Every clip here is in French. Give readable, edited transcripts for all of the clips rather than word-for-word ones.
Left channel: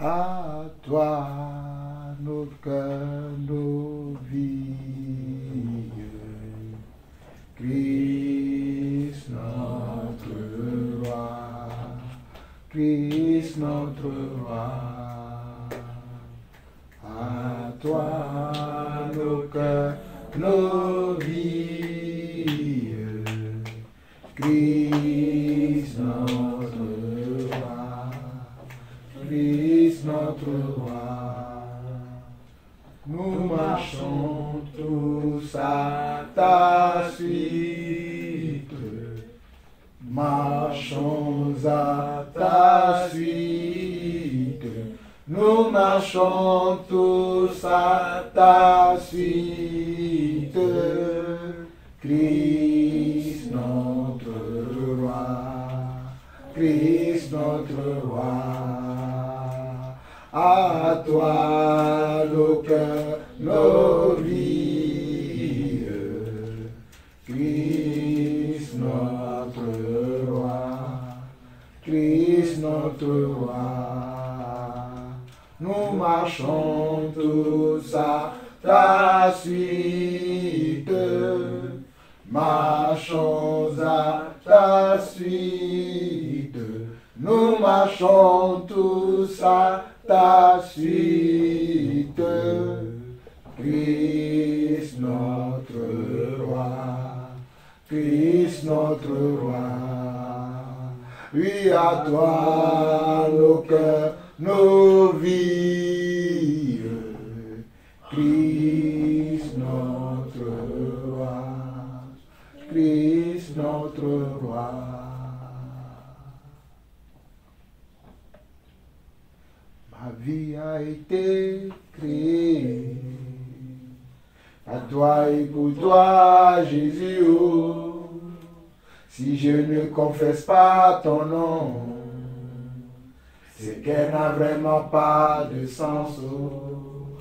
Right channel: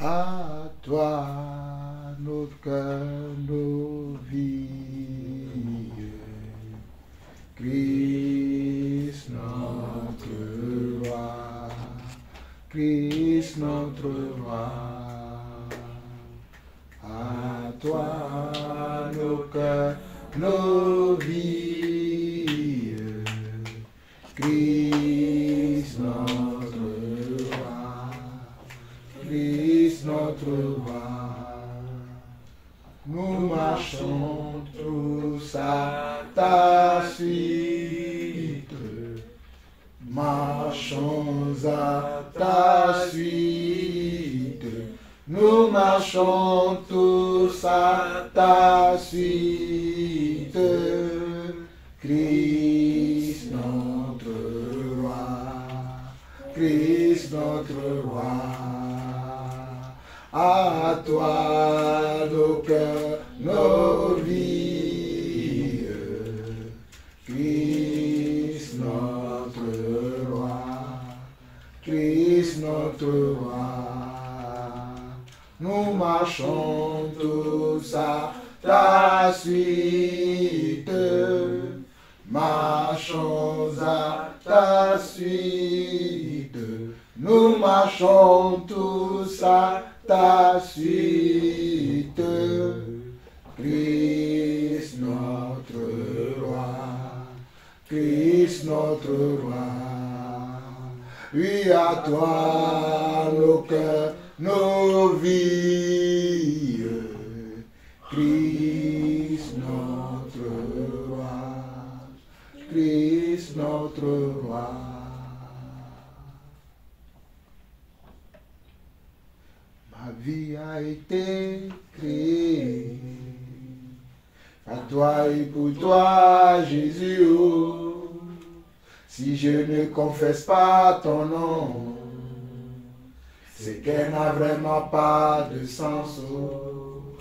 À toi, nos cœurs, nos vies. Christ notre roi, Christ notre roi. À toi, nos cœurs, nos vies. Christ notre roi, Christ notre roi. Nous marchons tous à ta suite, marchons à ta suite. Nous marchons tous à ta suite, Christ notre roi, Christ notre roi. À toi nos cœurs, nos vies, Christ notre roi, Christ notre roi. Nous marchons tous à ta suite, marchons à ta suite. Nous marchons tous à ta suite, Christ notre roi, Christ notre roi. Oui, à toi nos cœurs, nos vies, Christ notre roi, Christ notre roi. Ma vie a été créée à toi et pour toi, Jésus. Oh, si je ne confesse pas ton nom, c'est qu'elle n'a vraiment pas de sens. Oh,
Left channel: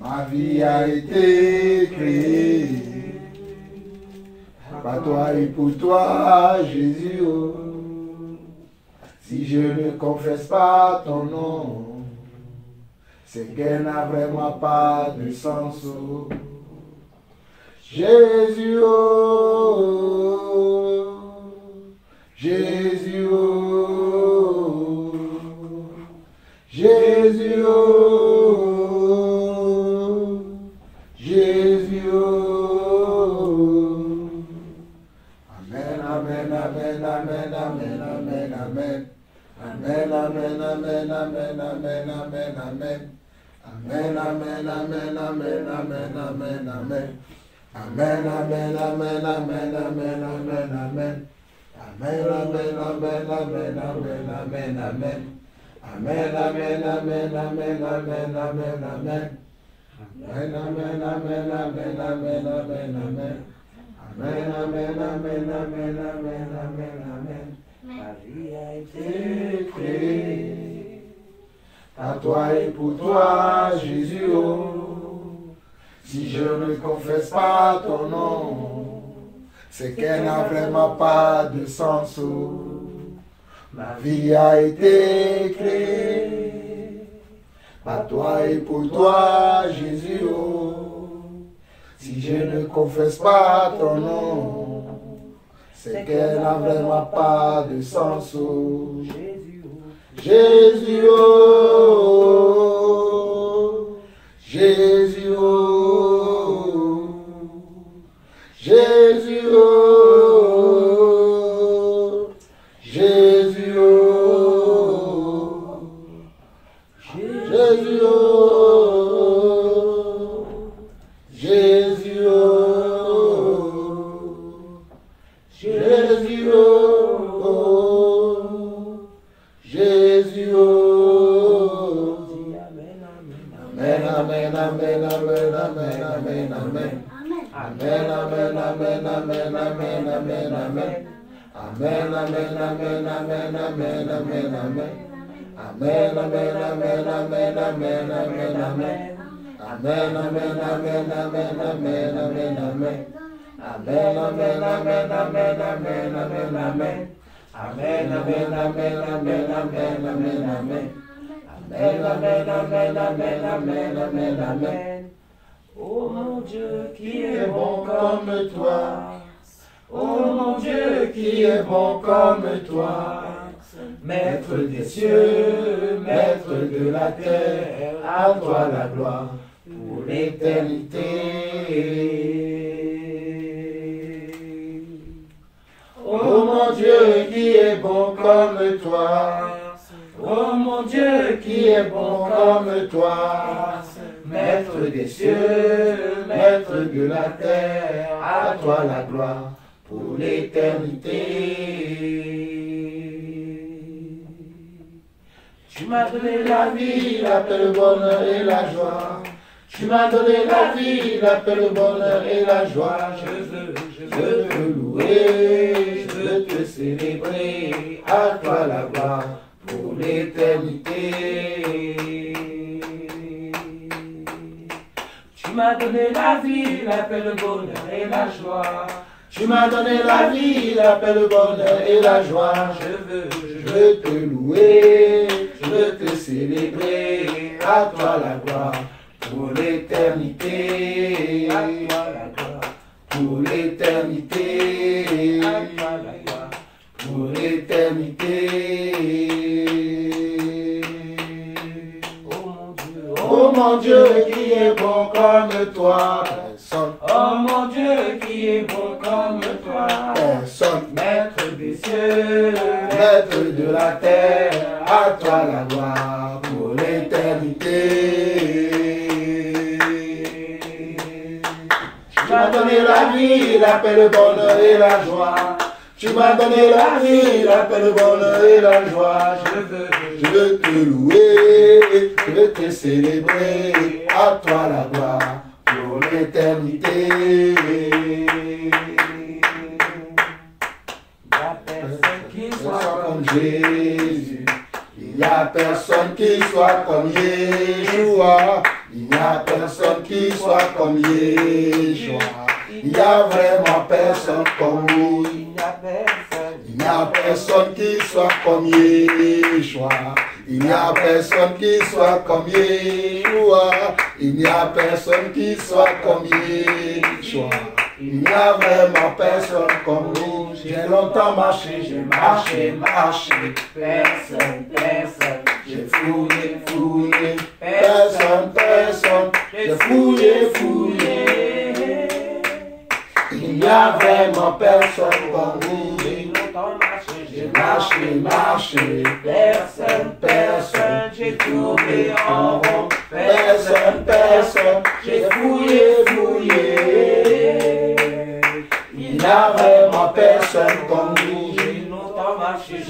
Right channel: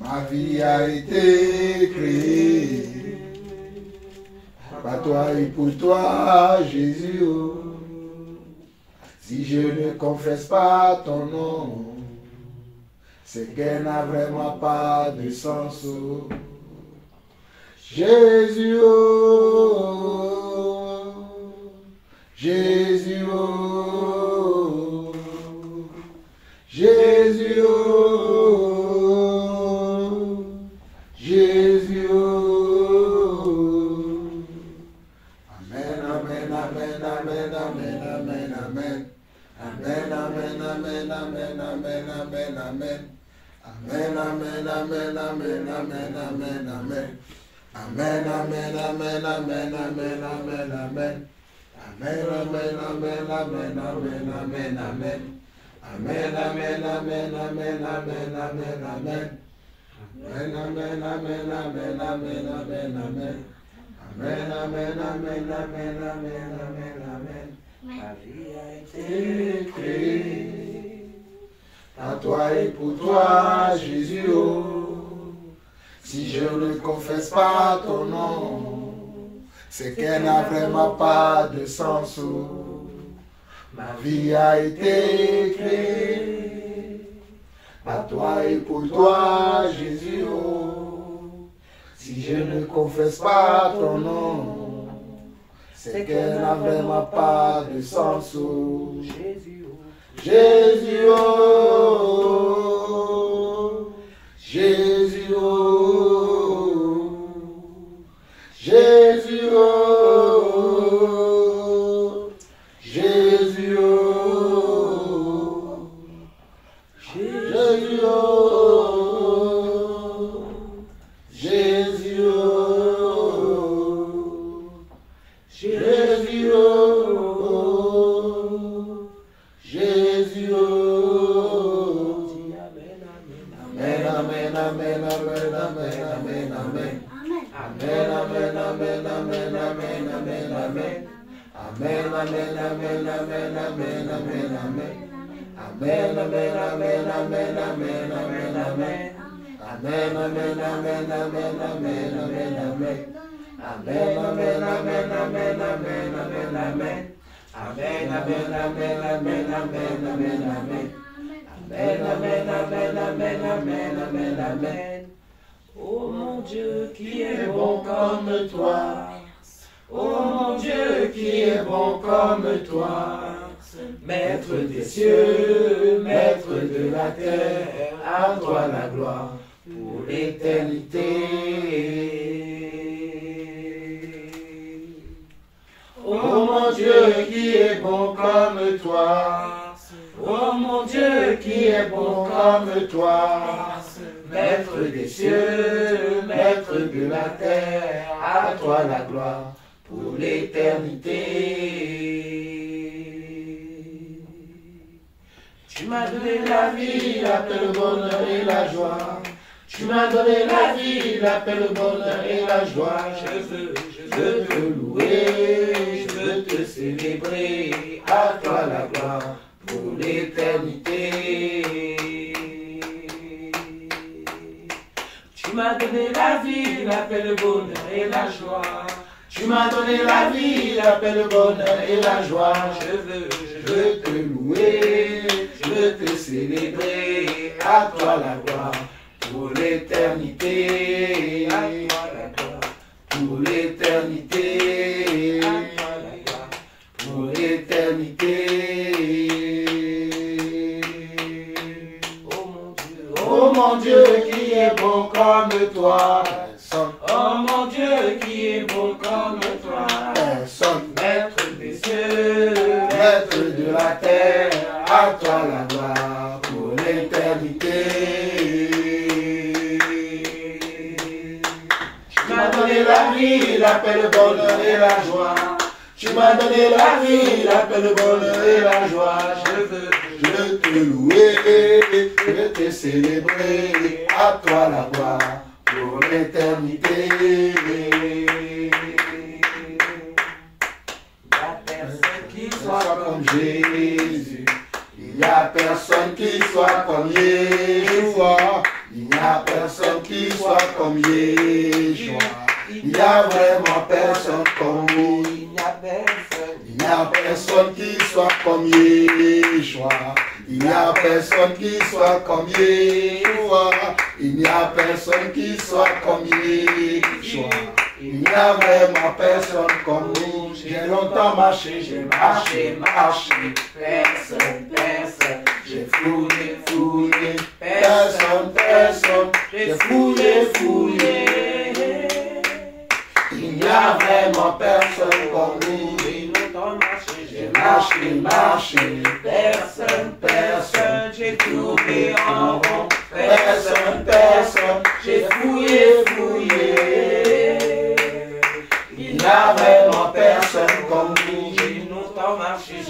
ma vie a été créée par toi et pour toi, Jésus. Oh, si je ne confesse pas ton nom, c'est qu'elle n'a vraiment pas de sens. Oh, Jésus, oh, Jésus, oh, Jésus, oh, Jésus, oh. Amen, amen, amen, amen, amen, amen, amen. Amen, amen, amen, amen, amen, amen, amen. Amen, amen, amen, amen, amen, amen, amen. Amen, amen, amen, amen, amen, amen, amen. Amen, amen, amen, amen, amen, amen, amen. Amen, amen, amen, amen, amen, amen, amen. Amen, amen, amen, amen, amen, amen, amen. Amen, amen, amen, amen, amen, amen, amen. Ma vie a été créée à toi et pour toi, Jésus. Oh, si je ne confesse pas ton nom, c'est qu'elle n'a vraiment pas de sens. Oh, ma vie a été créée à toi et pour toi, Jésus. Oh, si je ne confesse pas ton nom, c'est qu'elle n'a vraiment pas de sens. Oh, Jésus, oh, Jésus, oh, Jésus, oh, Jésus, oh, Jésus, oh, Jésus, oh, Jésus, oh, Jésus, oh. Amen, amen, amen, amen, amen, amen, amen. Amen, amen, amen, amen, amen, amen, amen. Amen, amen, amen, amen, amen, amen, amen. Amen, amen, amen, amen, amen, amen, amen. Amen, amen, amen, amen, amen, amen, amen. Amen, amen, amen, amen, amen, amen, amen. Amen, amen, amen, amen, amen, amen, amen. Amen, amen, amen, amen, amen, amen, amen. Oh mon Dieu, qui est bon comme toi. Oh mon Dieu, qui est bon comme toi. Maître des cieux, maître de la terre, à toi la gloire pour l'éternité. Oh mon Dieu, qui est bon comme toi. Oh mon Dieu, qui est bon comme toi. Maître des cieux, maître de la terre, à toi la gloire pour l'éternité. Tu m'as donné la vie, la paix, le bonheur et la joie. Tu m'as donné la vie, la paix, le bonheur et la joie. Je veux te louer, je veux te célébrer, à toi la gloire pour l'éternité. Tu m'as donné la vie, la paix, le bonheur et la joie. Tu m'as donné la vie, la paix, le bonheur et la joie. Je veux te louer, je veux te célébrer, à toi la gloire pour l'éternité. Pour l'éternité. Pour l'éternité. Oh mon Dieu, qui est bon comme toi. Oh mon Dieu, qui est bon comme toi. Maître des cieux, maître de la terre, à toi la gloire pour l'éternité. Tu m'as donné la vie, la paix, le bonheur et la joie. Tu m'as donné la vie, la paix, le bonheur et la joie. Je veux te louer, je veux te célébrer, à toi la gloire pour l'éternité. Il n'y a personne qui soit comme Jésus. Il n'y a personne qui soit comme Yeshua. Il n'y a personne qui soit comme Yeshua. Il n'y a vraiment personne comme lui. Il n'y a personne qui soit comme Yeshua. Il n'y a personne qui soit comme Yeshua. Il n'y a personne qui soit comme Yeshua. Il n'y a vraiment personne comme nous. J'ai longtemps marché, j'ai marché, personne, j'ai fouillé, personne, j'ai fouillé. Il n'y a vraiment personne comme nous. J'ai marché, personne, j'ai tourné en rond, personne, j'ai fouillé. Il n'y a vraiment personne comme nous.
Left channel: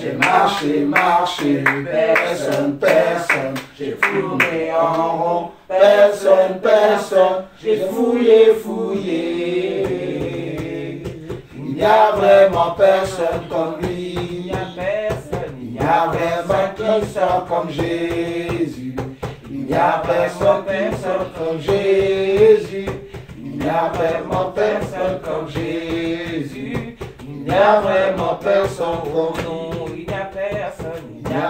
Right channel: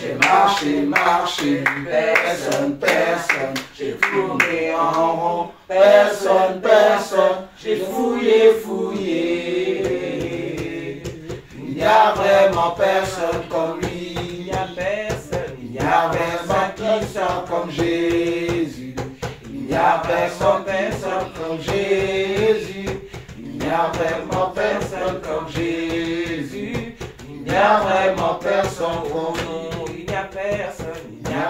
J'ai marché, personne, j'ai tourné en rond, personne, j'ai fouillé. Il n'y a vraiment personne comme lui. Il n'y a vraiment qui soit comme Jésus. Il n'y a personne comme Jésus. Il n'y a vraiment personne comme Jésus. Il n'y a vraiment personne comme nous. Il n'y a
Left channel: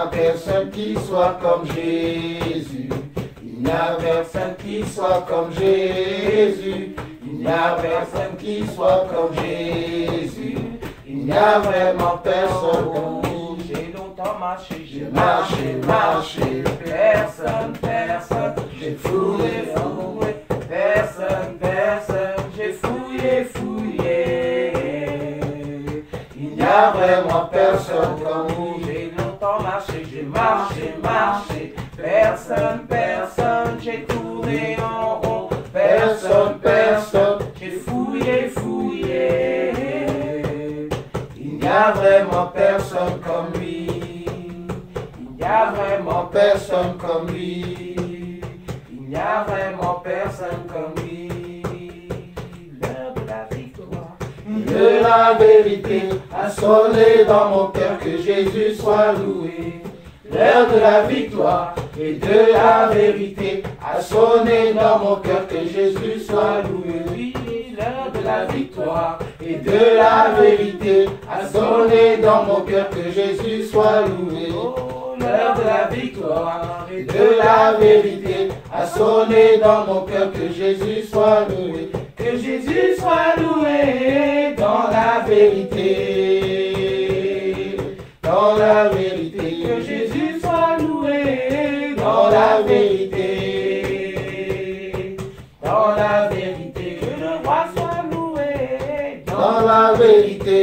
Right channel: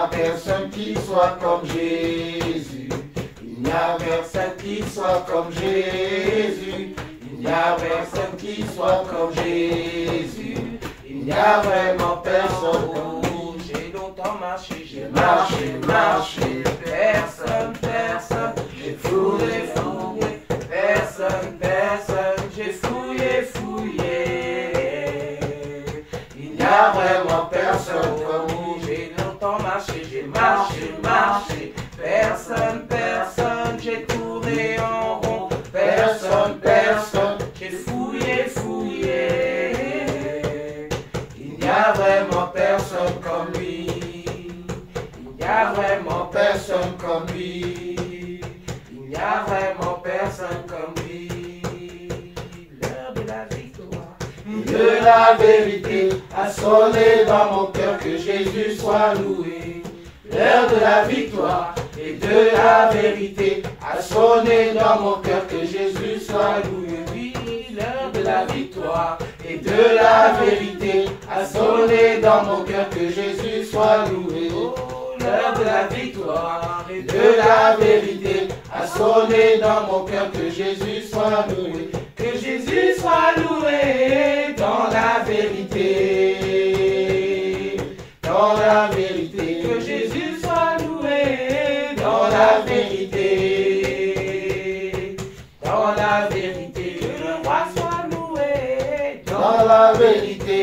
personne qui soit comme Jésus. Il n'y a personne qui soit comme Jésus. Il n'y a personne qui soit comme Jésus. Il n'y a vraiment personne comme nous. J'ai longtemps marché, personne, j'ai fouillé, personne, j'ai fouillé. Il n'y a vraiment personne comme nous. J'ai longtemps marché, personne, j'ai tourné en rond, personne, j'ai fouillé. Il n'y a vraiment personne comme lui. Il n'y a vraiment personne comme lui. Il n'y a vraiment personne comme lui. L'heure de la victoire et de la vérité a sonné dans mon cœur, que Jésus soit loué. L'heure de la victoire et de la vérité a sonné dans mon cœur, que Jésus soit loué. Oui, l'heure de la victoire et de la vérité a sonné dans mon cœur, que Jésus soit loué. Oh, l'heure de la victoire et de la vérité a sonné dans mon cœur. Que Jésus soit loué, que Jésus soit loué dans la vérité, dans la vérité. Que Jésus soit loué dans la vérité, dans la vérité. Que le roi soit loué dans la vérité,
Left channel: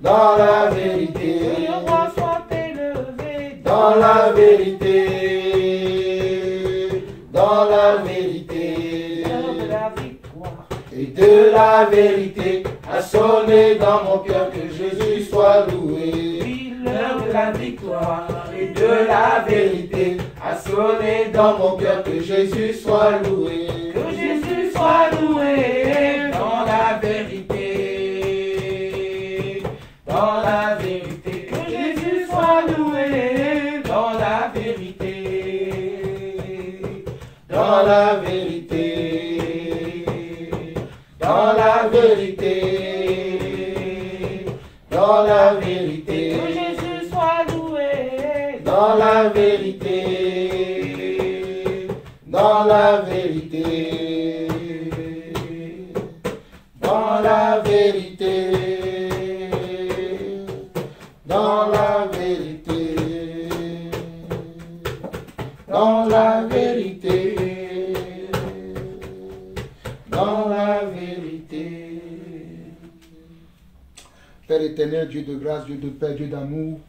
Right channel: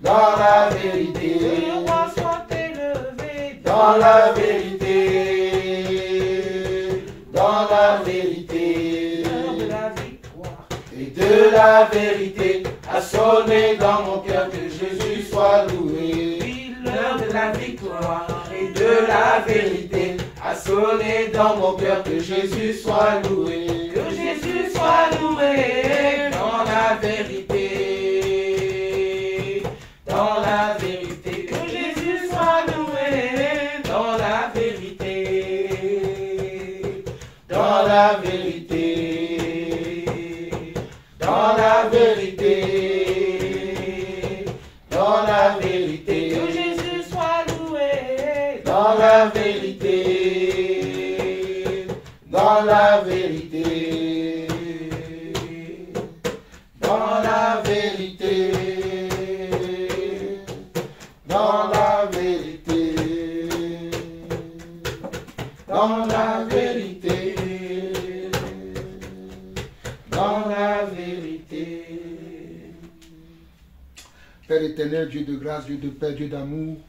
dans la vérité. Que le roi soit élevé dans la vérité, dans la vérité. Et de la vérité a sonné dans mon cœur. Que Jésus soit loué. Oui, l'heure de la victoire et de la vérité a sonné dans mon cœur. Que Jésus soit loué. Que Jésus soit loué dans la vérité, dans la vérité. Que Jésus soit loué dans la vérité, dans la vérité, dans la vérité, dans la vérité. Que Jésus soit loué dans la vérité, dans la vérité, dans la vérité, dans la vérité, dans la vérité, dans la vérité. Père éternel, Dieu de grâce, Dieu de paix, Dieu d'amour,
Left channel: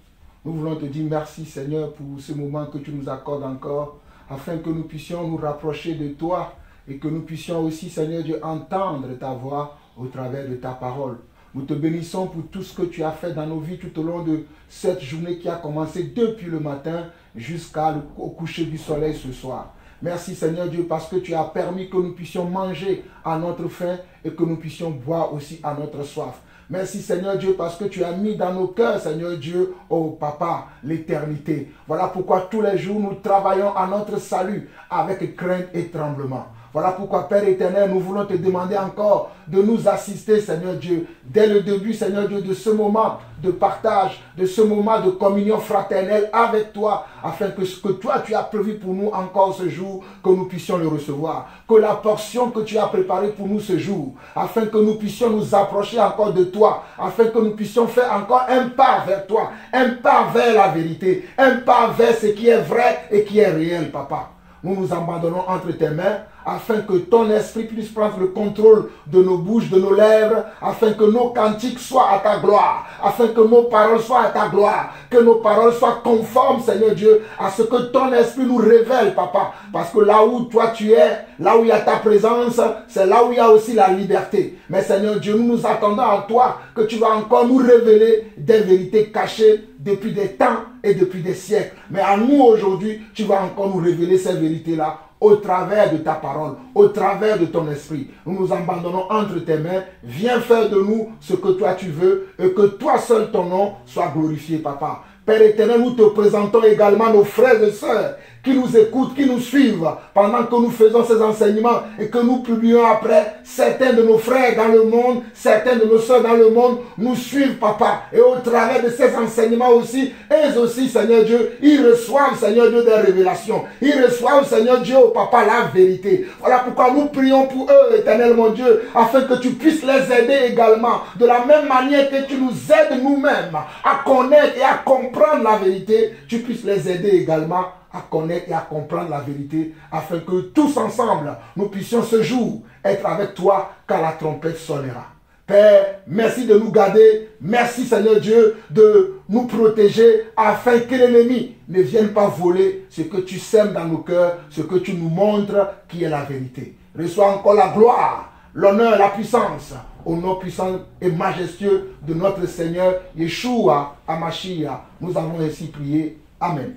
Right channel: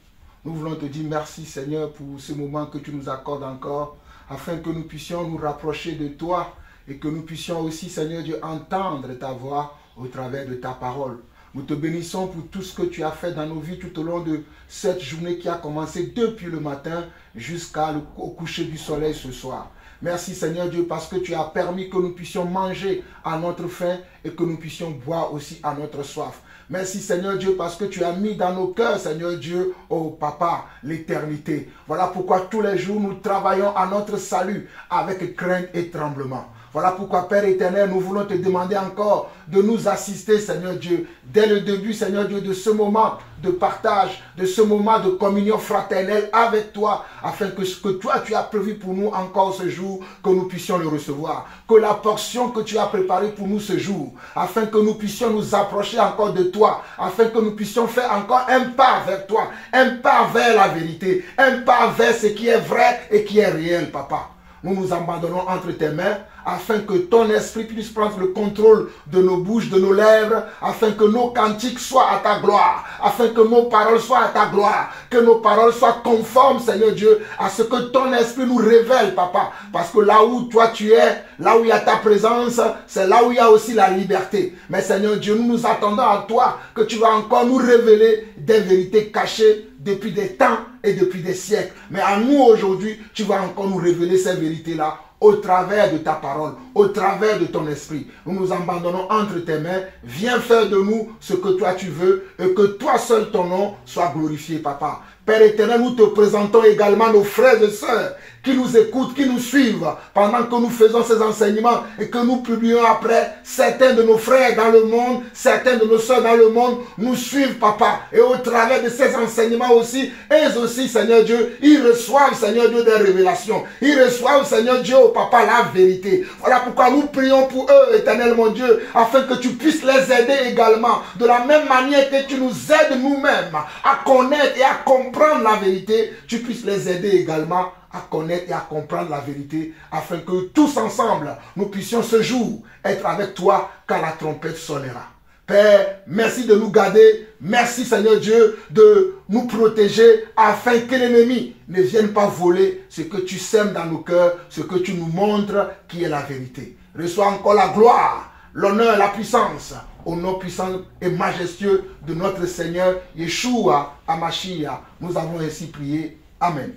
nous voulons te dire merci Seigneur pour ce moment que tu nous accordes encore, afin que nous puissions nous rapprocher de toi et que nous puissions aussi, Seigneur Dieu, entendre ta voix au travers de ta parole. Nous te bénissons pour tout ce que tu as fait dans nos vies tout au long de cette journée qui a commencé depuis le matin jusqu'au coucher du soleil ce soir. Merci Seigneur Dieu parce que tu as permis que nous puissions manger à notre faim et que nous puissions boire aussi à notre soif. Merci Seigneur Dieu parce que tu as mis dans nos cœurs, Seigneur Dieu, oh Papa, l'éternité. Voilà pourquoi tous les jours nous travaillons à notre salut avec crainte et tremblement. Voilà pourquoi, Père éternel, nous voulons te demander encore de nous assister, Seigneur Dieu, dès le début, Seigneur Dieu, de ce moment de partage, de ce moment de communion fraternelle avec toi, afin que ce que toi, tu as prévu pour nous encore ce jour, que nous puissions le recevoir. Que la portion que tu as préparée pour nous ce jour, afin que nous puissions nous approcher encore de toi, afin que nous puissions faire encore un pas vers toi, un pas vers la vérité, un pas vers ce qui est vrai et qui est réel, Papa. Nous nous abandonnons entre tes mains, afin que ton esprit puisse prendre le contrôle de nos bouches, de nos lèvres, afin que nos cantiques soient à ta gloire, afin que nos paroles soient à ta gloire, que nos paroles soient conformes, Seigneur Dieu, à ce que ton esprit nous révèle, Papa. Parce que là où toi tu es, là où il y a ta présence, c'est là où il y a aussi la liberté. Mais Seigneur Dieu, nous nous attendons à toi, que tu vas encore nous révéler des vérités cachées depuis des temps et depuis des siècles. Mais à nous aujourd'hui, tu vas encore nous révéler ces vérités-là au travers de ta parole, au travers de ton esprit. Nous nous abandonnons entre tes mains. Viens faire de nous ce que toi tu veux et que toi seul ton nom soit glorifié, Papa. Père éternel, nous te présentons également nos frères et sœurs qui nous écoutent, qui nous suivent pendant que nous faisons ces enseignements et que nous publions après. Certains de nos frères dans le monde, certains de nos sœurs dans le monde nous suivent, Papa. Et au travers de ces enseignements aussi, eux aussi, Seigneur Dieu, ils reçoivent, Seigneur Dieu, des révélations. Ils reçoivent, Seigneur Dieu, Papa, la vérité. Voilà pourquoi nous prions pour eux, éternel mon Dieu, afin que tu puisses les aider également. De la même manière que tu nous aides nous-mêmes à connaître et à comprendre la vérité, tu puisses les aider également à connaître et à comprendre la vérité, afin que tous ensemble, nous puissions ce jour être avec toi quand la trompette sonnera. Père, merci de nous garder. Merci Seigneur Dieu de nous protéger afin que l'ennemi ne vienne pas voler ce que tu sèmes dans nos cœurs, ce que tu nous montres qui est la vérité. Reçois encore la gloire, l'honneur, la puissance au nom puissant et majestueux de notre Seigneur Yeshua HaMashiach. Nous avons ainsi prié. Amen.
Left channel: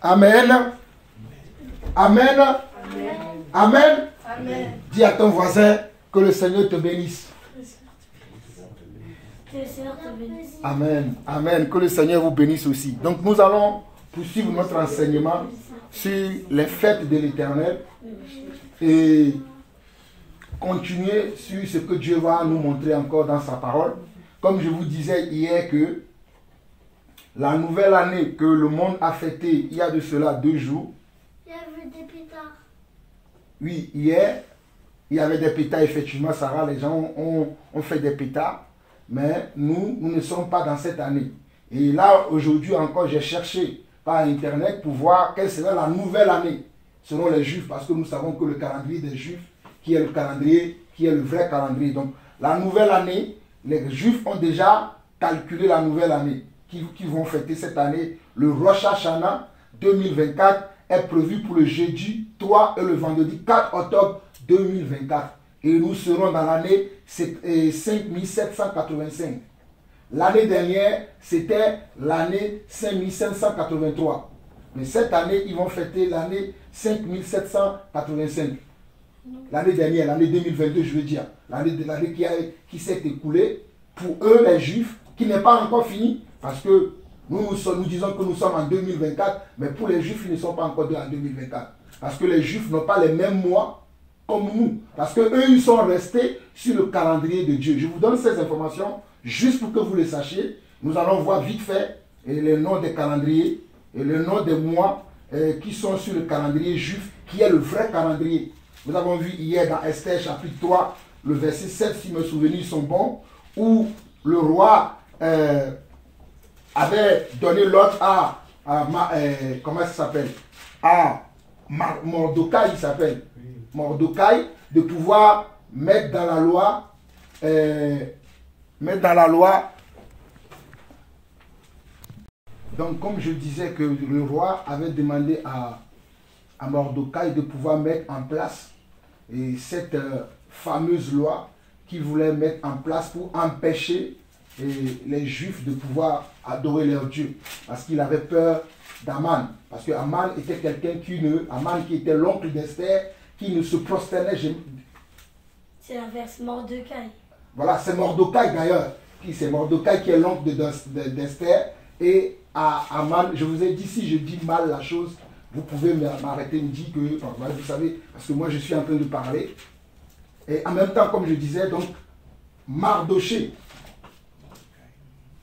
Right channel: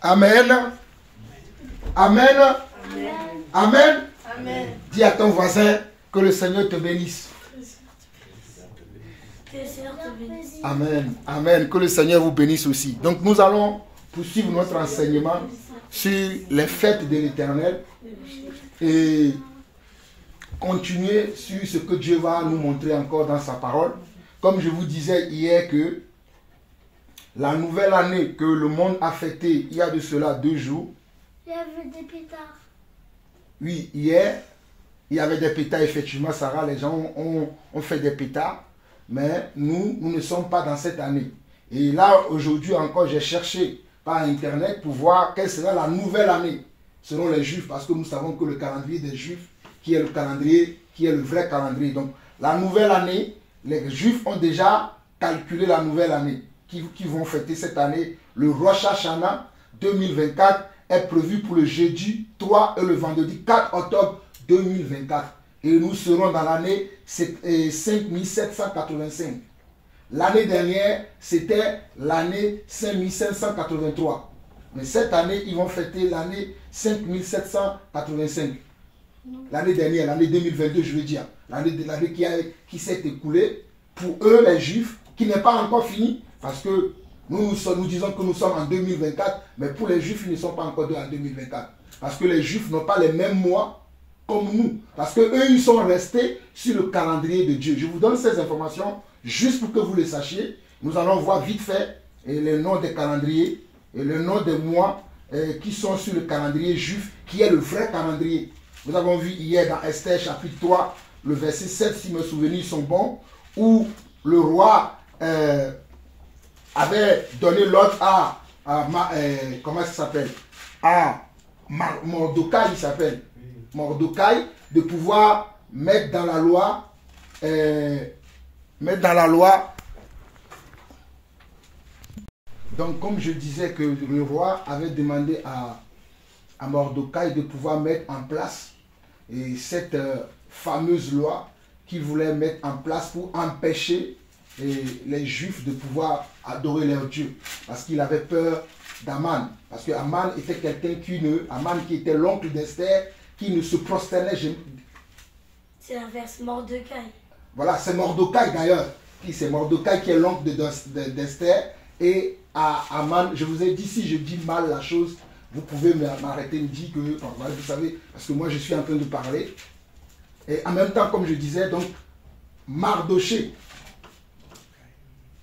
Amen. Amen. Amen. Amen. Amen. Dis à ton voisin que le Seigneur te bénisse. Que le Seigneur te bénisse. Amen. Amen. Que le Seigneur vous bénisse aussi. Donc nous allons poursuivre notre enseignement sur les fêtes de l'Éternel et continuer sur ce que Dieu va nous montrer encore dans sa parole. Comme je vous disais hier que La nouvelle année que le monde a fêtée il y a de cela 2 jours. Il y avait des pétards. Oui, hier, il y avait des pétards, effectivement, Sarah, les gens ont fait des pétards. Mais nous ne sommes pas dans cette année. Et là, aujourd'hui encore, j'ai cherché par Internet pour voir quelle sera la nouvelle année selon les Juifs, parce que nous savons que le calendrier des Juifs, qui est le calendrier, qui est le vrai calendrier. Donc, la nouvelle année, les Juifs ont déjà calculé la nouvelle année qui vont fêter cette année. Le Rosh Hashanah 2024 est prévu pour le jeudi 3 et le vendredi 4 octobre 2024. Et nous serons dans l'année 5785. L'année dernière, c'était l'année 5583. Mais cette année, ils vont fêter l'année 5785. L'année dernière, l'année 2022, je veux dire. L'année qui s'est écoulée, pour eux, les Juifs, qui n'est pas encore fini, parce que nous disons que nous sommes en 2024, mais pour les Juifs, ils ne sont pas encore en 2024. Parce que les Juifs n'ont pas les mêmes mois comme nous. Parce qu'eux, ils sont restés sur le calendrier de Dieu. Je vous donne ces informations juste pour que vous le sachiez. Nous allons voir vite fait les noms des calendriers et le nom des mois qui sont sur le calendrier juif, qui est le vrai calendrier. Nous avons vu hier dans Esther chapitre 3, le verset 7, si mes souvenirs sont bons, où le roi avait donné l'ordre à comment ça s'appelle, à Mordokai, il s'appelle Mordokai, de pouvoir mettre dans la loi, donc comme je disais que le roi avait demandé à Mordokai de pouvoir mettre en place cette fameuse loi qu'il voulait mettre en place pour empêcher les Juifs de pouvoir adorer leur Dieu, parce qu'il avait peur d'Aman, parce que Aman était quelqu'un Aman qui était l'oncle d'Esther, qui ne se prosternait jamais. C'est l'inverse, Mordokai. Voilà, c'est Mordokai d'ailleurs. C'est Mordokai qui est l'oncle d'Esther. Et à Aman, je vous ai dit, si je dis mal la chose, vous pouvez m'arrêter, me dire que, vous savez, parce que moi je suis en train de parler. Et en même temps, comme je disais, donc, Mardoché,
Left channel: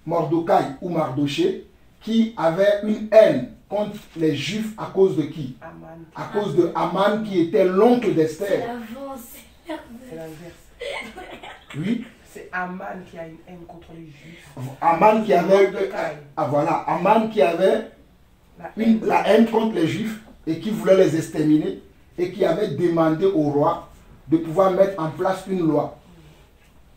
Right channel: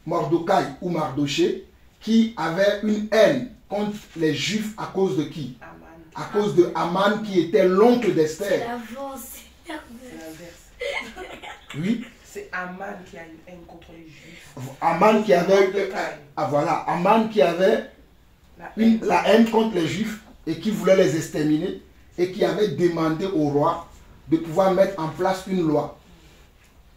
Mordokai ou Mardoché, qui avait une haine contre les Juifs à cause de qui? À cause de Aman qui était l'oncle d'Esther. C'est l'avance, c'est l'inverse. Oui. C'est Aman qui a une haine contre les Juifs. Aman qui avait, voilà, Aman qui avait la haine contre les Juifs et qui voulait les exterminer et qui avait demandé au roi de pouvoir mettre en place une loi.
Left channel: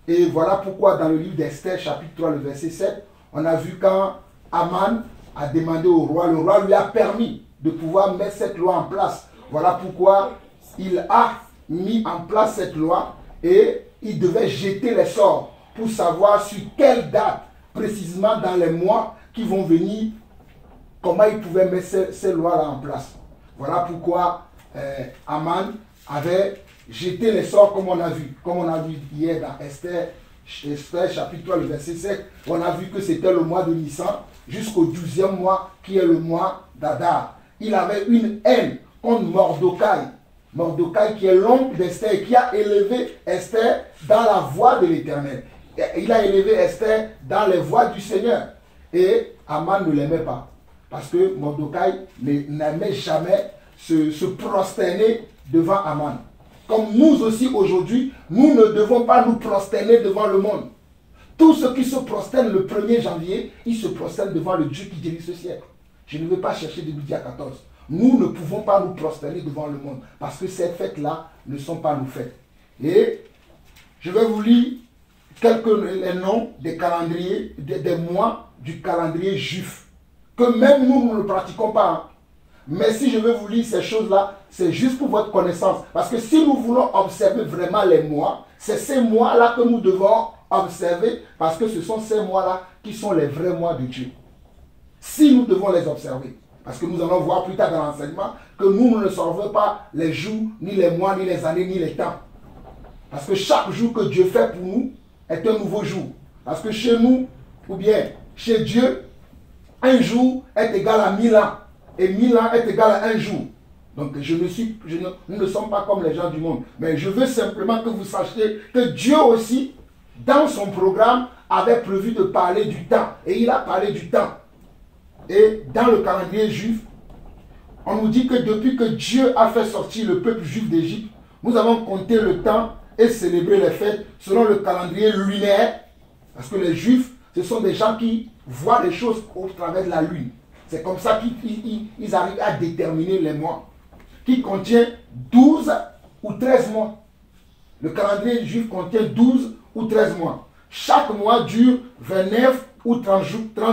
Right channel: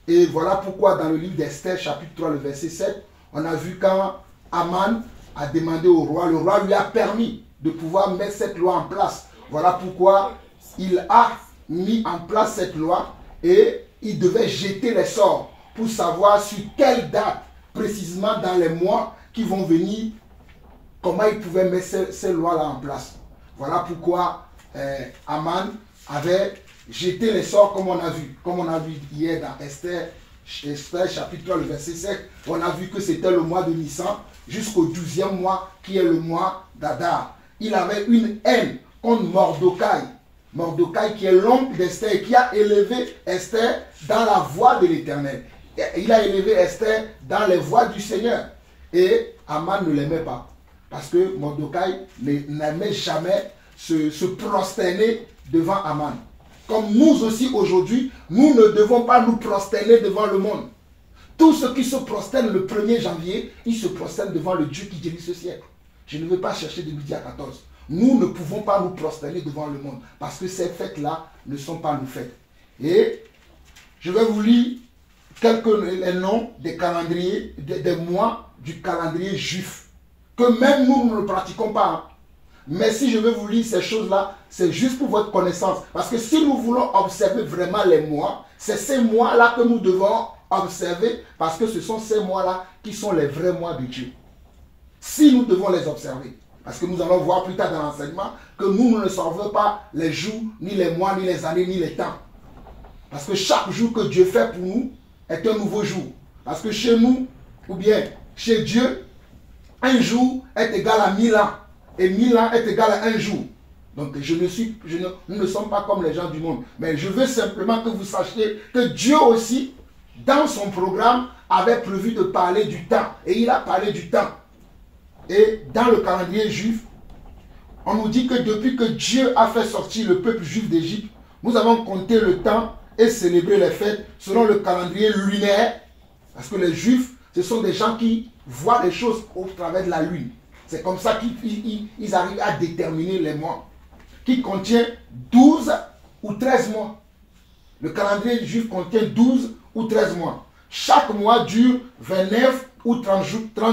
Et voilà pourquoi dans le livre d'Esther, chapitre 3, le verset 7, on a vu quand Aman a demandé au roi, le roi lui a permis de pouvoir mettre cette loi en place. Voilà pourquoi il a mis en place cette loi et il devait jeter les sorts pour savoir sur quelle date, précisément dans les mois qui vont venir, comment il pouvait mettre ces lois-là en place. Voilà pourquoi Aman avait jeté les sorts comme on a vu hier dans Esther chapitre 3, le verset 7, on a vu que c'était le mois de Nissan jusqu'au 12e mois qui est le mois d'Adar. Il avait une haine contre Mordokai. Mordokai qui est l'oncle d'Esther et qui a élevé Esther dans la voie de l'Éternel. Il a élevé Esther dans les voies du Seigneur. Et Aman ne l'aimait pas. Parce que Mordokai n'aimait jamais se prosterner devant Aman. Comme nous aussi aujourd'hui, nous ne devons pas nous prosterner devant le monde. Tous ceux qui se prosternent le 1er janvier, ils se prosternent devant le Dieu qui dirige ce siècle. Je ne vais pas chercher de midi à 14. Nous ne pouvons pas nous prosterner devant le monde parce que ces fêtes-là ne sont pas nos fêtes. Et je vais vous lire les noms des calendriers, des mois du calendrier juif, que même nous ne pratiquons pas. Mais si je vais vous lire ces choses-là, c'est juste pour votre connaissance. Parce que si nous voulons observer vraiment les mois, c'est ces mois-là que nous devons observer, parce que ce sont ces mois-là qui sont les vrais mois de Dieu. Si nous devons les observer. Parce que nous allons voir plus tard dans l'enseignement que nous ne savons pas les jours, ni les mois, ni les années, ni les temps. Parce que chaque jour que Dieu fait pour nous est un nouveau jour. Parce que chez nous, ou bien chez Dieu, un jour est égal à 1000 ans. Et 1000 ans est égal à un jour. Donc nous ne sommes pas comme les gens du monde. Mais je veux simplement que vous sachiez que Dieu aussi, dans son programme, avait prévu de parler du temps. Et il a parlé du temps. Et dans le calendrier juif, on nous dit que depuis que Dieu a fait sortir le peuple juif d'Égypte, nous avons compté le temps et célébré les fêtes selon le calendrier lunaire. Parce que les Juifs, ce sont des gens qui voient les choses au travers de la lune. C'est comme ça qu'ils arrivent à déterminer les mois, qui contient 12 ou 13 mois. Le calendrier juif contient 12 ou 13 mois. Chaque mois dure 29 ou 30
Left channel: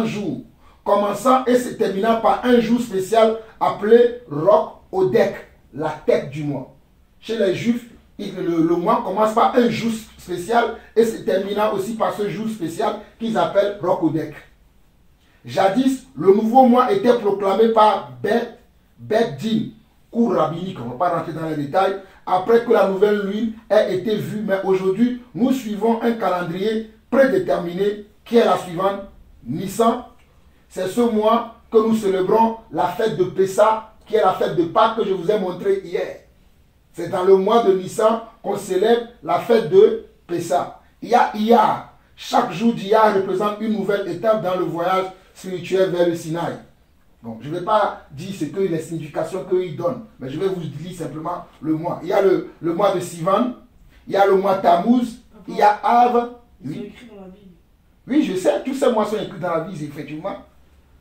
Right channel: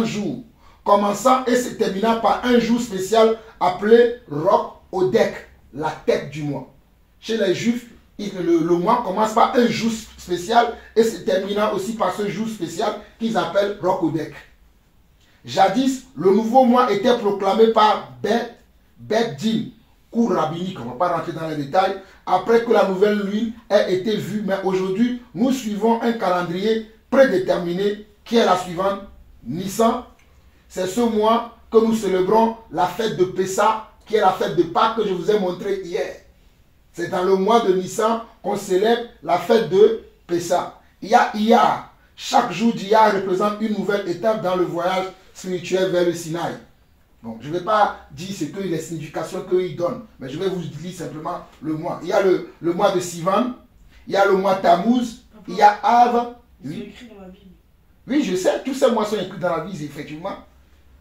jours, commençant et se terminant par un jour spécial appelé Roch Odek, la tête du mois. Chez les Juifs, le mois commence par un jour spécial et se terminant aussi par ce jour spécial qu'ils appellent Roch Odek. Jadis, le nouveau mois était proclamé par Bet Din, cours rabbinique, on ne va pas rentrer dans les détails, après que la nouvelle lune ait été vue. Mais aujourd'hui, nous suivons un calendrier prédéterminé qui est la suivante, Nissan. C'est ce mois que nous célébrons la fête de Pessah, qui est la fête de Pâques que je vous ai montré hier. C'est dans le mois de Nissan qu'on célèbre la fête de Pessah. Il y a Iyar. Chaque jour d'Iyar représente une nouvelle étape dans le voyage spirituel vers le Sinaï. Bon, je ne vais pas dire ce que les significations qu'ils donnent, mais je vais vous dire simplement le mois. Il y a le mois de Sivan, il y a le mois Tammuz, il y a Av. C'est écrit dans la Bible. Oui, je sais, tous ces mois sont écrits dans la Bible, effectivement.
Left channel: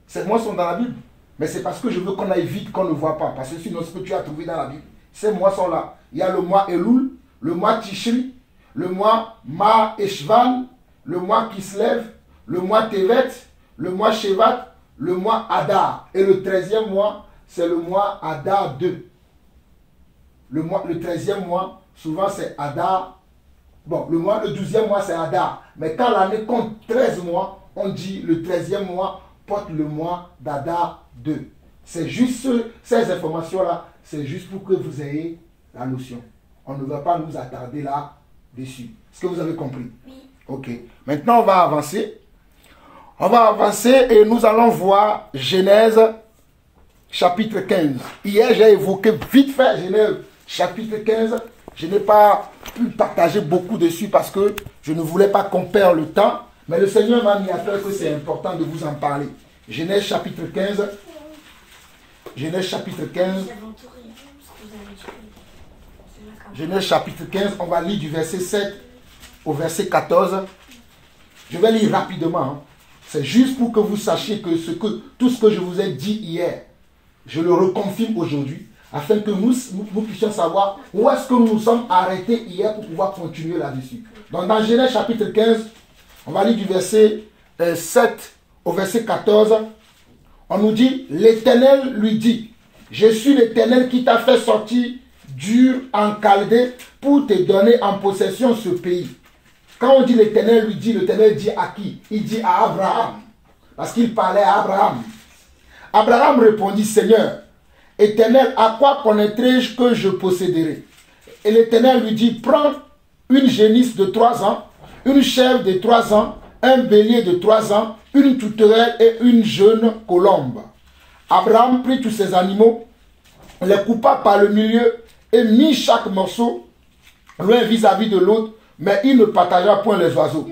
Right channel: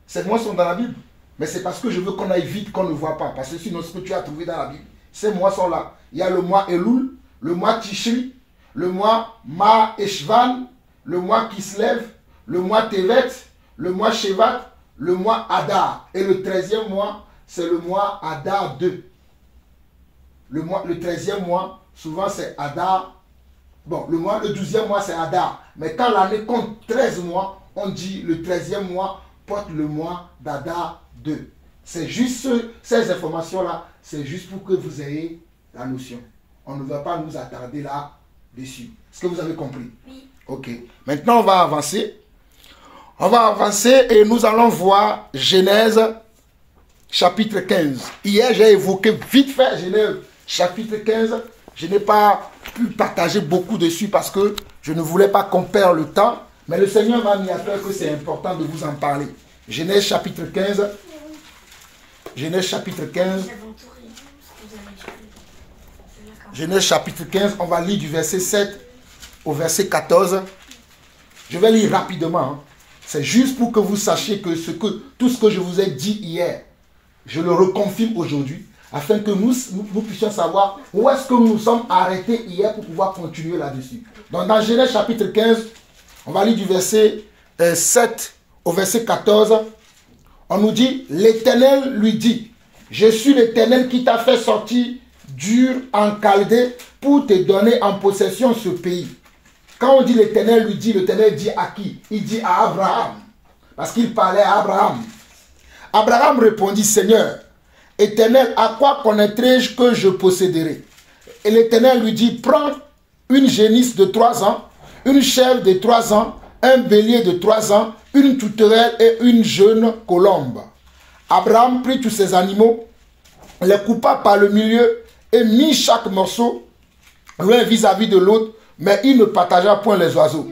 Ces mois sont dans la Bible. Mais c'est parce que je veux qu'on aille vite, qu'on ne voit pas. Parce que sinon, ce que tu as trouvé dans la Bible, ces mois sont là. Il y a le mois Elul, le mois Tishri, le mois Ma Eshvan, le mois Kislev, le mois Tevet, le mois Shevat, le mois Adar. Et le 13e mois, c'est le mois Adar 2. Le 13e mois, souvent c'est Adar. Bon, le 12e mois, c'est Adar. Mais quand l'année compte 13 mois, on dit le 13e mois porte le mois d'Adar 2. C'est juste ces informations-là, c'est juste pour que vous ayez la notion. On ne va pas nous attarder là-dessus. Est-ce que vous avez compris? Oui. Ok. Maintenant, on va avancer. On va avancer et nous allons voir Genèse chapitre 15. Hier, j'ai évoqué vite fait Genèse chapitre 15. Je n'ai pas pu partager beaucoup dessus parce que je ne voulais pas qu'on perde le temps. Mais le Seigneur m'a mis à cœur que c'est important de vous en parler. Genèse chapitre 15. Genèse chapitre 15. Genèse chapitre 15, on va lire du verset 7 au verset 14. Je vais lire rapidement. Hein. C'est juste pour que vous sachiez que, tout ce que je vous ai dit hier, je le reconfirme aujourd'hui, afin que nous puissions savoir où est-ce que nous sommes arrêtés hier pour pouvoir continuer là-dessus. Donc dans Genèse chapitre 15, on va lire du verset 7 au verset 14. On nous dit, l'Éternel lui dit, je suis l'Éternel qui t'a fait sortir d'Ur en Chaldée pour te donner en possession ce pays. Quand on dit l'Éternel lui dit, l'Éternel dit à qui? Il dit à Abraham. Parce qu'il parlait à Abraham. Abraham répondit, Seigneur, Éternel, à quoi connaîtrai-je que je posséderai? Et l'Éternel lui dit, prends une génisse de 3 ans, une chèvre de 3 ans, un bélier de 3 ans, une tourterelle et une jeune colombe. Abraham prit tous ces animaux, les coupa par le milieu et mit chaque morceau l'un vis-à-vis de l'autre, mais il ne partagea point les oiseaux.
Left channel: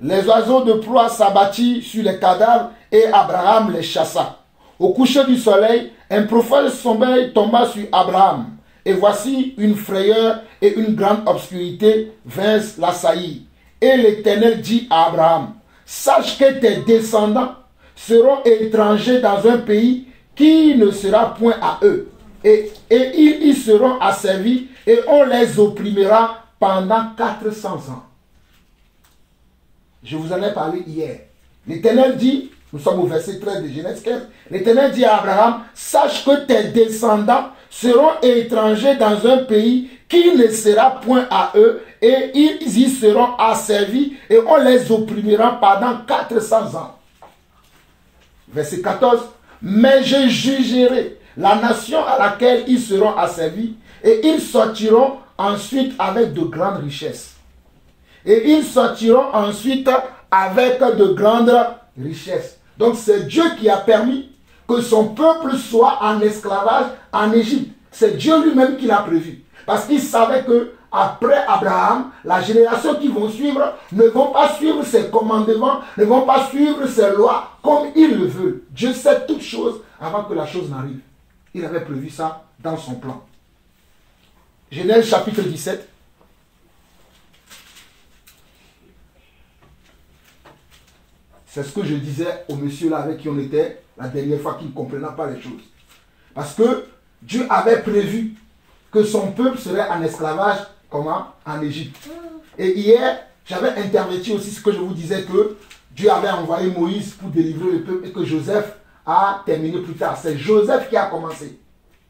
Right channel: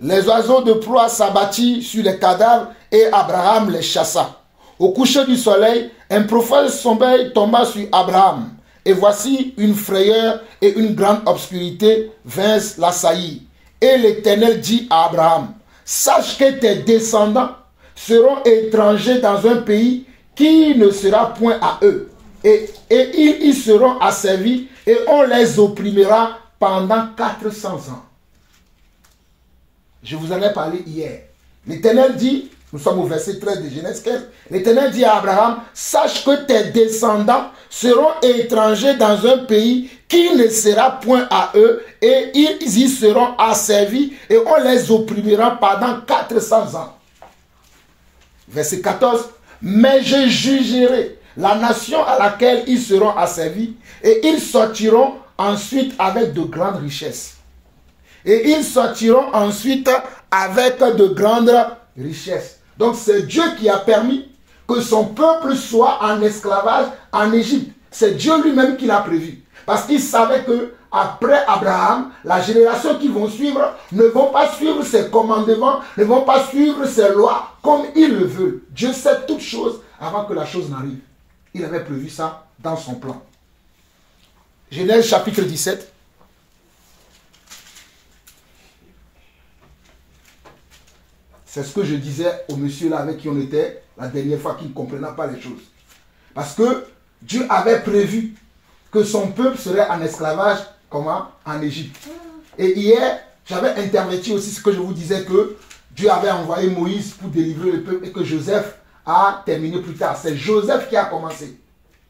Les oiseaux de proie s'abattirent sur les cadavres et Abraham les chassa. Au coucher du soleil, un profond sommeil tomba sur Abraham. Et voici une frayeur et une grande obscurité vinrent l'assaillir. Et l'Éternel dit à Abraham, sache que tes descendants seront étrangers dans un pays qui ne sera point à eux. Et ils y seront asservis et on les opprimera pendant 400 ans. Je vous en ai parlé hier. L'Éternel dit, nous sommes au verset 13 de Genèse 15, l'Éternel dit à Abraham, sache que tes descendants seront étrangers dans un pays qui ne sera point à eux et ils y seront asservis et on les opprimera pendant 400 ans. Verset 14, mais je jugerai la nation à laquelle ils seront asservis et ils sortiront ensuite avec de grandes richesses. Et ils sortiront ensuite avec de grandes richesses. Donc c'est Dieu qui a permis que son peuple soit en esclavage en Égypte. C'est Dieu lui-même qui l'a prévu. Parce qu'il savait que après Abraham, la génération qui vont suivre ne vont pas suivre ses commandements, ne vont pas suivre ses lois comme il le veut. Dieu sait toutes choses avant que la chose n'arrive. Il avait prévu ça dans son plan. Genèse chapitre 17. C'est ce que je disais au monsieur là avec qui on était la dernière fois, qui ne comprenait pas les choses. Parce que Dieu avait prévu que son peuple serait en esclavage, comment? En Égypte. Et hier, j'avais interverti aussi ce que je vous disais, que Dieu avait envoyé Moïse pour délivrer le peuple et que Joseph a terminé plus tard. C'est Joseph qui a commencé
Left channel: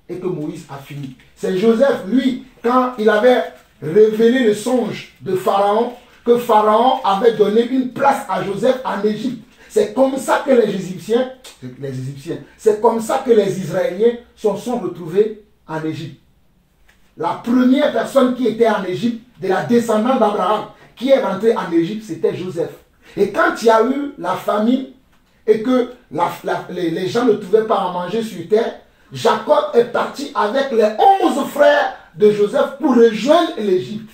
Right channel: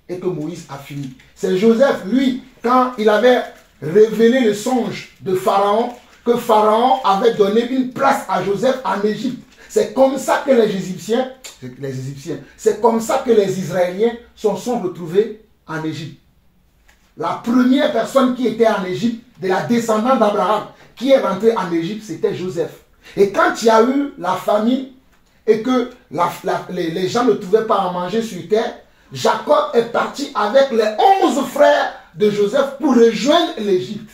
et que Moïse a fini. C'est Joseph, lui, quand il avait révélé le songe de Pharaon, que Pharaon avait donné une place à Joseph en Égypte. C'est comme ça que les Égyptiens, c'est comme ça que les Israéliens sont retrouvés en Égypte. La première personne qui était en Égypte, de la descendante d'Abraham, qui est rentrée en Égypte, c'était Joseph. Et quand il y a eu la famine et que les gens ne trouvaient pas à manger sur terre, Jacob est parti avec les 11 frères de Joseph pour rejoindre l'Égypte.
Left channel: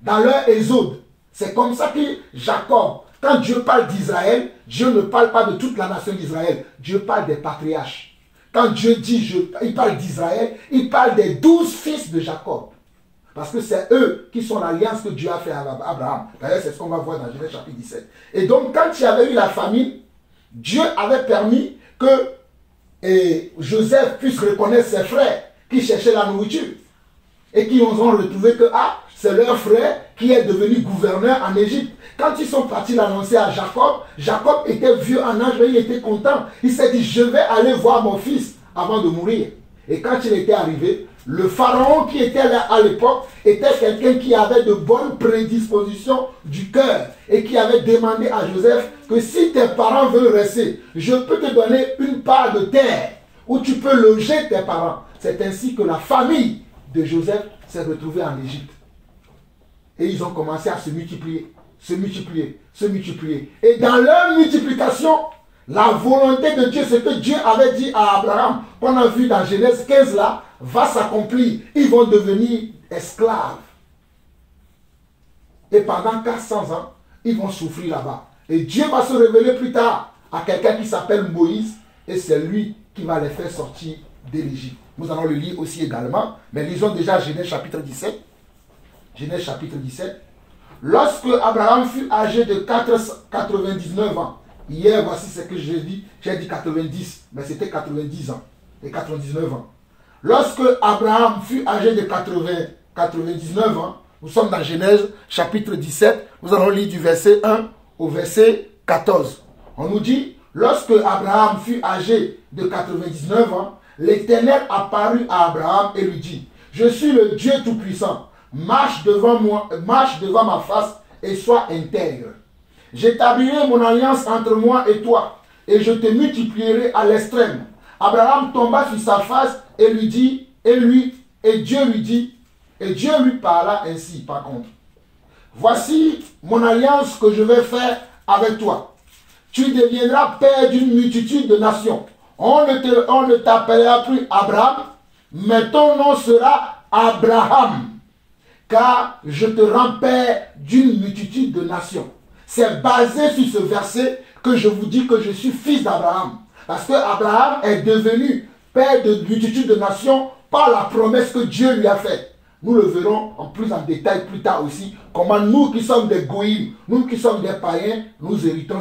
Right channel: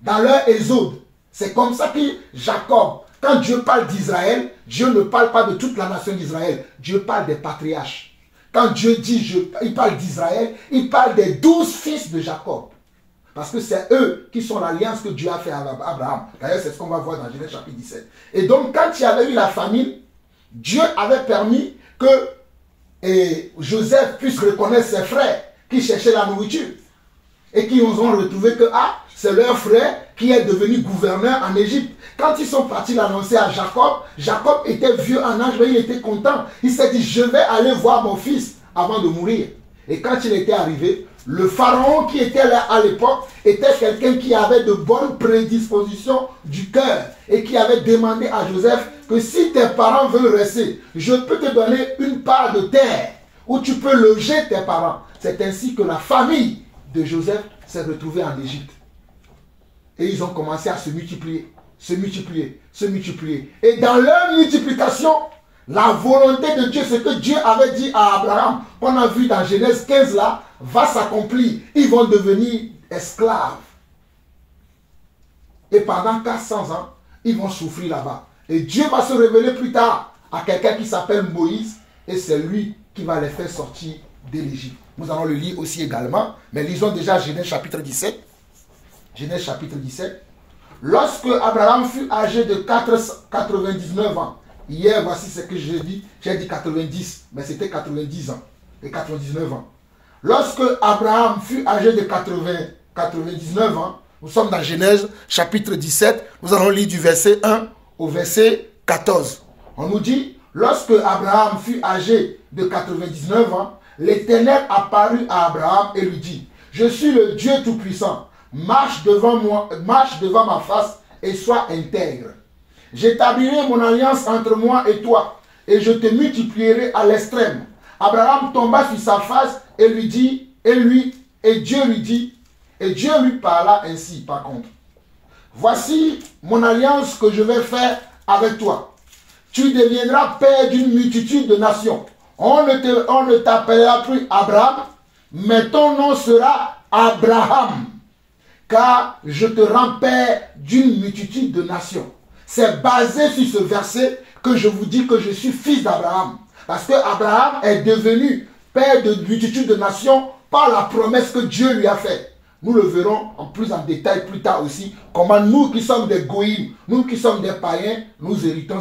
Dans leur exode. C'est comme ça que Jacob, quand Dieu parle d'Israël, Dieu ne parle pas de toute la nation d'Israël. Dieu parle des patriarches. Quand Dieu dit, il parle d'Israël, il parle des 12 fils de Jacob. Parce que c'est eux qui sont l'alliance que Dieu a fait avec Abraham. D'ailleurs, c'est ce qu'on va voir dans Genèse chapitre 17. Et donc, quand il y avait eu la famine, Dieu avait permis que Joseph puisse reconnaître ses frères qui cherchaient la nourriture. Et qui ont retrouvé que, c'est leur frère qui est devenu gouverneur en Égypte. Quand ils sont partis l'annoncer à Jacob, Jacob était vieux en âge, mais il était content. Il s'est dit, je vais aller voir mon fils avant de mourir. Et quand il était arrivé, le pharaon qui était là à l'époque était quelqu'un qui avait de bonnes prédispositions du cœur et qui avait demandé à Joseph que si tes parents veulent rester, je peux te donner une part de terre où tu peux loger tes parents. C'est ainsi que la famille de Joseph s'est retrouvée en Égypte. Et ils ont commencé à se multiplier, se multiplier, se multiplier. Et dans leur multiplication, la volonté de Dieu, ce que Dieu avait dit à Abraham, qu'on a vu dans Genèse 15 là, va s'accomplir. Ils vont devenir esclaves. Et pendant 400 ans, ils vont souffrir là-bas. Et Dieu va se révéler plus tard à quelqu'un qui s'appelle Moïse. Et c'est lui qui va les faire sortir de l'Égypte. Nous allons le lire aussi également. Mais lisons déjà Genèse chapitre 17. Genèse chapitre 17. Lorsque Abraham fut âgé de 99 ans. Hier, voici ce que j'ai dit. J'ai dit 90, mais c'était 90 ans. Et 99 ans. Lorsque Abraham fut âgé de 99 ans, nous sommes dans Genèse chapitre 17. Nous allons lire du verset 1 au verset 14. On nous dit, lorsque Abraham fut âgé de 99 ans, l'Éternel apparut à Abraham et lui dit, je suis le Dieu Tout-Puissant. Marche devant moi, marche devant ma face et sois intègre. J'établirai mon alliance entre moi et toi, et je te multiplierai à l'extrême. Abraham tomba sur sa face et lui dit, et Dieu lui dit, et Dieu lui parla ainsi, par contre. Voici mon alliance que je vais faire avec toi. Tu deviendras père d'une multitude de nations. On ne t'appellera plus Abraham, mais ton nom sera Abraham. Car je te rends père d'une multitude de nations. C'est basé sur ce verset que je vous dis que je suis fils d'Abraham. Parce que Abraham est devenu père de multitude de nations par la promesse que Dieu lui a faite. Nous le verrons en plus en détail plus tard aussi, comment nous qui sommes des goïms, nous qui sommes des païens, nous héritions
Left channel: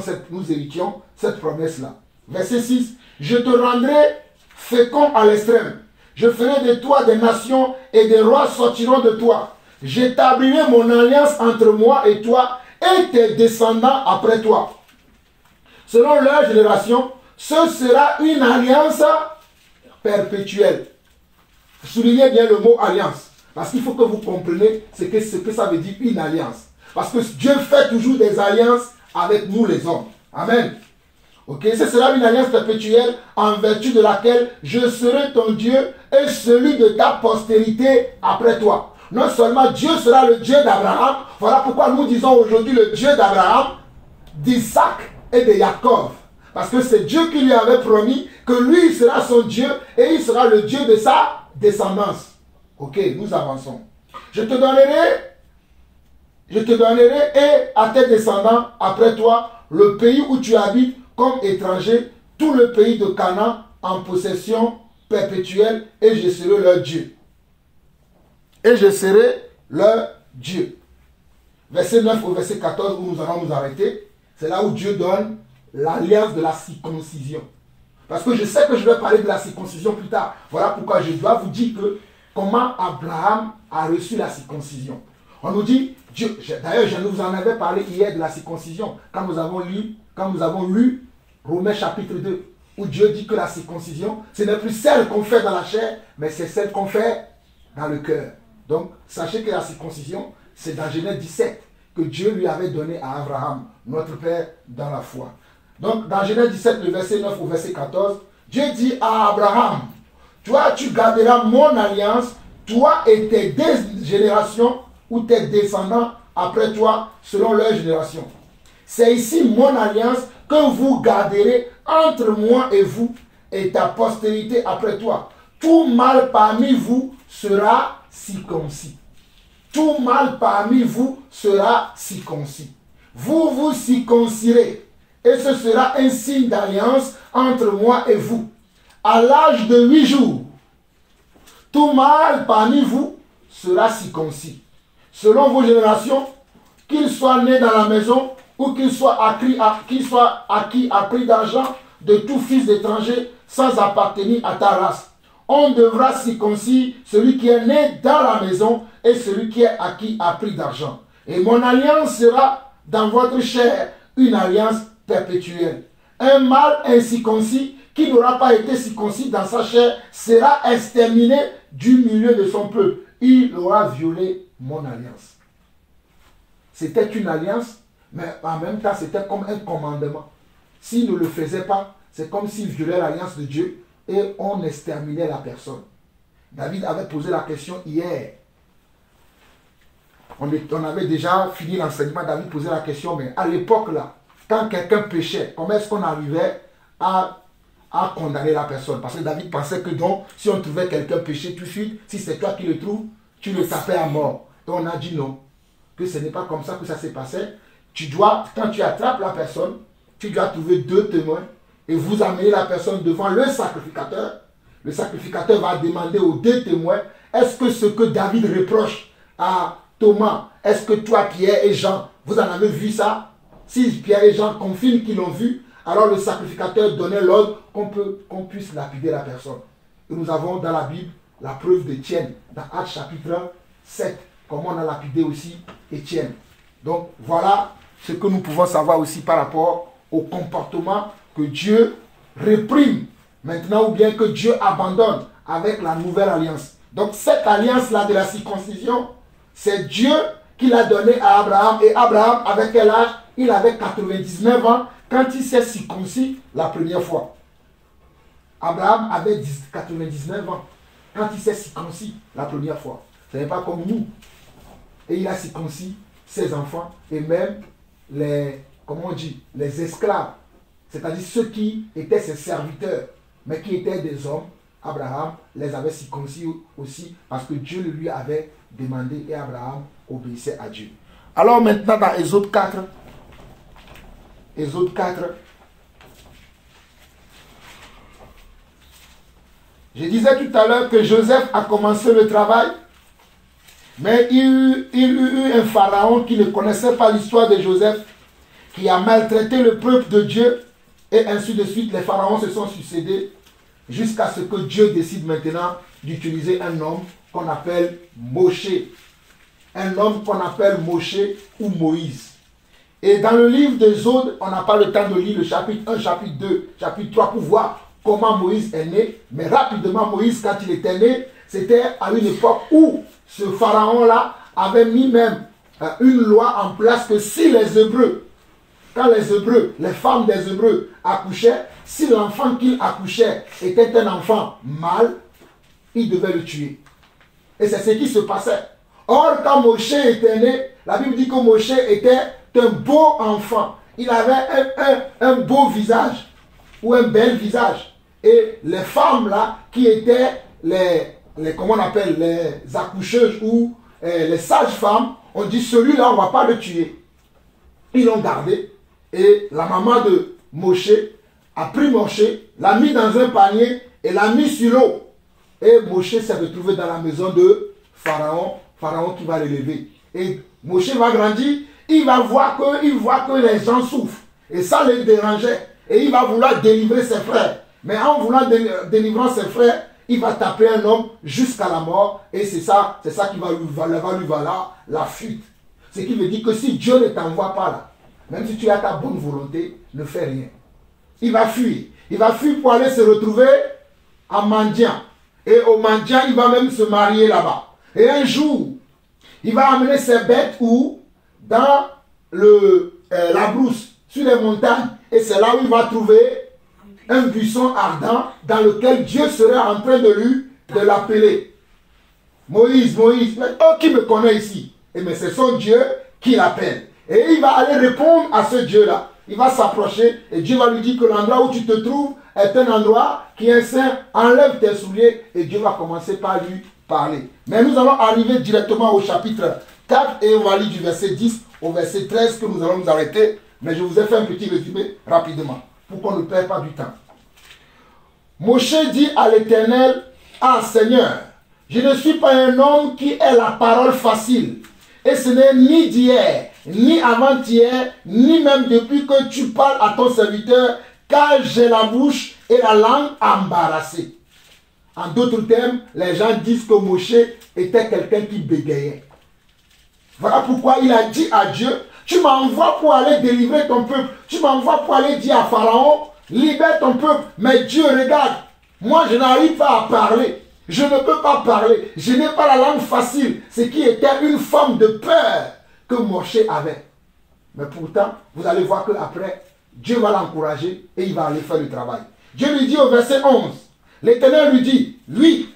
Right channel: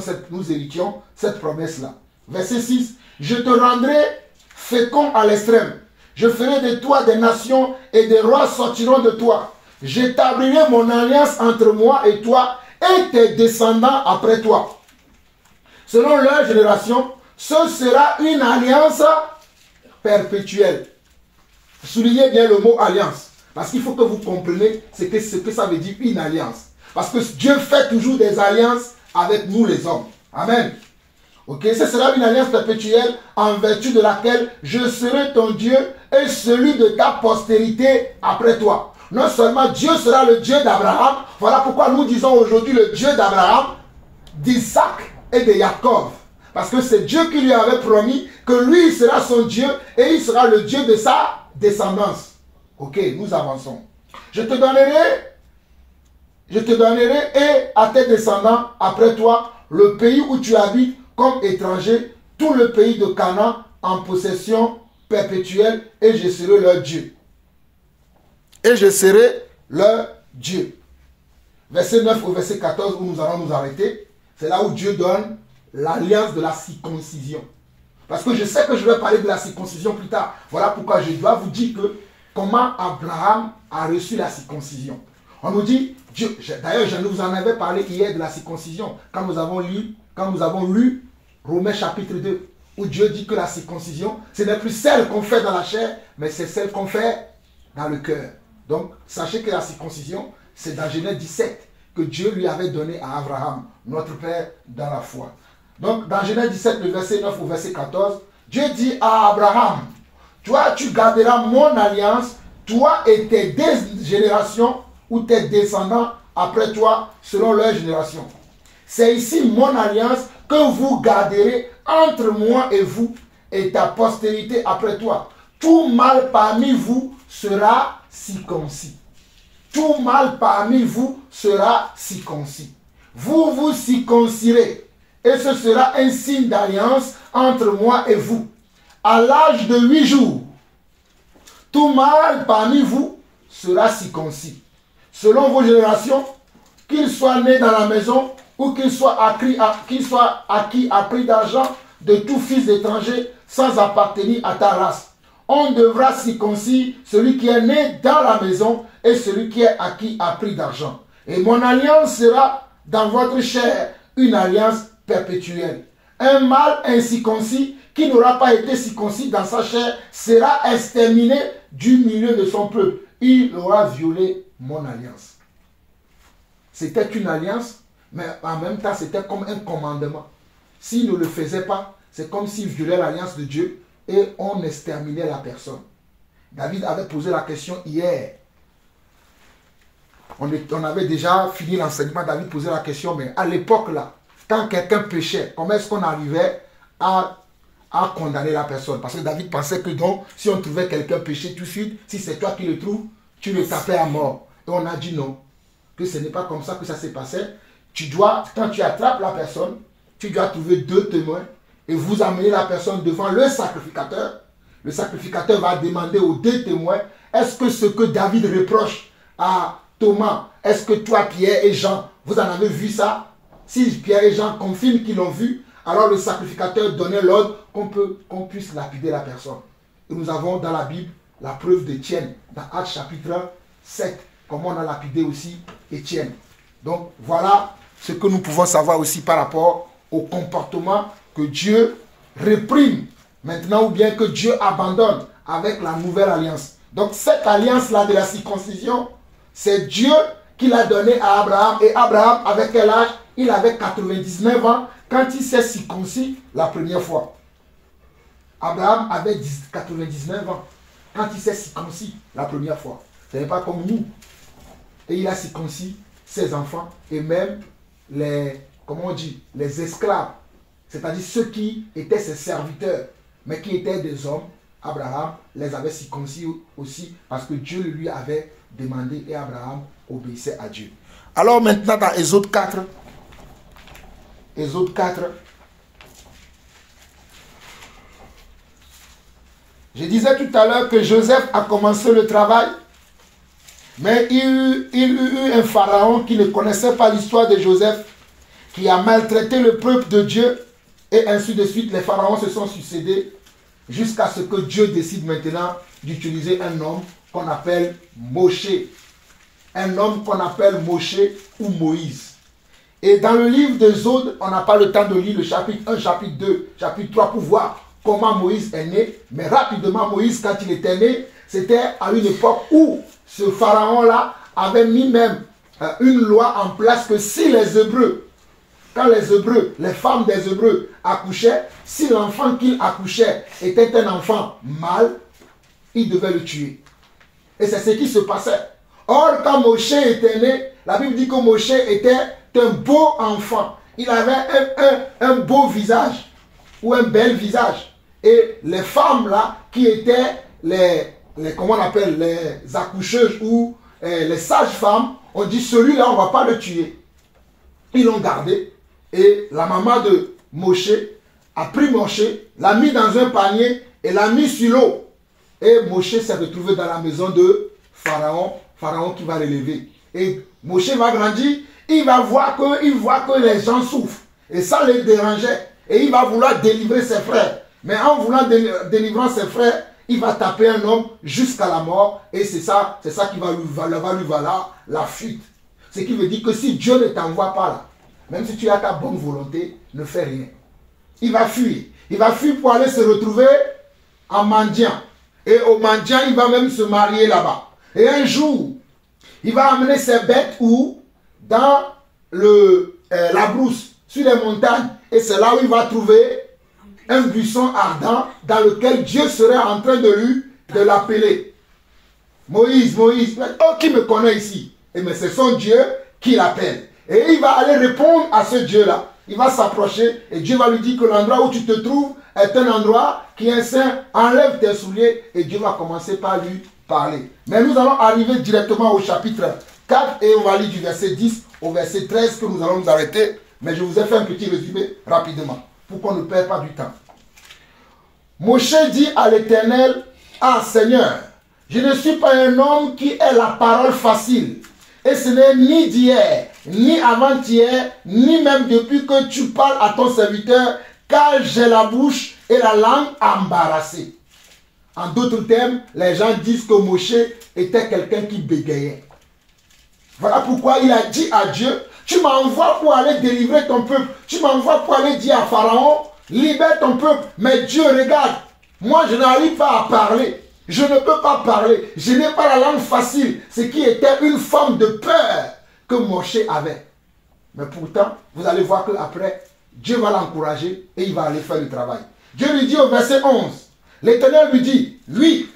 cette promesse-là. Verset 6. Je te rendrai fécond à l'extrême. Je ferai de toi des nations et des rois sortiront de toi. J'établirai mon alliance entre moi et toi et tes descendants après toi. Selon leur génération, ce sera une alliance perpétuelle. Soulignez bien le mot alliance. Parce qu'il faut que vous compreniez ce que ça veut dire une alliance. Parce que Dieu fait toujours des alliances avec nous les hommes. Amen. Ok, ce sera une alliance perpétuelle en vertu de laquelle je serai ton Dieu et celui de ta postérité après toi. Non seulement Dieu sera le Dieu d'Abraham, voilà pourquoi nous disons aujourd'hui le Dieu d'Abraham, d'Isaac et de Jacob. Parce que c'est Dieu qui lui avait promis que lui sera son Dieu et il sera le Dieu de sa descendance. Ok, nous avançons. Je te donnerai et à tes descendants après toi le pays où tu habites comme étranger, tout le pays de Canaan en possession perpétuelle, et je serai leur Dieu. Et je serai leur Dieu. Verset 9 au verset 14 où nous allons nous arrêter, c'est là où Dieu donne l'alliance de la circoncision. Parce que je sais que je vais parler de la circoncision plus tard. Voilà pourquoi je dois vous dire que comment Abraham a reçu la circoncision. On nous dit, Dieu, d'ailleurs je vous en avais parlé hier de la circoncision, quand nous avons lu Romains chapitre 2, où Dieu dit que la circoncision, ce n'est plus celle qu'on fait dans la chair, mais c'est celle qu'on fait dans le cœur. Donc, sachez que la circoncision, c'est dans Genèse 17 que Dieu lui avait donné à Abraham, notre père dans la foi. Donc, dans Genèse 17, le verset 9 au verset 14, Dieu dit à Abraham, toi, tu garderas mon alliance, toi et tes deux générations, ou tes descendants après toi, selon leur génération. C'est ici mon alliance que vous garderez entre moi et vous et ta postérité après toi. Tout mâle parmi vous sera circoncis. Tout mâle parmi vous sera circoncis. Vous vous circoncirez et ce sera un signe d'alliance entre moi et vous. À l'âge de 8 jours, tout mâle parmi vous sera circoncis. Selon vos générations, qu'il soit né dans la maison ou qu'il soit acquis à prix d'argent de tout fils d'étranger sans appartenir à ta race. On devra circoncire celui qui est né dans la maison et celui qui est acquis à prix d'argent. Et mon alliance sera dans votre chair une alliance perpétuelle. Un mâle incirconcis qui n'aura pas été circoncis dans sa chair sera exterminé du milieu de son peuple. Il aura violé mon alliance. C'était une alliance, mais en même temps, c'était comme un commandement. S'il ne le faisait pas, c'est comme s'il violait l'alliance de Dieu et on exterminait la personne. David avait posé la question hier. On avait déjà fini l'enseignement, David posait la question, mais à l'époque là, quand quelqu'un péchait, comment est-ce qu'on arrivait à condamner la personne? Parce que David pensait que donc, si on trouvait quelqu'un péché tout de suite, si c'est toi qui le trouves, tu le tapais à mort. Et on a dit non, que ce n'est pas comme ça que ça s'est passé. Tu dois, quand tu attrapes la personne, tu dois trouver 2 témoins et vous amener la personne devant le sacrificateur. Le sacrificateur va demander aux 2 témoins, est-ce que ce que David reproche à Thomas, est-ce que toi, Pierre et Jean, vous en avez vu ça? Si Pierre et Jean confirment qu'ils l'ont vu, alors le sacrificateur donnait l'ordre qu'on puisse lapider la personne. Et nous avons dans la Bible la preuve d'Étienne, dans Actes chapitre 7, comment on a lapidé aussi Étienne. Donc voilà ce que nous pouvons savoir aussi par rapport au comportement que Dieu réprime maintenant ou bien que Dieu abandonne avec la nouvelle alliance. Donc cette alliance-là de la circoncision, c'est Dieu qui l'a donnée à Abraham. Et Abraham, avec quel âge? Il avait 99 ans quand il s'est circoncis la première fois. Abraham avait 99 ans quand il s'est circoncis la première fois. Ce n'est pas comme nous. Et il a circoncis ses enfants et même les esclaves. C'est-à-dire ceux qui étaient ses serviteurs, mais qui étaient des hommes. Abraham les avait circoncis aussi parce que Dieu lui avait demandé et Abraham obéissait à Dieu. Alors maintenant dans Exode 4, je disais tout à l'heure que Joseph a commencé le travail, mais il y eut un pharaon qui ne connaissait pas l'histoire de Joseph, qui a maltraité le peuple de Dieu, et ainsi de suite. Les pharaons se sont succédés jusqu'à ce que Dieu décide maintenant d'utiliser un homme qu'on appelle Moshe. Un homme qu'on appelle Moshe ou Moïse. Et dans le livre d'Exode, on n'a pas le temps de lire le chapitre 1, chapitre 2, chapitre 3 pour voir comment Moïse est né. Mais rapidement, Moïse, quand il était né, c'était à une époque où ce pharaon-là avait mis même une loi en place que si les Hébreux, quand les femmes des Hébreux accouchaient, si l'enfant qu'ils accouchaient était un enfant mâle, ils devaient le tuer. Et c'est ce qui se passait. Or, quand Moshe était né, la Bible dit que Moshe était un beau enfant. Il avait un beau visage ou un bel visage. Et les femmes là, qui étaient comment on appelle, les accoucheuses ou les sages-femmes ont dit, celui-là, on ne va pas le tuer. Ils l'ont gardé. Et la maman de Moshe a pris Moshe, l'a mis dans un panier et l'a mis sur l'eau. Et Moshe s'est retrouvé dans la maison de Pharaon. Pharaon qui va l'élever. Et Moshe va grandir. Il voit que les gens souffrent. Et ça les dérangeait. Et il va vouloir délivrer ses frères. Mais en voulant délivrer ses frères, il va taper un homme jusqu'à la mort. Et c'est ça qui va lui valoir la fuite. Ce qui veut dire que si Dieu ne t'envoie pas là, même si tu as ta bonne volonté, ne fais rien. Il va fuir. Il va fuir pour aller se retrouver en mendiant. Et au mendiant, il va même se marier là-bas. Et un jour, il va amener ses bêtes où? Dans la brousse, sur les montagnes. Et c'est là où il va trouver un buisson ardent dans lequel Dieu serait en train de l'appeler. Moïse, Moïse, oh, qui me connaît ici? Et mais c'est son Dieu qui l'appelle. Et il va aller répondre à ce Dieu-là. Il va s'approcher et Dieu va lui dire que l'endroit où tu te trouves est un endroit qui est saint. Enlève tes souliers et Dieu va commencer par lui parler. Mais nous allons arriver directement au chapitre 4 et on va lire du verset 10 au verset 13 que nous allons nous arrêter. Mais je vous ai fait un petit résumé rapidement pour qu'on ne perde pas du temps. Moshe dit à l'Éternel, ah Seigneur, je ne suis pas un homme qui ait la parole facile. Et ce n'est ni d'hier, ni avant-hier, ni même depuis que tu parles à ton serviteur, car j'ai la bouche et la langue embarrassées. En d'autres termes, les gens disent que Moshe était quelqu'un qui bégayait. Voilà pourquoi il a dit à Dieu, tu m'envoies pour aller délivrer ton peuple, tu m'envoies pour aller dire à Pharaon, libère ton peuple. Mais Dieu, regarde, moi je n'arrive pas à parler. Je ne peux pas parler. Je n'ai pas la langue facile. Ce qui était une forme de peur que Moshe avait. Mais pourtant, vous allez voir qu'après, Dieu va l'encourager et il va aller faire le travail. Dieu lui dit au verset 11, l'Éternel lui dit, lui,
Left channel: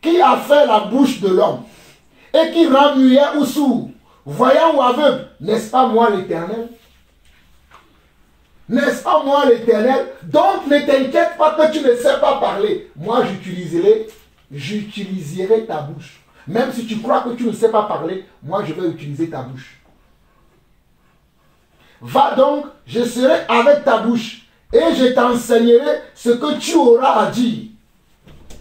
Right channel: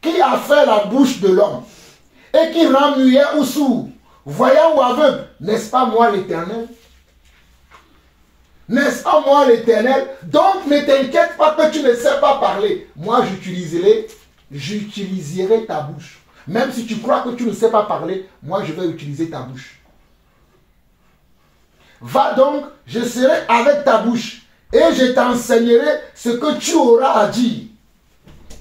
qui a fait la bouche de l'homme et qui rend muet ou sourd, voyant ou aveugle, n'est-ce pas moi l'Éternel? N'est-ce pas moi l'Éternel? Donc ne t'inquiète pas que tu ne sais pas parler. Moi j'utiliserai ta bouche. Même si tu crois que tu ne sais pas parler, moi je vais utiliser ta bouche. Va donc, je serai avec ta bouche et je t'enseignerai ce que tu auras à dire.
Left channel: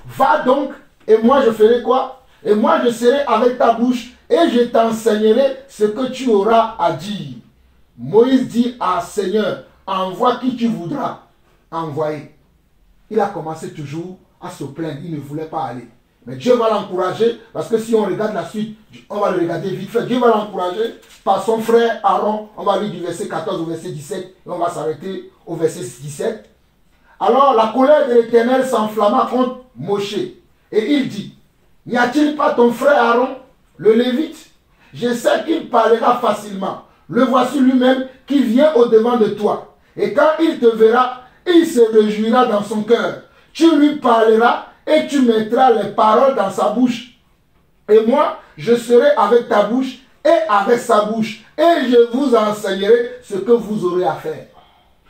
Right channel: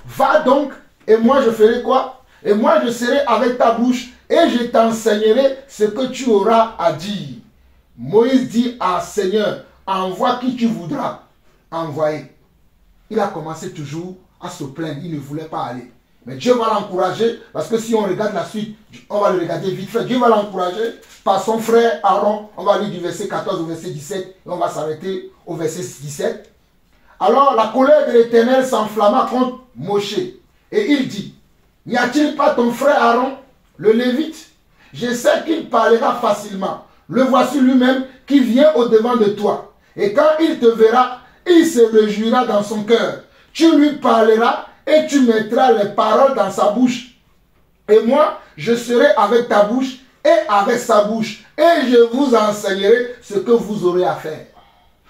Va donc et moi je ferai quoi? Et moi je serai avec ta bouche et je t'enseignerai ce que tu auras à dire. Moïse dit à Seigneur, envoie qui tu voudras envoyer. Il a commencé toujours à se plaindre, il ne voulait pas aller. Mais Dieu va l'encourager, parce que si on regarde la suite, on va le regarder vite fait. Dieu va l'encourager par son frère Aaron. On va lire du verset 14 au verset 17, et on va s'arrêter au verset 17. Alors la colère de l'Éternel s'enflamma contre Moshe. Et il dit, n'y a-t-il pas ton frère Aaron, le Lévite? Je sais qu'il parlera facilement. Le voici lui-même qui vient au-devant de toi. Et quand il te verra, il se réjouira dans son cœur. Tu lui parleras et tu mettras les paroles dans sa bouche. Et moi, je serai avec ta bouche et avec sa bouche. Et je vous enseignerai ce que vous aurez à faire.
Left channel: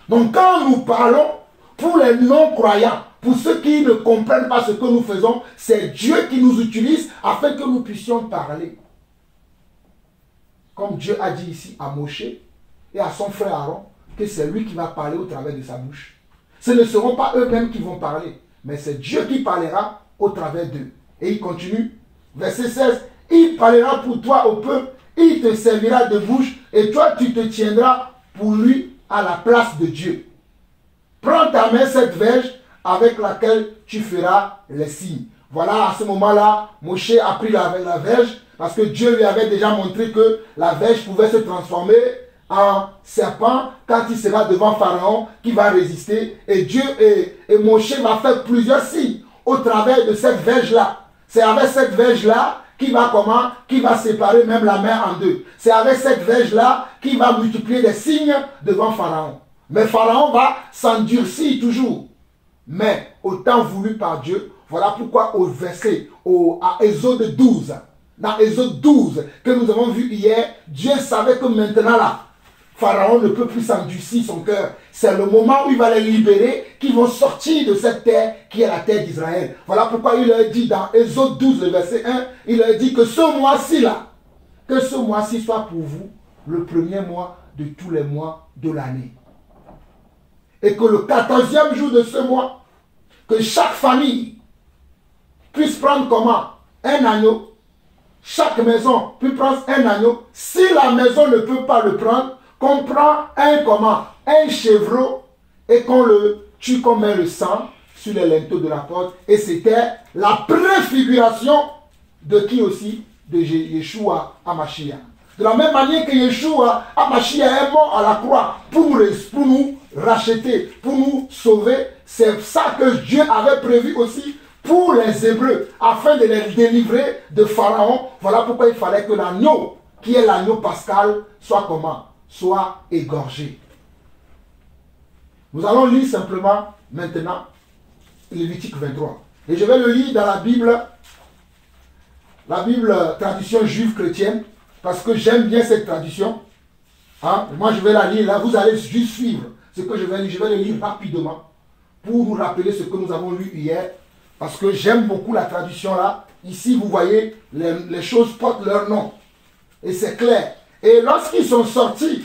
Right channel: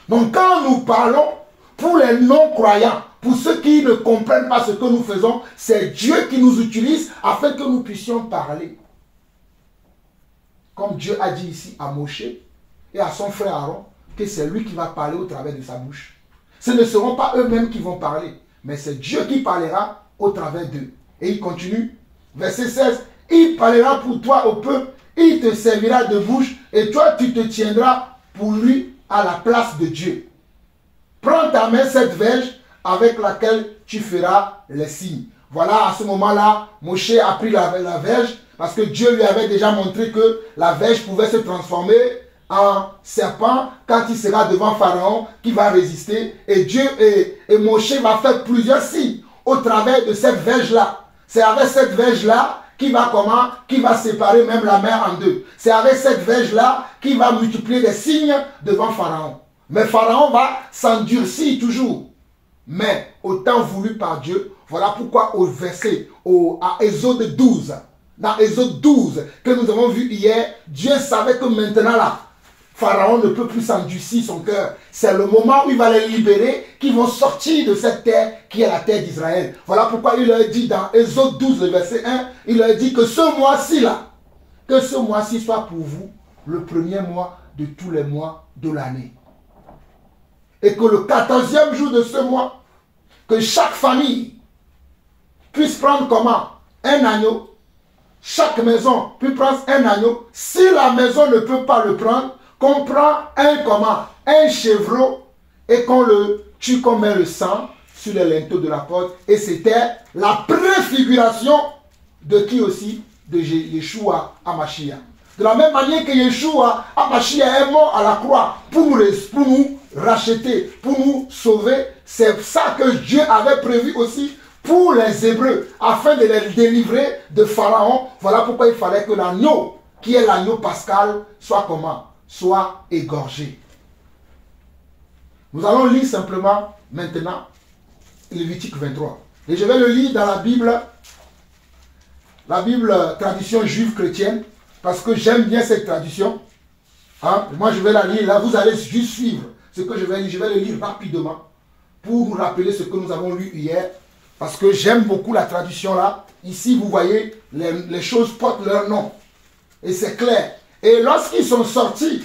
Donc quand nous parlons, pour les non-croyants, pour ceux qui ne comprennent pas ce que nous faisons, c'est Dieu qui nous utilise afin que nous puissions parler. Comme Dieu a dit ici à Moshe et à son frère Aaron, que c'est lui qui va parler au travers de sa bouche. Ce ne seront pas eux-mêmes qui vont parler, mais c'est Dieu qui parlera au travers d'eux. Et il continue, verset 16, il parlera pour toi au peuple, il te servira de bouche, et toi tu te tiendras pour lui à la place de Dieu. Prends ta main cette verge avec laquelle tu feras les signes. Voilà, à ce moment-là, Moshe a pris la verge, parce que Dieu lui avait déjà montré que la verge pouvait se transformer en serpent quand il sera devant Pharaon qui va résister. Et Dieu et Moshe va faire plusieurs signes au travers de cette verge-là. C'est avec cette verge-là qui va séparer même la mer en deux. C'est avec cette verge-là qui va multiplier les signes devant Pharaon. Mais Pharaon va s'endurcir toujours. Mais au temps voulu par Dieu, voilà pourquoi au verset, à Exode 12, dans Exode 12, que nous avons vu hier, Dieu savait que maintenant là, Pharaon ne peut plus s'endurcir son cœur. C'est le moment où il va les libérer, qu'ils vont sortir de cette terre qui est la terre d'Israël. Voilà pourquoi il leur dit dans Exode 12, le verset 1, il leur dit que ce mois-ci là, que ce mois-ci soit pour vous le premier mois de tous les mois de l'année. Et que le 14e jour de ce mois, que chaque famille puisse prendre comment? Un agneau. Chaque maison puisse prendre un agneau. Si la maison ne peut pas le prendre, qu'on prend un comment? Un chevreau et qu'on le tue, qu'on met le sang sur les linteaux de la porte. Et c'était la préfiguration de qui aussi? De Yeshua HaMashiach. De la même manière que Yeshua HaMashiach est mort à la croix pour nous racheter, pour nous sauver. C'est ça que Dieu avait prévu aussi pour les Hébreux, afin de les délivrer de Pharaon. Voilà pourquoi il fallait que l'agneau, qui est l'agneau pascal, soit comment? Soit égorgé. Nous allons lire simplement maintenant Lévitique 23. Et je vais le lire dans la Bible tradition juive chrétienne, parce que j'aime bien cette tradition. Hein? Moi je vais la lire là, vous allez juste suivre ce que je vais lire. Je vais le lire rapidement pour nous rappeler ce que nous avons lu hier, parce que j'aime beaucoup la tradition là. Ici vous voyez, les choses portent leur nom. Et c'est clair. Et lorsqu'ils sont sortis,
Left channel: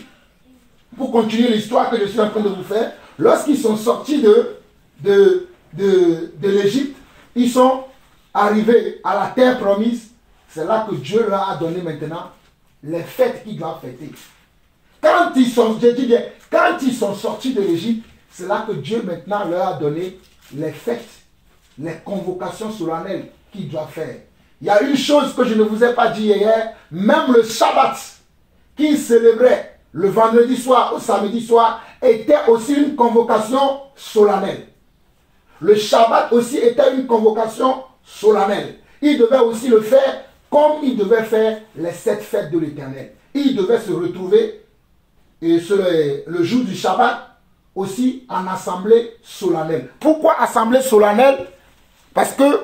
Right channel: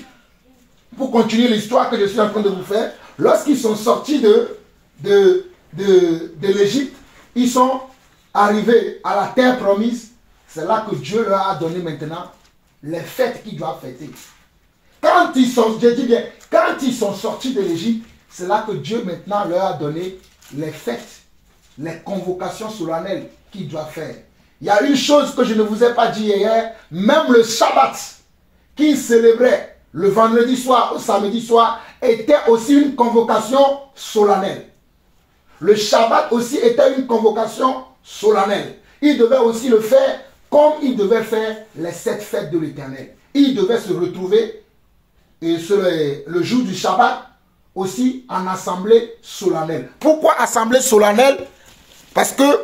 pour continuer l'histoire que je suis en train de vous faire, lorsqu'ils sont sortis de l'Égypte, ils sont arrivés à la terre promise. C'est là que Dieu leur a donné maintenant les fêtes qu'ils doivent fêter. Quand ils sont, je dis bien, quand ils sont sortis de l'Égypte, c'est là que Dieu maintenant leur a donné les fêtes, les convocations solennelles qu'ils doivent faire. Il y a une chose que je ne vous ai pas dit hier, même le Shabbat qu'ils célébraient le vendredi soir au samedi soir était aussi une convocation solennelle. Le Shabbat aussi était une convocation solennelle. Ils devaient aussi le faire comme ils devaient faire les 7 fêtes de l'Éternel. Ils devaient se retrouver et le jour du Shabbat aussi en assemblée solennelle. Pourquoi assemblée solennelle? Parce que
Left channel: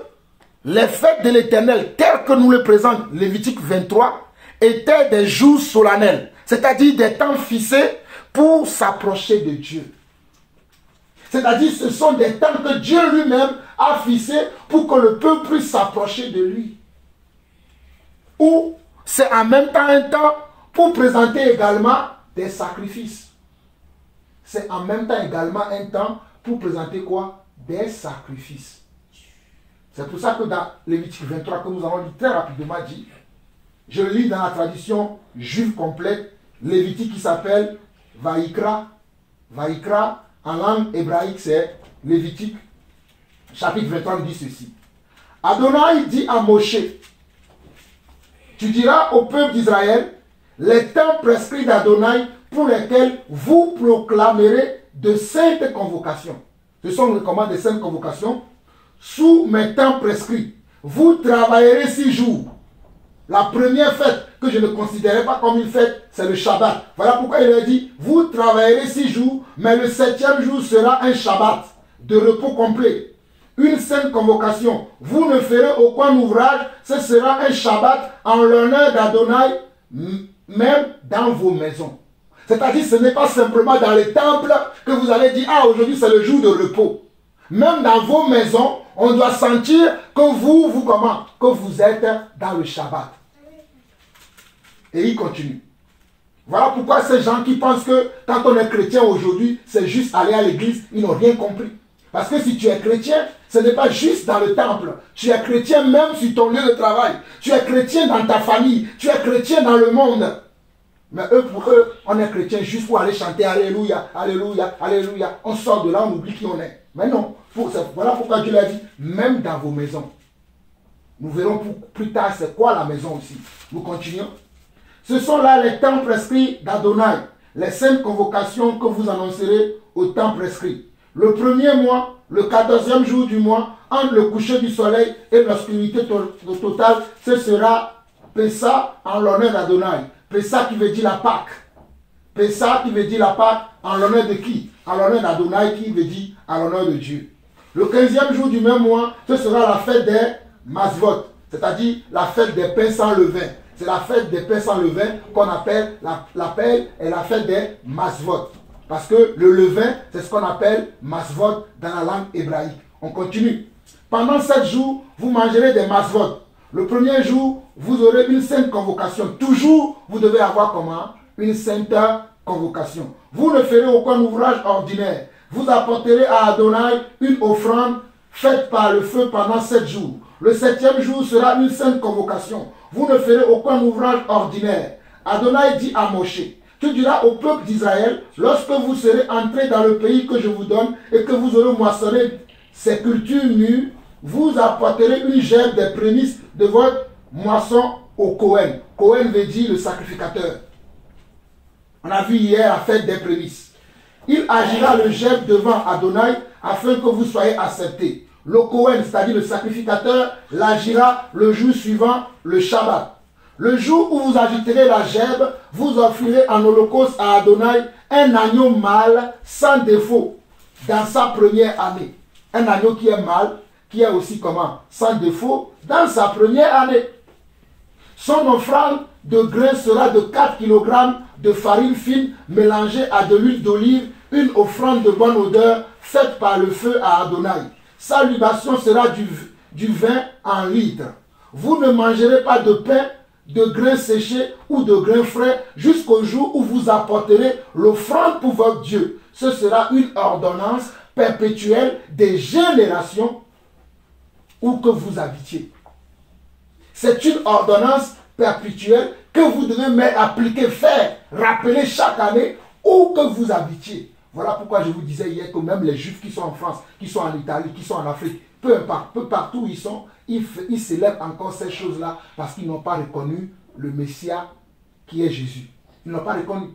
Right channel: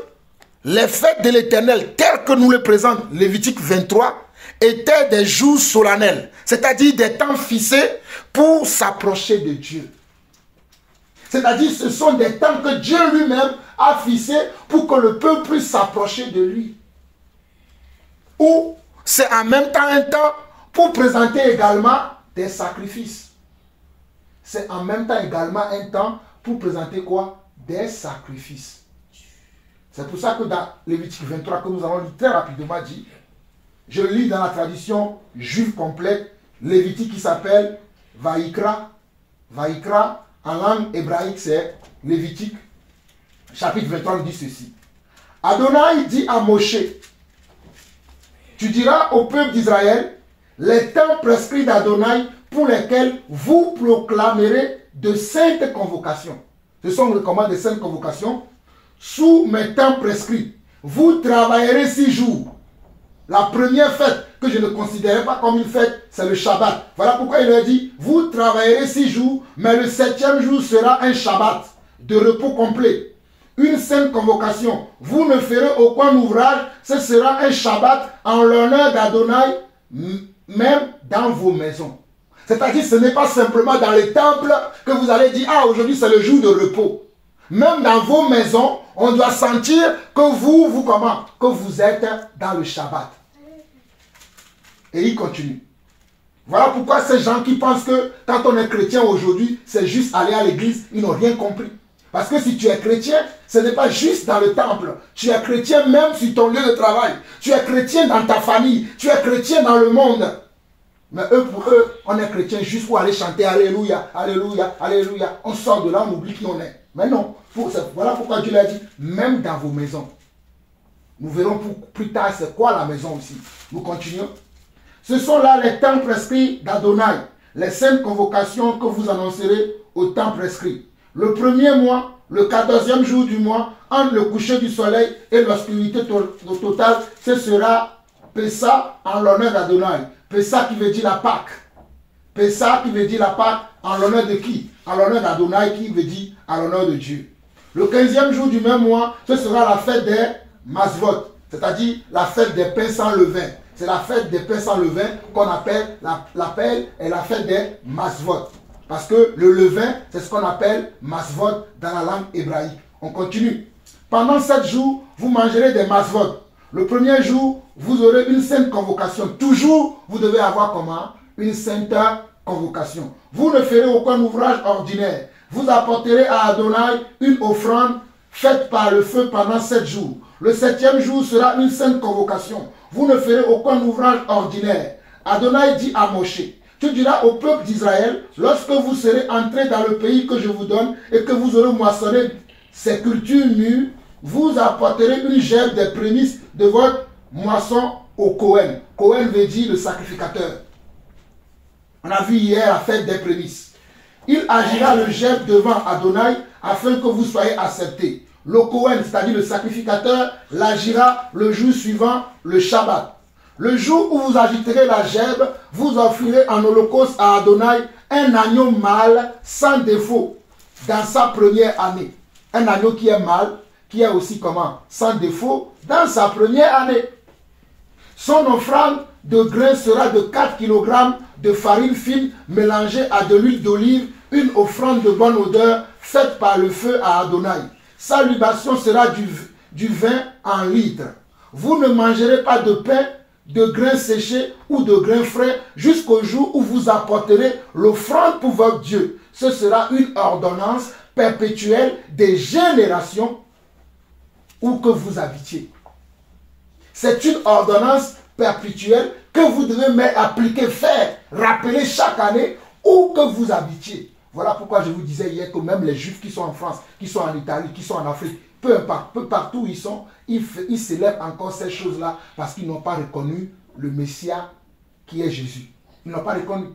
les fêtes de l'Éternel, telles que nous les présente Lévitique 23, étaient des jours solennels, c'est-à-dire des temps fixés pour s'approcher de Dieu. C'est-à-dire ce sont des temps que Dieu lui-même a fixés pour que le peuple puisse s'approcher de lui. Ou c'est en même temps un temps pour présenter également des sacrifices. C'est en même temps également un temps pour présenter quoi? Des sacrifices. C'est pour ça que dans Lévitique 23, que nous allons lire très rapidement dit, je le lis dans la tradition juive complète, Lévitique qui s'appelle Vaïkra. Vaïkra, en langue hébraïque, c'est Lévitique, chapitre 23, il dit ceci. Adonai dit à Moshe, tu diras au peuple d'Israël, les temps prescrits d'Adonai pour lesquels vous proclamerez de saintes convocations. Ce sont comment de saintes convocations? Sous mes temps prescrits, vous travaillerez 6 jours. La première fête que je ne considérais pas comme une fête, c'est le Shabbat. Voilà pourquoi il leur dit, vous travaillerez 6 jours, mais le 7e jour sera un Shabbat de repos complet. Une sainte convocation. Vous ne ferez aucun ouvrage, ce sera un Shabbat en l'honneur d'Adonai, même dans vos maisons. C'est-à-dire, ce n'est pas simplement dans les temples que vous allez dire, ah, aujourd'hui c'est le jour de repos. Même dans vos maisons, on doit sentir que que vous êtes dans le Shabbat. Et il continue. Voilà pourquoi ces gens qui pensent que quand on est chrétien aujourd'hui, c'est juste aller à l'église, ils n'ont rien compris. Parce que si tu es chrétien, ce n'est pas juste dans le temple. Tu es chrétien même sur ton lieu de travail. Tu es chrétien dans ta famille. Tu es chrétien dans le monde. Mais pour eux, on est chrétien juste pour aller chanter Alléluia, Alléluia, Alléluia. On sort de là, on oublie qui on est. Mais non, voilà pourquoi Dieu l'a dit, même dans vos maisons. Nous verrons plus tard c'est quoi la maison aussi. Nous continuons. Ce sont là les temps prescrits d'Adonai, les saintes convocations que vous annoncerez au temps prescrit. Le premier mois, le 14e jour du mois, entre le coucher du soleil et l'obscurité totale, ce sera Pessa en l'honneur d'Adonai. Pessa qui veut dire la Pâque. Pessa qui veut dire la Pâque en l'honneur de qui? En l'honneur d'Adonai qui veut dire en l'honneur de Dieu. Le 15e jour du même mois, ce sera la fête des Masvot. c'est-à-dire la fête des pains sans levain. C'est la fête des pains sans levain qu'on appelle la fête des masvot. Parce que le levain, c'est ce qu'on appelle masvot dans la langue hébraïque. On continue. Pendant 7 jours, vous mangerez des masvot. Le premier jour, vous aurez une sainte convocation. Toujours, vous devez avoir comment? Une sainte convocation. Vous ne ferez aucun ouvrage ordinaire. Vous apporterez à Adonai une offrande faite par le feu pendant 7 jours. Le 7e jour sera une sainte convocation. Vous ne ferez aucun ouvrage ordinaire. Adonai dit à Moshe, tu diras au peuple d'Israël, lorsque vous serez entrés dans le pays que je vous donne et que vous aurez moissonné ces cultures mûres, vous apporterez une gerbe des prémices de votre moisson au Kohen. Kohen veut dire le sacrificateur. On a vu hier la fête des prémices. Il agira le gerbe devant Adonai afin que vous soyez acceptés. Le Kohen, c'est-à-dire le sacrificateur, l'agira le jour suivant le Shabbat. Le jour où vous agiterez la gerbe, vous offrirez en holocauste à Adonai un agneau mâle sans défaut dans sa première année. Un agneau qui est mâle, qui est aussi comment? Sans défaut dans sa première année. Son offrande de grains sera de 4 kg de farine fine mélangée à de l'huile d'olive, une offrande de bonne odeur faite par le feu à Adonai. Sa libation sera du vin en litre. Vous ne mangerez pas de pain, de grains séchés ou de grains frais jusqu'au jour où vous apporterez l'offrande pour votre Dieu. Ce sera une ordonnance perpétuelle des générations où que vous habitiez. C'est une ordonnance perpétuelle que vous devez appliquer, faire, rappeler chaque année où que vous habitiez. Voilà pourquoi je vous disais hier que même les Juifs qui sont en France, qui sont en Italie, qui sont en Afrique, peu partout où ils sont, ils célèbrent encore ces choses-là parce qu'ils n'ont pas reconnu le Messia qui est Jésus. Ils n'ont pas reconnu.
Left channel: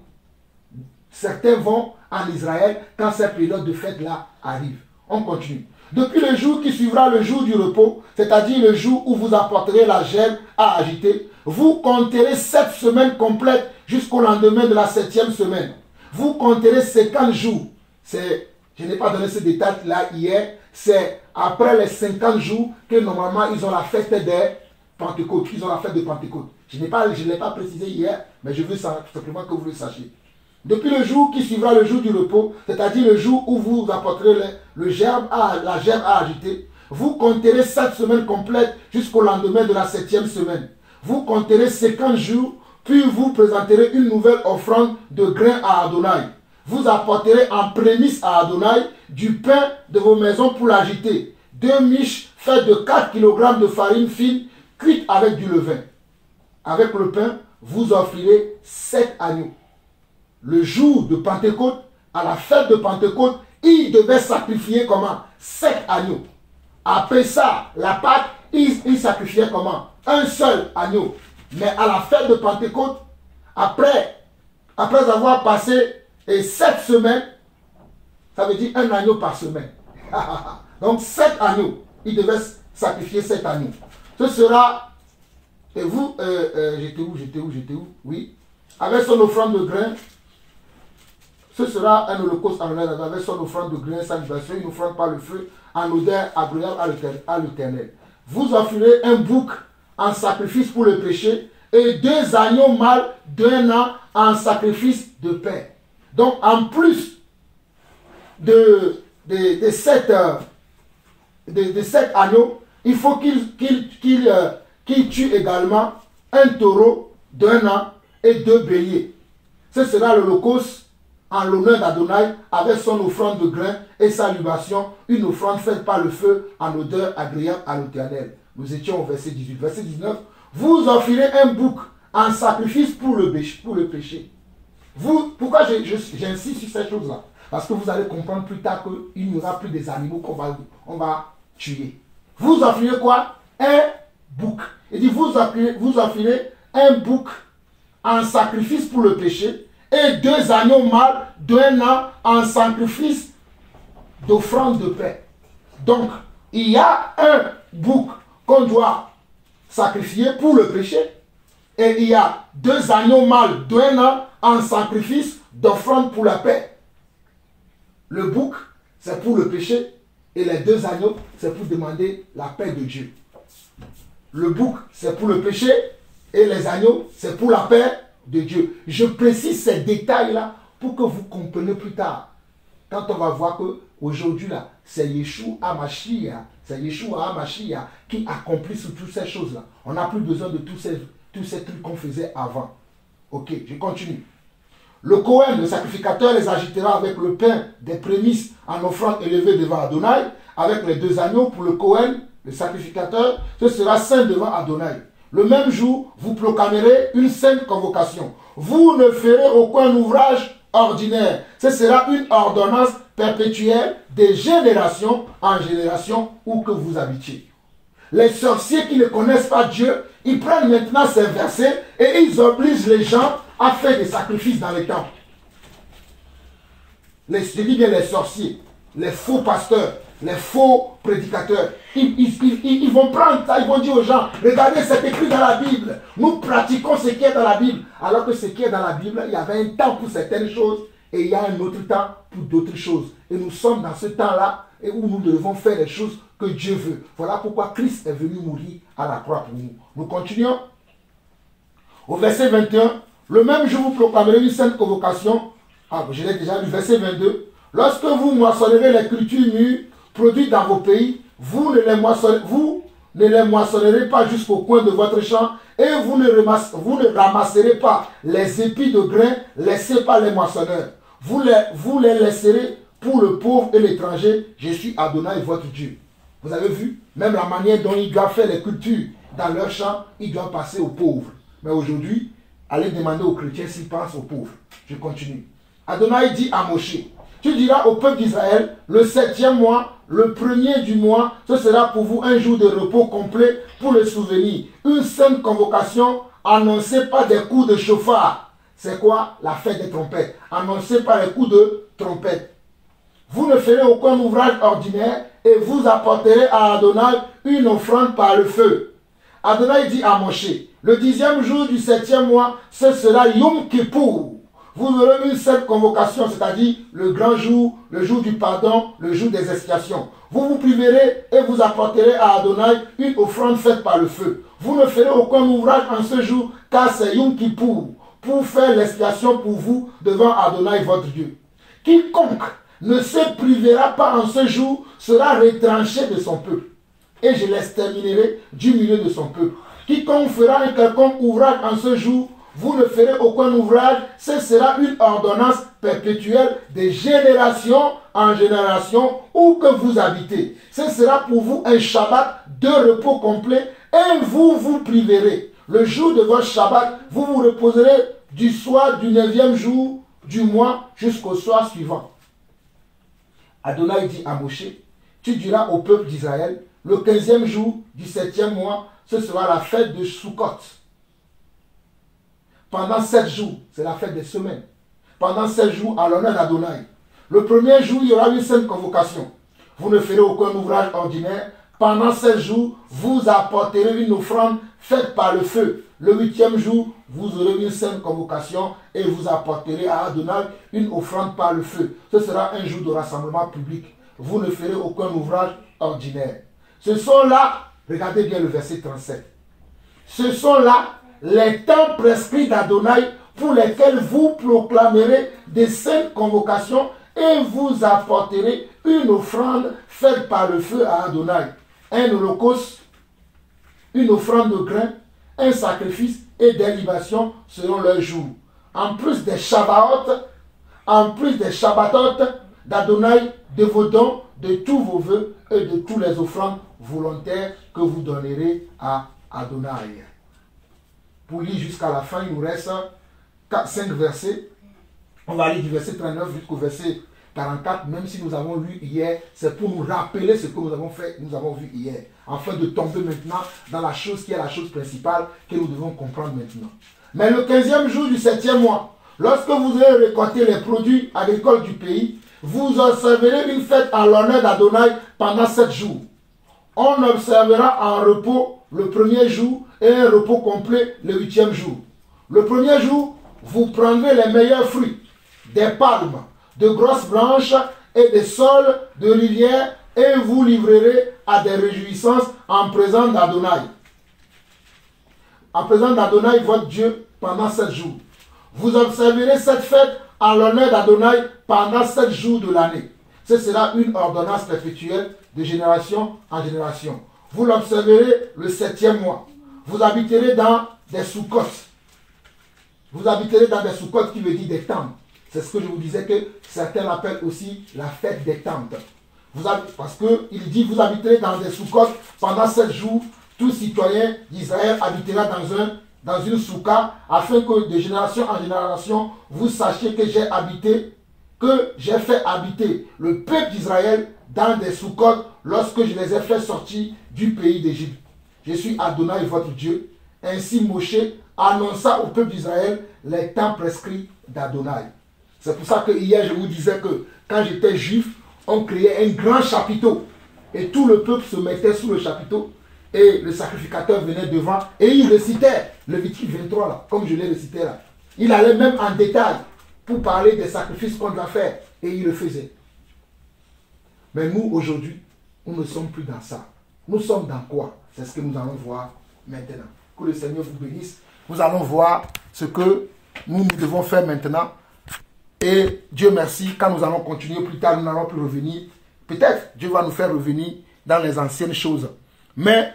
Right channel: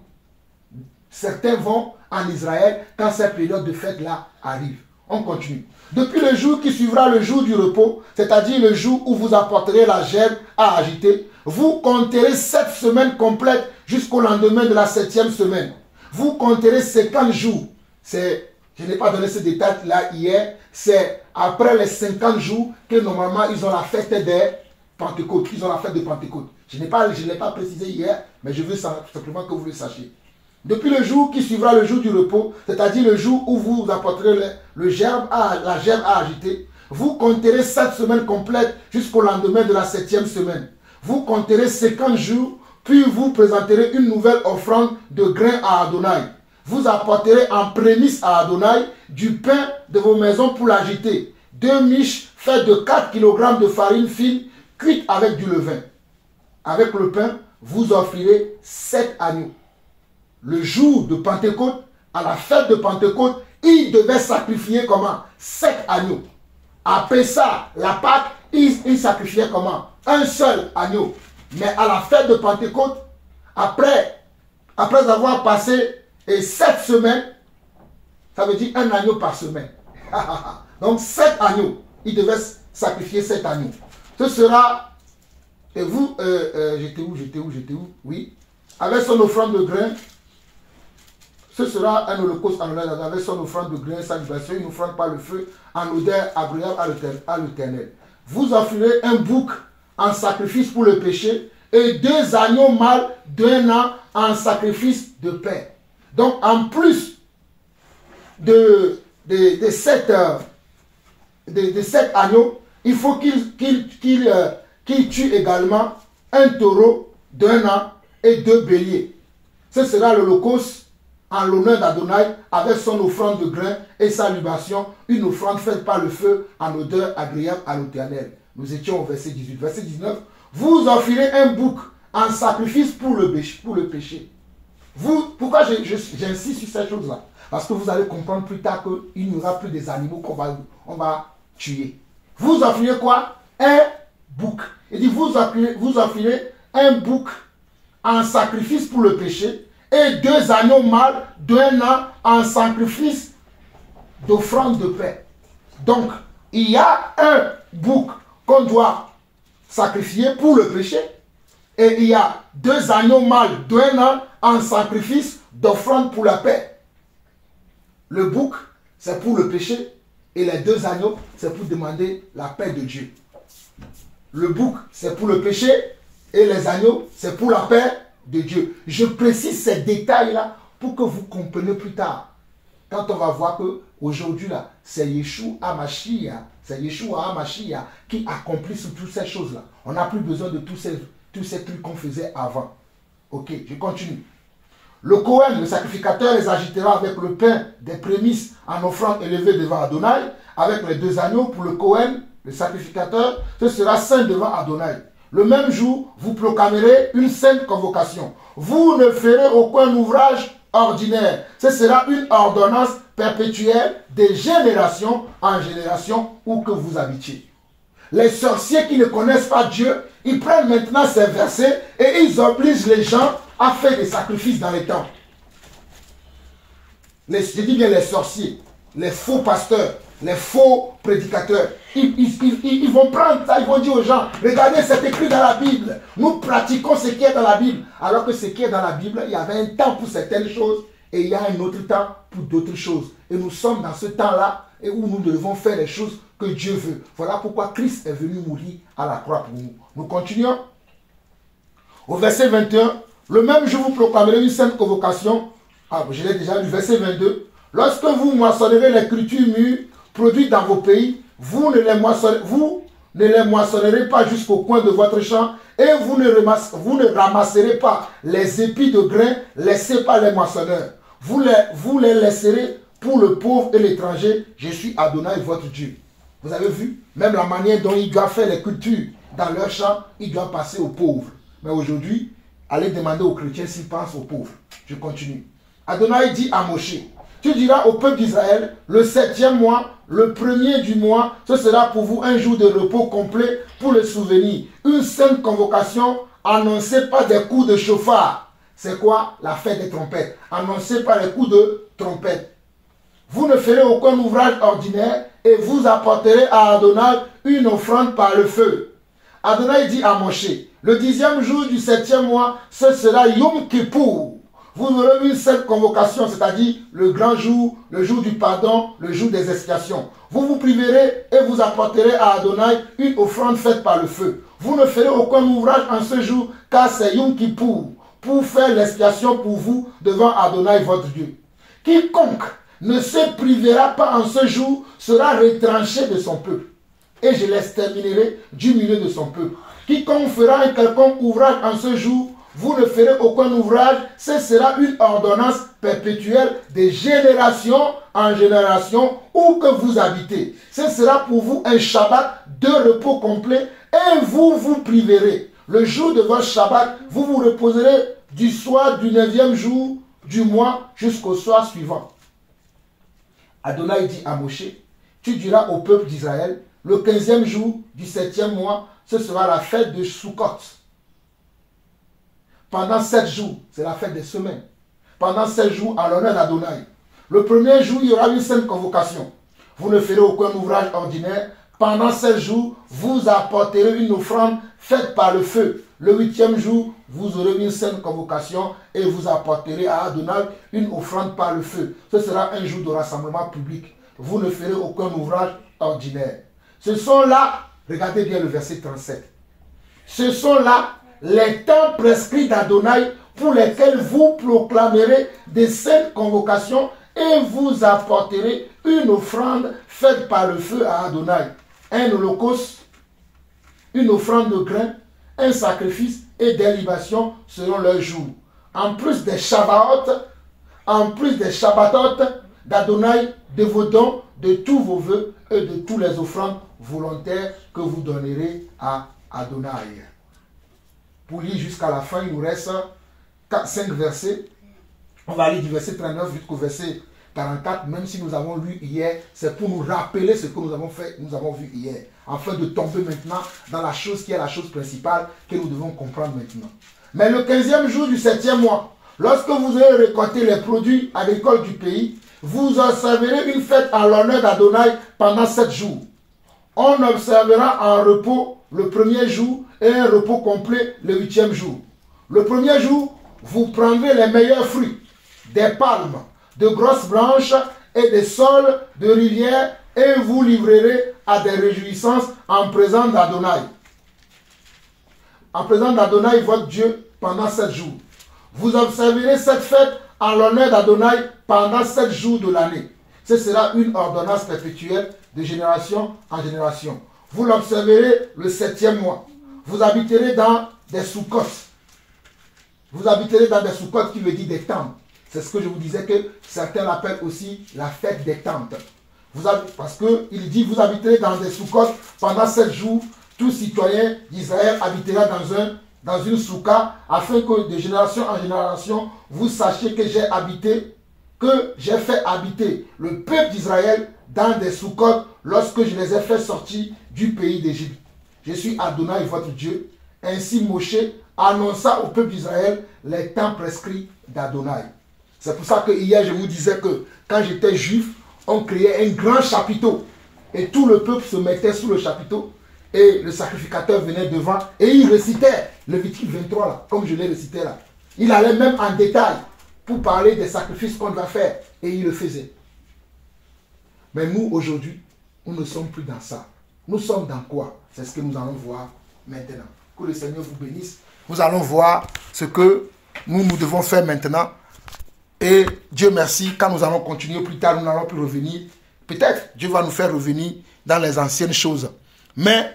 Certains vont en Israël quand cette période de fête-là arrive. On continue. Depuis le jour qui suivra le jour du repos, c'est-à-dire le jour où vous apporterez la gerbe à agiter, vous compterez 7 semaines complètes jusqu'au lendemain de la 7e semaine. Vous compterez 50 jours. Je n'ai pas donné ce détail-là hier. C'est après les 50 jours que normalement ils ont la fête des Pentecôtes. Ils ont la fête de Pentecôte. Je ne l'ai pas précisé hier, mais je veux simplement que vous le sachiez. Depuis le jour qui suivra le jour du repos, c'est-à-dire le jour où vous apporterez la gerbe à agiter, vous compterez 7 semaines complètes jusqu'au lendemain de la 7e semaine. Vous compterez 50 jours, puis vous présenterez une nouvelle offrande de grains à Adonai. Vous apporterez en prémisse à Adonai du pain de vos maisons pour l'agiter. 2 miches faites de 4 kg de farine fine cuite avec du levain. Avec le pain, vous offrirez 7 agneaux. Le jour de Pentecôte, à la fête de Pentecôte, il devait sacrifier comment? 7 agneaux. Après ça, la Pâque, il sacrifiait comment? Un seul agneau. Mais à la fête de Pentecôte, après avoir passé 7 semaines, ça veut dire un agneau par semaine. Donc 7 agneaux. Il devait sacrifier 7 agneaux. Ce sera, et vous, j'étais où? Oui. Avec son offrande de grains, ce sera un holocauste en l'honneur avec son offrande de grains, sa libation, une offrande par le feu, en odeur agréable à l'Éternel. Vous offrirez un bouc en sacrifice pour le péché et 2 agneaux mâles d'1 an en sacrifice de paix. Donc en plus de 7 agneaux, il faut qu'il tue également un taureau d'1 an et 2 béliers. Ce sera l'holocauste en l'honneur d'Adonai avec son offrande de grains et sa libation, une offrande faite par le feu en odeur agréable à l'Éternel. Nous étions au verset 18. Verset 19. Vous offrirez un bouc en sacrifice pour le péché. Pourquoi j'insiste sur cette chose-là? Parce que vous allez comprendre plus tard qu'il n'y aura plus des animaux qu'on va tuer. Vous offrirez quoi? Un bouc. Il dit vous offrirez un bouc en sacrifice pour le péché et 2 agneaux mâles d'1 an en sacrifice d'offrande de paix. Donc, il y a un bouc qu'on doit sacrifier pour le péché et il y a 2 agneaux mâles d'1 an en sacrifice d'offrande pour la paix. Le bouc, c'est pour le péché et les 2 agneaux, c'est pour demander la paix de Dieu. le bouc, c'est pour le péché, et les agneaux, c'est pour la paix de Dieu. Je précise ces détails-là pour que vous compreniez plus tard. Quand on va voir que aujourd'hui là, c'est Yeshua HaMashiach, qui accomplit sur toutes ces choses-là. On n'a plus besoin de tous ces trucs qu'on faisait avant. Ok, je continue. Le Cohen, le sacrificateur, les agitera avec le pain des prémices en offrande élevée devant Adonai, avec les 2 agneaux pour le Cohen, le sacrificateur, ce sera saint devant Adonai. Le même jour, vous proclamerez une sainte convocation. Vous ne ferez aucun ouvrage ordinaire. Ce sera une ordonnance perpétuelle de génération en génération où que vous habitiez. Les sorciers qui ne connaissent pas Dieu, ils prennent maintenant ces versets et ils obligent les gens à faire des sacrifices dans les temples. Je dis bien les sorciers, les faux pasteurs, les faux prédicateurs, ils vont prendre ça, ils vont dire aux gens, regardez, c'est écrit dans la Bible, nous pratiquons ce qui est dans la Bible. Alors que ce qui est dans la Bible, il y avait un temps pour certaines choses et il y a un autre temps pour d'autres choses. Et nous sommes dans ce temps-là et où nous devons faire les choses que Dieu veut. Voilà pourquoi Christ est venu mourir à la croix pour nous. Nous continuons. Au verset 21, le même jour vous proclamerez une sainte convocation. Ah, je l'ai déjà lu, verset 22. Lorsque vous moissonnerez les cultures mûres produites dans vos pays, vous ne les moissonnerez pas jusqu'au coin de votre champ et vous ne ramasserez pas les épis de grains laissés par les moissonneurs. Vous les laisserez pour le pauvre et l'étranger. Je suis Adonai, votre Dieu. Vous avez vu, même la manière dont ils doivent faire les cultures dans leur champ, ils doivent passer aux pauvres. Mais aujourd'hui, allez demander aux chrétiens s'ils pensent aux pauvres. Je continue. Adonai dit à Moshe, tu diras au peuple d'Israël, le 7e mois, le 1er du mois, ce sera pour vous un jour de repos complet pour le souvenir. Une sainte convocation annoncée par des coups de chauffard. C'est quoi? La fête des trompettes. Annoncée par les coups de trompette. Vous ne ferez aucun ouvrage ordinaire et vous apporterez à Adonai une offrande par le feu. Adonai dit à Moshe, le 10e jour du 7e mois, ce sera Yom Kippour. Vous aurez une seule convocation, c'est-à-dire le grand jour, le jour du pardon, le jour des expiations. Vous vous priverez et vous apporterez à Adonai une offrande faite par le feu. Vous ne ferez aucun ouvrage en ce jour, car c'est Yom Kippour, pour faire l'expiation pour vous devant Adonai votre Dieu. Quiconque ne se privera pas en ce jour sera retranché de son peuple, et je l'exterminerai du milieu de son peuple. Quiconque fera un quelconque ouvrage en ce jour, vous ne ferez aucun ouvrage, ce sera une ordonnance perpétuelle de génération en génération où que vous habitez. Ce sera pour vous un Shabbat de repos complet et vous vous priverez. Le jour de votre Shabbat, vous vous reposerez du soir du 9e jour du mois jusqu'au soir suivant. Adonai dit à Moshe, tu diras au peuple d'Israël, le 15e jour du 7e mois, ce sera la fête de Sukkot. Pendant 7 jours, c'est la fête des semaines. Pendant 7 jours, à l'honneur d'Adonai. Le premier jour, il y aura une sainte convocation. Vous ne ferez aucun ouvrage ordinaire. Pendant 7 jours, vous apporterez une offrande faite par le feu. Le 8e jour, vous aurez une sainte convocation et vous apporterez à Adonai une offrande par le feu. Ce sera un jour de rassemblement public. Vous ne ferez aucun ouvrage ordinaire. Ce sont là, regardez bien le verset 37. Ce sont là les temps prescrits d'Adonai pour lesquels vous proclamerez des saintes convocations et vous apporterez une offrande faite par le feu à Adonai. Un holocauste, une offrande de grains, un sacrifice et des libations selon leur jour. En plus des Shabbatot d'Adonai, de vos dons, de tous vos vœux et de tous les offrandes volontaires que vous donnerez à Adonai. Pour lire jusqu'à la fin, il nous reste 5 versets. On va lire du verset 39 jusqu'au verset 44, même si nous avons lu hier, c'est pour nous rappeler ce que nous avons fait, nous avons vu hier, afin de tomber maintenant dans la chose qui est la chose principale que nous devons comprendre maintenant. Mais le 15e jour du 7e mois, lorsque vous aurez récolté les produits agricoles du pays, vous observerez une fête en l'honneur d'Adonai pendant 7 jours. On observera en repos le 1er jour et un repos complet le 8e jour. Le 1er jour, vous prendrez les meilleurs fruits, des palmes, de grosses branches et des saules de rivière et vous livrerez à des réjouissances en présence d'Adonai. en présence d'Adonai, votre Dieu, pendant 7 jours. Vous observerez cette fête en l'honneur d'Adonai pendant 7 jours de l'année. Ce sera une ordonnance perpétuelle de génération en génération. Vous l'observerez le 7e mois. Vous habiterez dans des soukkotes. Vous habiterez dans des soukkotes qui veut dire des tentes. C'est ce que je vous disais que certains l'appellent aussi la fête des tentes. Parce qu'il dit, vous habiterez dans des soukkotes pendant 7 jours. Tout citoyen d'Israël habitera dans une souka, afin que de génération en génération, vous sachiez que j'ai fait habiter le peuple d'Israël dans des soukotes lorsque je les ai fait sortir du pays d'Égypte. Je suis Adonai, votre Dieu. Ainsi Moshe annonça au peuple d'Israël les temps prescrits d'Adonai. C'est pour ça que hier je vous disais que quand j'étais juif, on créait un grand chapiteau. Et tout le peuple se mettait sous le chapiteau. Et le sacrificateur venait devant et il récitait Lévitique 23 là, comme je l'ai récité là. Il allait même en détail pour parler des sacrifices qu'on doit faire. Et il le faisait. Mais nous aujourd'hui, nous ne sommes plus dans ça. Nous sommes dans quoi? C'est ce que nous allons voir maintenant. Que le Seigneur vous bénisse. Nous allons voir ce que nous devons faire maintenant. Et Dieu merci, quand nous allons continuer plus tard, nous n'allons plus revenir. Peut-être Dieu va nous faire revenir dans les anciennes choses. Mais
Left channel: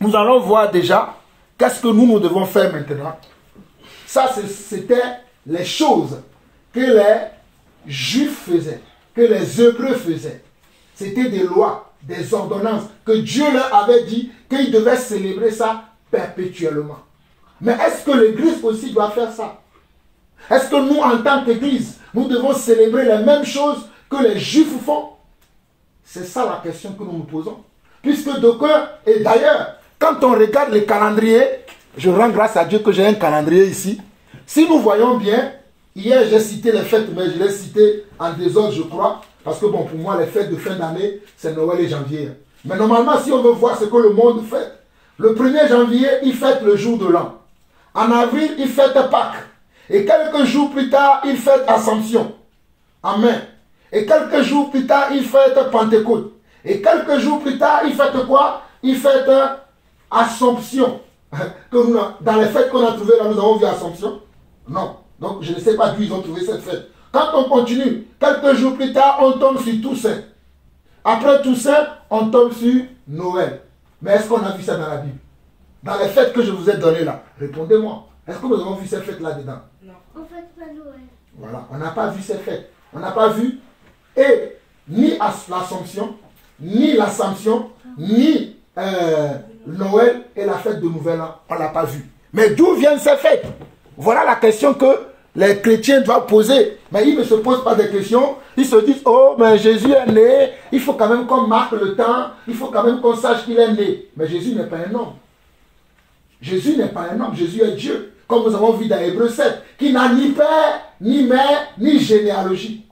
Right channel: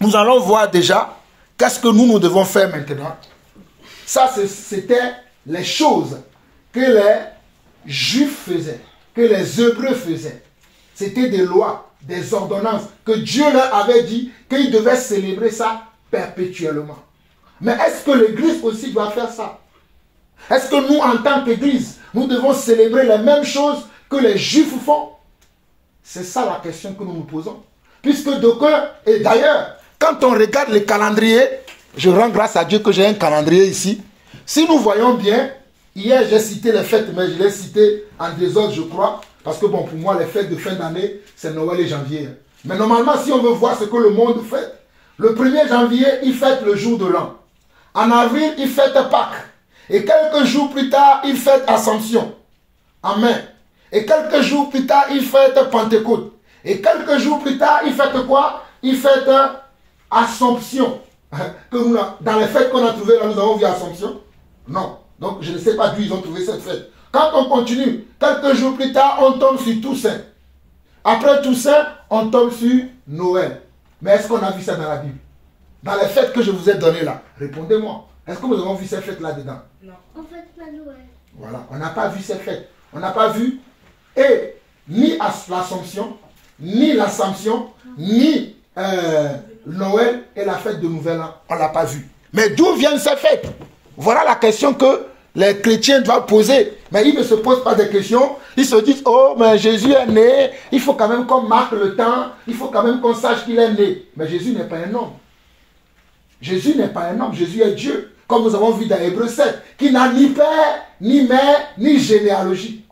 nous allons voir déjà qu'est-ce que nous devons faire maintenant. Ça, c'était les choses que les Juifs faisaient, que les Hébreux faisaient. C'était des lois, des ordonnances que Dieu leur avait dit qu'ils devaient célébrer ça perpétuellement. Mais est-ce que l'Église aussi doit faire ça? Est-ce que nous, en tant qu'Église, nous devons célébrer les mêmes choses que les Juifs font? C'est ça la question que nous nous posons. Puisque d'aucuns, et d'ailleurs, quand on regarde les calendriers, je rends grâce à Dieu que j'ai un calendrier ici. Si nous voyons bien, hier j'ai cité les fêtes, mais je l'ai cité en désordre, je crois. Parce que bon, pour moi, les fêtes de fin d'année, c'est Noël et janvier. Mais normalement, si on veut voir ce que le monde fait, le 1er janvier, il fête le jour de l'an. En avril, il fête Pâques. Et quelques jours plus tard, il fête Assomption. Amen. Et quelques jours plus tard, il fête Pentecôte. Et quelques jours plus tard, il fête quoi? Il fête Assomption. Dans les fêtes qu'on a trouvées là, nous avons vu Assomption? Non. Donc, je ne sais pas d'où ils ont trouvé cette fête. Quand on continue, quelques jours plus tard, on tombe sur Toussaint. Après Toussaint, on tombe sur Noël. Mais est-ce qu'on a vu ça dans la Bible? Dans les fêtes que je vous ai données là, répondez-moi. Est-ce que nous avons vu ces fêtes là-dedans? Non. On fête pas Noël. Voilà, on n'a pas vu ces fêtes. On n'a pas vu et ni l'Assomption, ni l'Assomption, ni Noël et la fête de Nouvel An. On ne l'a pas vu. Mais d'où viennent ces fêtes? Voilà la question que les chrétiens doivent poser. Mais ils ne se posent pas de questions. Ils se disent, oh, mais Jésus est né. Il faut quand même qu'on marque le temps. Il faut quand même qu'on sache qu'il est né. Mais Jésus n'est pas un homme. Jésus n'est pas un homme. Jésus est Dieu. Comme nous avons vu dans Hébreux 7, qui n'a ni père, ni mère, ni généalogie.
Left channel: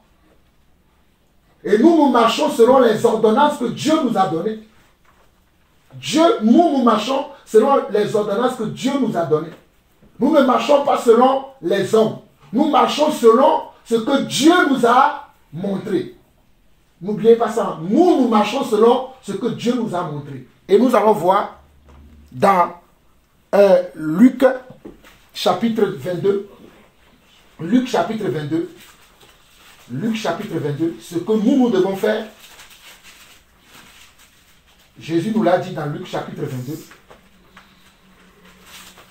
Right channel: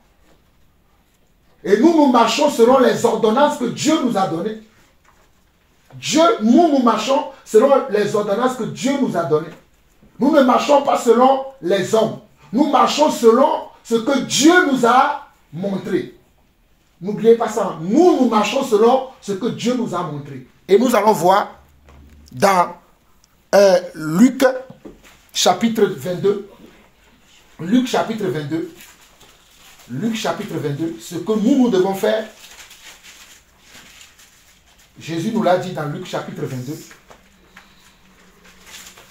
Et nous marchons selon les ordonnances que Dieu nous a données. Nous marchons selon les ordonnances que Dieu nous a données. Nous ne marchons pas selon les hommes. Nous marchons selon ce que Dieu nous a montré. N'oubliez pas ça. Nous marchons selon ce que Dieu nous a montré. Et nous allons voir dans Luc chapitre 22. Luc chapitre 22. Luc chapitre 22. Ce que nous devons faire. Jésus nous l'a dit dans Luc chapitre 22.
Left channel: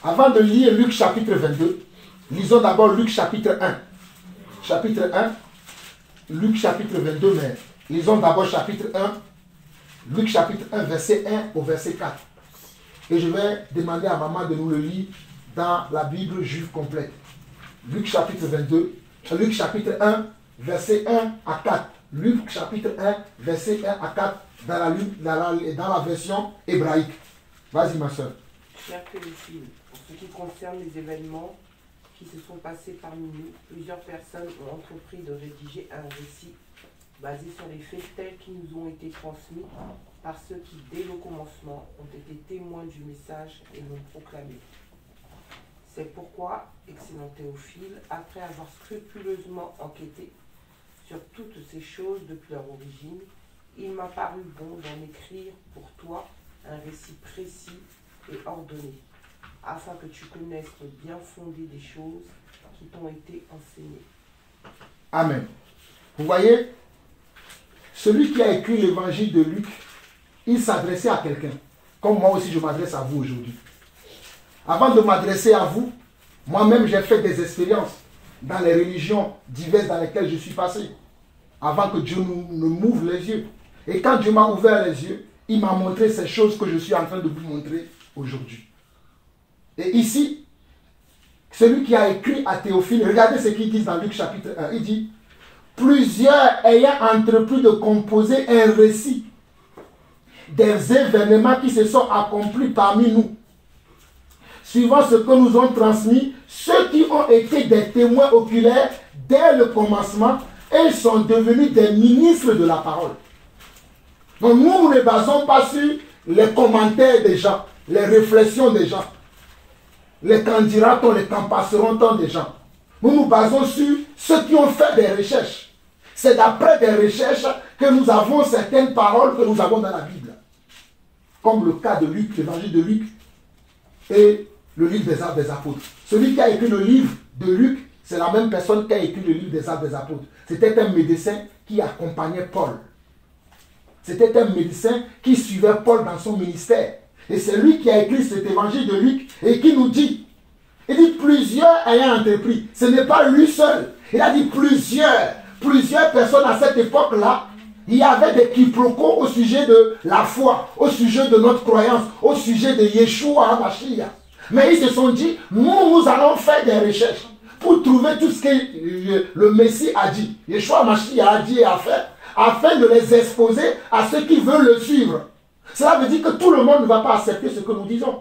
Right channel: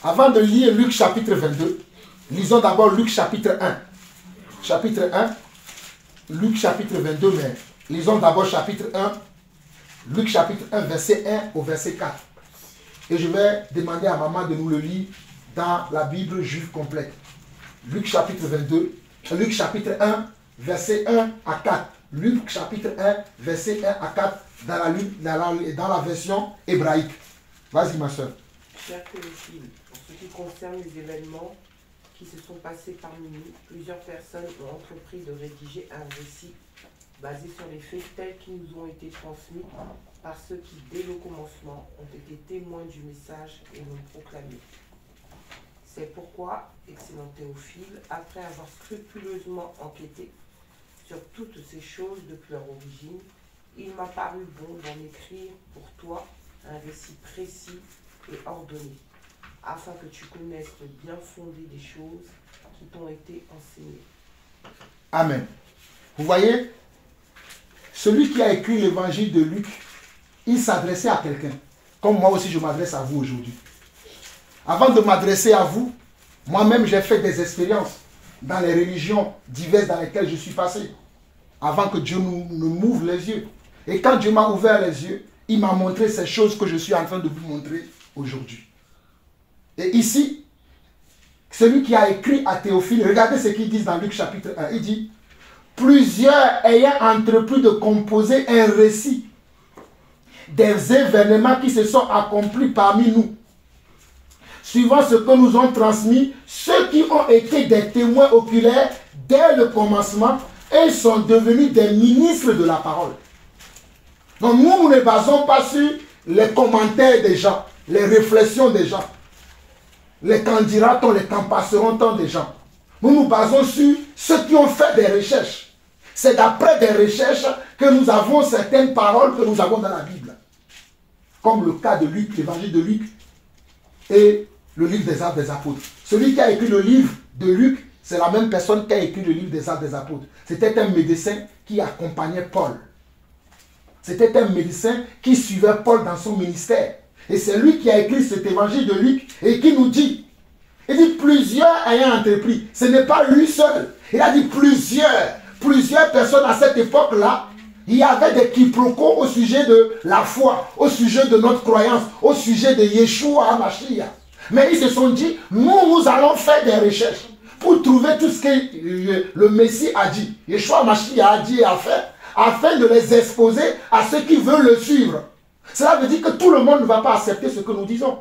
Avant de lire Luc chapitre 22, lisons d'abord Luc chapitre 1. Chapitre 1. Luc chapitre 22, mais lisons d'abord chapitre 1. Luc chapitre 1, verset 1 au verset 4. Et je vais demander à maman de nous le lire dans la Bible juive complète. Luc chapitre 22, Luc chapitre 1, verset 1 à 4. Luc chapitre 1, verset 1 à 4 dans la version hébraïque. Vas-y ma soeur. Chers Théophile, en ce qui concerne les événements qui se sont passés parmi nous, plusieurs personnes ont entrepris de rédiger un récit basé sur les faits tels qu'ils nous ont été transmis par ceux qui, dès le commencement, ont été témoins du message et l'ont proclamé. C'est pourquoi, excellent Théophile, après avoir scrupuleusement enquêté sur toutes ces choses depuis leur origine, il m'a paru bon d'en écrire pour toi un récit précis et ordonné, afin que tu connaisses le bien fondé des choses qui t'ont été enseignées. Amen. Vous voyez, celui qui a écrit l'évangile de Luc, il s'adressait à quelqu'un, comme moi aussi je m'adresse à vous aujourd'hui. Avant de m'adresser à vous, moi-même j'ai fait des expériences dans les religions diverses dans lesquelles je suis passé, avant que Dieu ne m'ouvre les yeux. Et quand Dieu m'a ouvert les yeux, il m'a montré ces choses que je suis en train de vous montrer aujourd'hui. Et ici, celui qui a écrit à Théophile, regardez ce qu'il dit dans Luc chapitre 1, il dit: plusieurs ayant entrepris de composer un récit des événements qui se sont accomplis parmi nous, suivant ce que nous ont transmis ceux qui ont été des témoins oculaires dès le commencement, et ils sont devenus des ministres de la parole. Donc nous ne basons pas sur les commentaires des gens, les réflexions des gens, les qu'en dira-t-on, les qu'en passeront-on des gens. Nous nous basons sur ceux qui ont fait des recherches. C'est d'après des recherches que nous avons certaines paroles que nous avons dans la Bible. Comme le cas de Luc, l'évangile de Luc et le livre des Actes des Apôtres. Celui qui a écrit le livre de Luc, c'est la même personne qui a écrit le livre des Actes des Apôtres. C'était un médecin qui accompagnait Paul. C'était un médecin qui suivait Paul dans son ministère. Et c'est lui qui a écrit cet évangile de Luc et qui nous dit, il dit plusieurs ayant entrepris. Ce n'est pas lui seul. Il a dit plusieurs personnes à cette époque-là. Il y avait des quiproquos au sujet de la foi, au sujet de notre croyance, au sujet de Yeshua HaMashiach. Mais ils se sont dit, nous allons faire des recherches pour trouver tout ce que le Messie a dit. Yeshua HaMashiach a dit et a fait, afin de les exposer à ceux qui veulent le suivre. Cela veut dire que tout le monde ne va pas accepter ce que nous disons.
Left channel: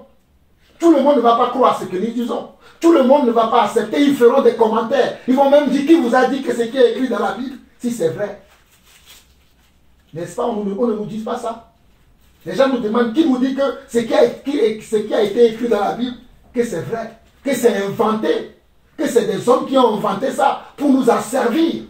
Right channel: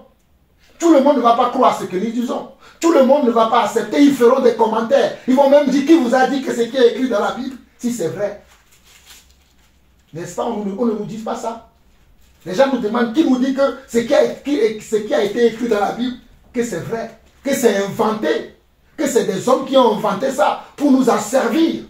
Tout le monde ne va pas croire ce que nous disons. Tout le monde ne va pas accepter. Ils feront des commentaires. Ils vont même dire qui vous a dit que ce qui est écrit dans la Bible, si c'est vrai. N'est-ce pas? On ne nous dit pas ça. Les gens nous demandent qui nous dit que ce qui a été écrit dans la Bible, que c'est vrai, que c'est inventé, que c'est des hommes qui ont inventé ça pour nous asservir.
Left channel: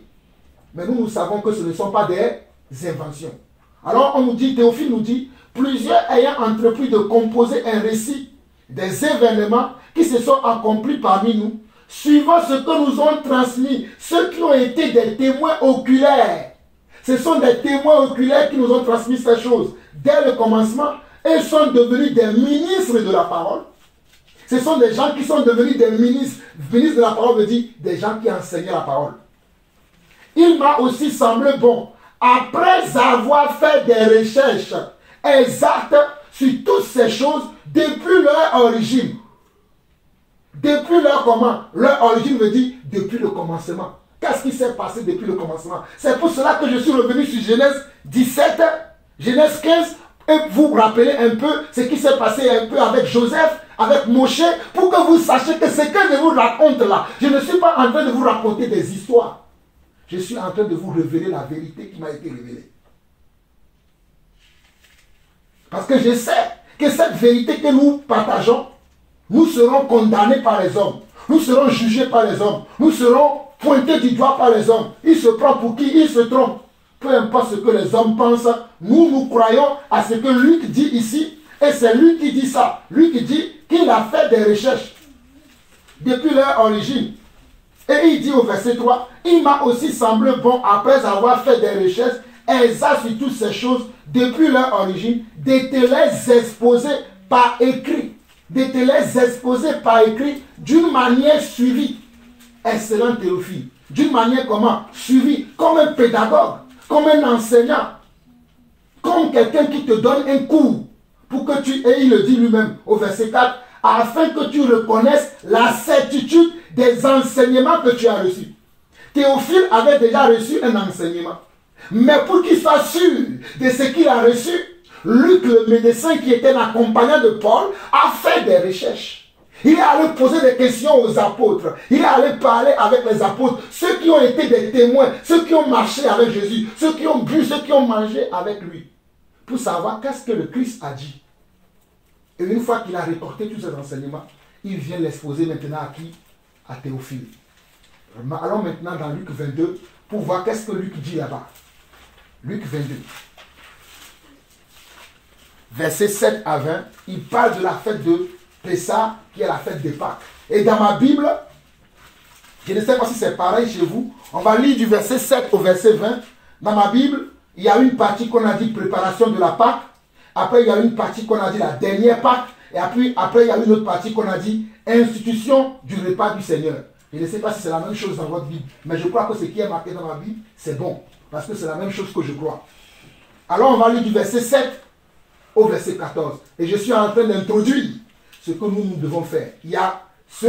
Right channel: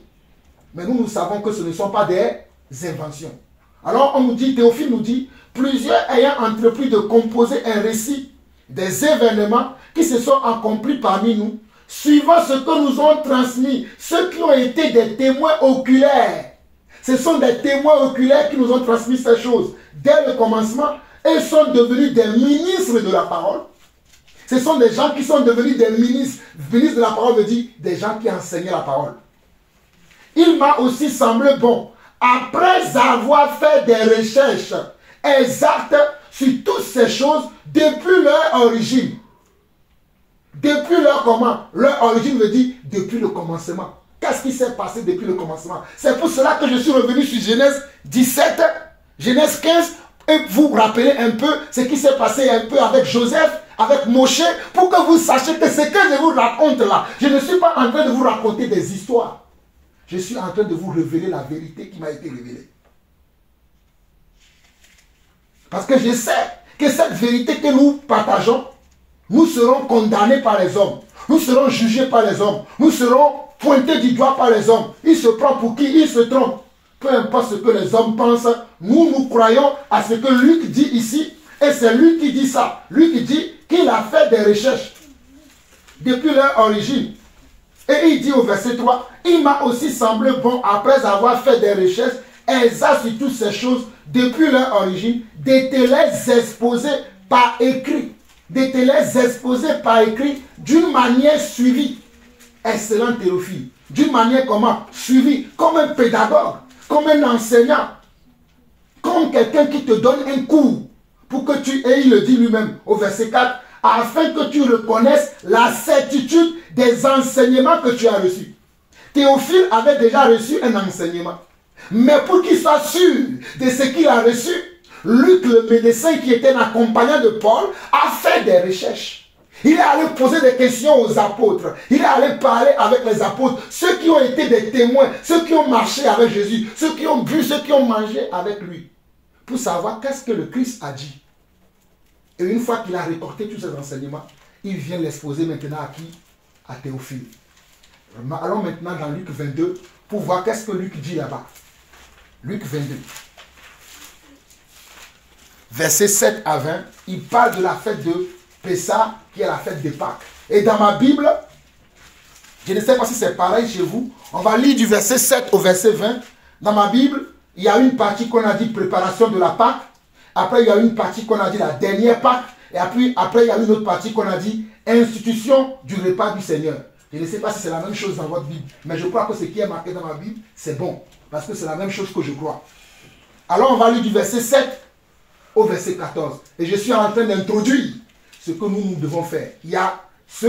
Mais nous savons que ce ne sont pas des inventions. Alors on nous dit, Théophile nous dit, plusieurs ayant entrepris de composer un récit des événements qui se sont accomplis parmi nous, suivant ce que nous ont transmis, ceux qui ont été des témoins oculaires. Ce sont des témoins oculaires qui nous ont transmis ces choses dès le commencement et sont devenus des ministres de la parole. Ce sont des gens qui sont devenus des ministres. Ministre de la parole veut dire des gens qui enseignaient la parole. Il m'a aussi semblé bon, après avoir fait des recherches exactes sur toutes ces choses depuis leur origine. Depuis leur comment? Leur origine veut dire depuis le commencement. Qu'est-ce qui s'est passé depuis le commencement? C'est pour cela que je suis revenu sur Genèse 17, Genèse 15, et vous rappelez un peu ce qui s'est passé un peu avec Joseph, avec Moshe, pour que vous sachiez que ce que je vous raconte là, je ne suis pas en train de vous raconter des histoires. Je suis en train de vous révéler la vérité qui m'a été révélée. Parce que je sais que cette vérité que nous partageons, nous serons condamnés par les hommes. Nous serons jugés par les hommes. Nous serons pointés du doigt par les hommes. Il se prend pour qui? Il se trompe. Peu importe ce que les hommes pensent, nous croyons à ce que Luc dit ici. Et c'est lui qui dit ça. Luc dit qu'il a fait des recherches depuis leur origine. Et il dit au verset 3, il m'a aussi semblé bon, après avoir fait des recherches exactes sur toutes ces choses depuis leur origine, de te les exposer par écrit. De te les exposer par écrit d'une manière suivie. Excellent Théophile. D'une manière comment? Suivie. Comme un pédagogue, comme un enseignant, comme quelqu'un qui te donne un cours pour que tu, et il le dit lui-même au verset 4, afin que tu reconnaisses la certitude des enseignements que tu as reçus. Théophile avait déjà reçu un enseignement. Mais pour qu'il soit sûr de ce qu'il a reçu, Luc, le médecin qui était l'accompagnant de Paul, a fait des recherches. Il est allé poser des questions aux apôtres. Il est allé parler avec les apôtres, ceux qui ont été des témoins, ceux qui ont marché avec Jésus, ceux qui ont bu, ceux qui ont mangé avec lui, pour savoir qu'est-ce que le Christ a dit. Et une fois qu'il a récolté tous ces enseignements, il vient l'exposer maintenant à qui? À Théophile. Allons maintenant dans Luc 22 pour voir qu'est-ce que Luc dit là-bas. Luc 22. Versets 7 à 20, il parle de la fête de Pessah, qui est la fête des Pâques. Et dans ma Bible, je ne sais pas si c'est pareil chez vous, on va lire du verset 7 au verset 20. Dans ma Bible, il y a une partie qu'on a dit préparation de la Pâque. Après, il y a une partie qu'on a dit la dernière Pâque. Et après, il y a une autre partie qu'on a dit institution du repas du Seigneur. Je ne sais pas si c'est la même chose dans votre Bible, mais je crois que ce qui est marqué dans ma Bible, c'est bon. Parce que c'est la même chose que je crois. Alors, on va lire du verset 7 au verset 14. Et je suis en train d'introduire ce que nous devons faire. Il y a ce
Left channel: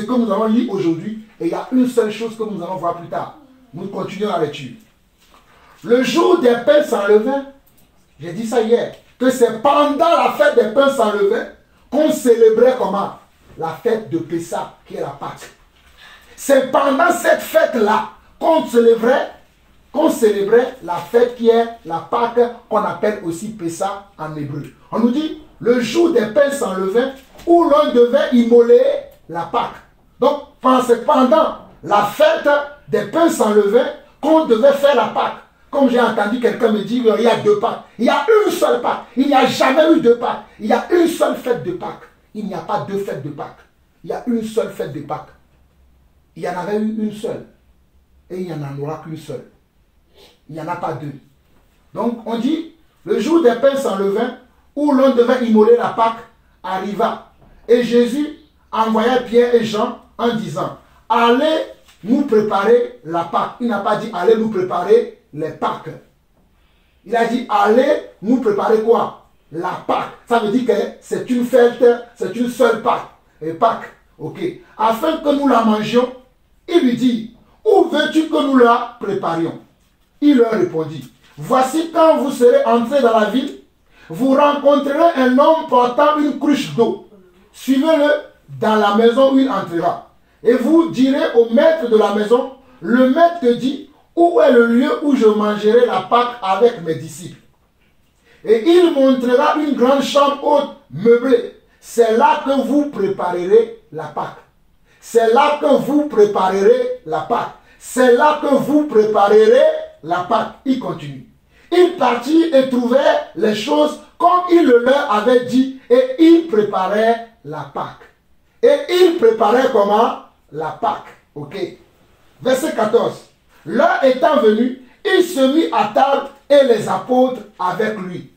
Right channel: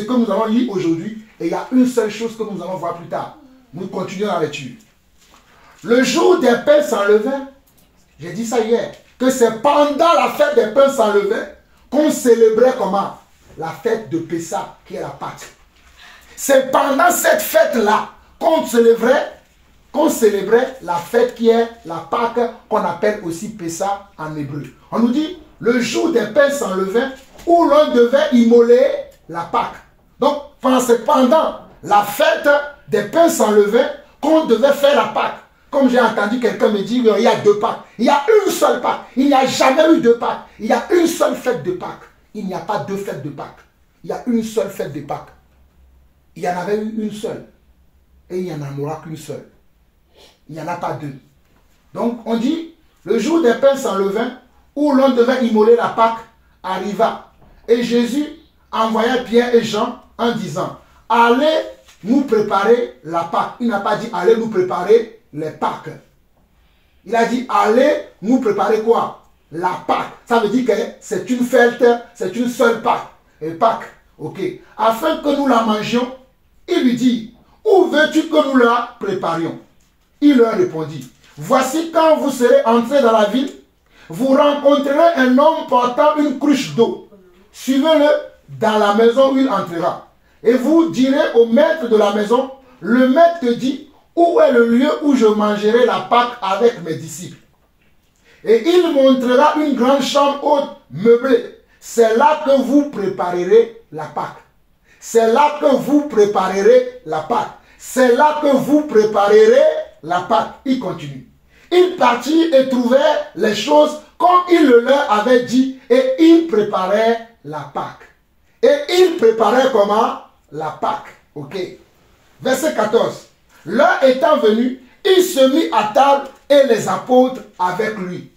que nous allons lire aujourd'hui, et il y a une seule chose que nous allons voir plus tard. Nous continuons la lecture. Le jour des pains sans levain, j'ai dit ça hier, que c'est pendant la fête des pains sans levain qu'on célébrait comment? La fête de Pessah, qui est la Pâque. C'est pendant cette fête-là qu'on célébrait la fête qui est la Pâque, qu'on appelle aussi Pessah en hébreu. On nous dit le jour des pains sans levain où l'on devait immoler la Pâque. Donc, c'est pendant la fête des pains sans levain qu'on devait faire la Pâque. Comme j'ai entendu quelqu'un me dire, il y a 2 Pâques. Il y a une seule Pâque. Il n'y a jamais eu 2 Pâques. Il y a une seule fête de Pâques. Il n'y a pas 2 fêtes de Pâques. Il y a une seule fête de Pâques. Il y en avait eu une seule. Et il n'y en aura qu'une seule. Il n'y en a pas 2. Donc, on dit, le jour des pains sans levain, où l'on devait immoler la Pâque, arriva. Et Jésus envoya Pierre et Jean en disant, allez nous préparer la Pâque. Il n'a pas dit, allez nous préparer les Pâques. Il a dit, allez nous préparer quoi? La Pâque. Ça veut dire que c'est une fête, c'est une seule Pâque. Et Pâque, ok. Afin que nous la mangions, il lui dit, où veux-tu que nous la préparions? Il leur répondit, voici quand vous serez entrés dans la ville, vous rencontrerez un homme portant une cruche d'eau. Suivez-le dans la maison où il entrera. Et vous direz au maître de la maison, le maître te dit, où est le lieu où je mangerai la Pâque avec mes disciples? Et il montrera une grande chambre haute, meublée. C'est là que vous préparerez la Pâque. C'est là que vous préparerez la Pâque. C'est là que vous préparerez la Pâque. Il continue. Il partit et trouvait les choses comme il le leur avait dit, et il préparait la Pâque. Et il préparait comment? La Pâque. Ok. Verset 14. L'heure étant venue, il se mit à table et les apôtres avec lui.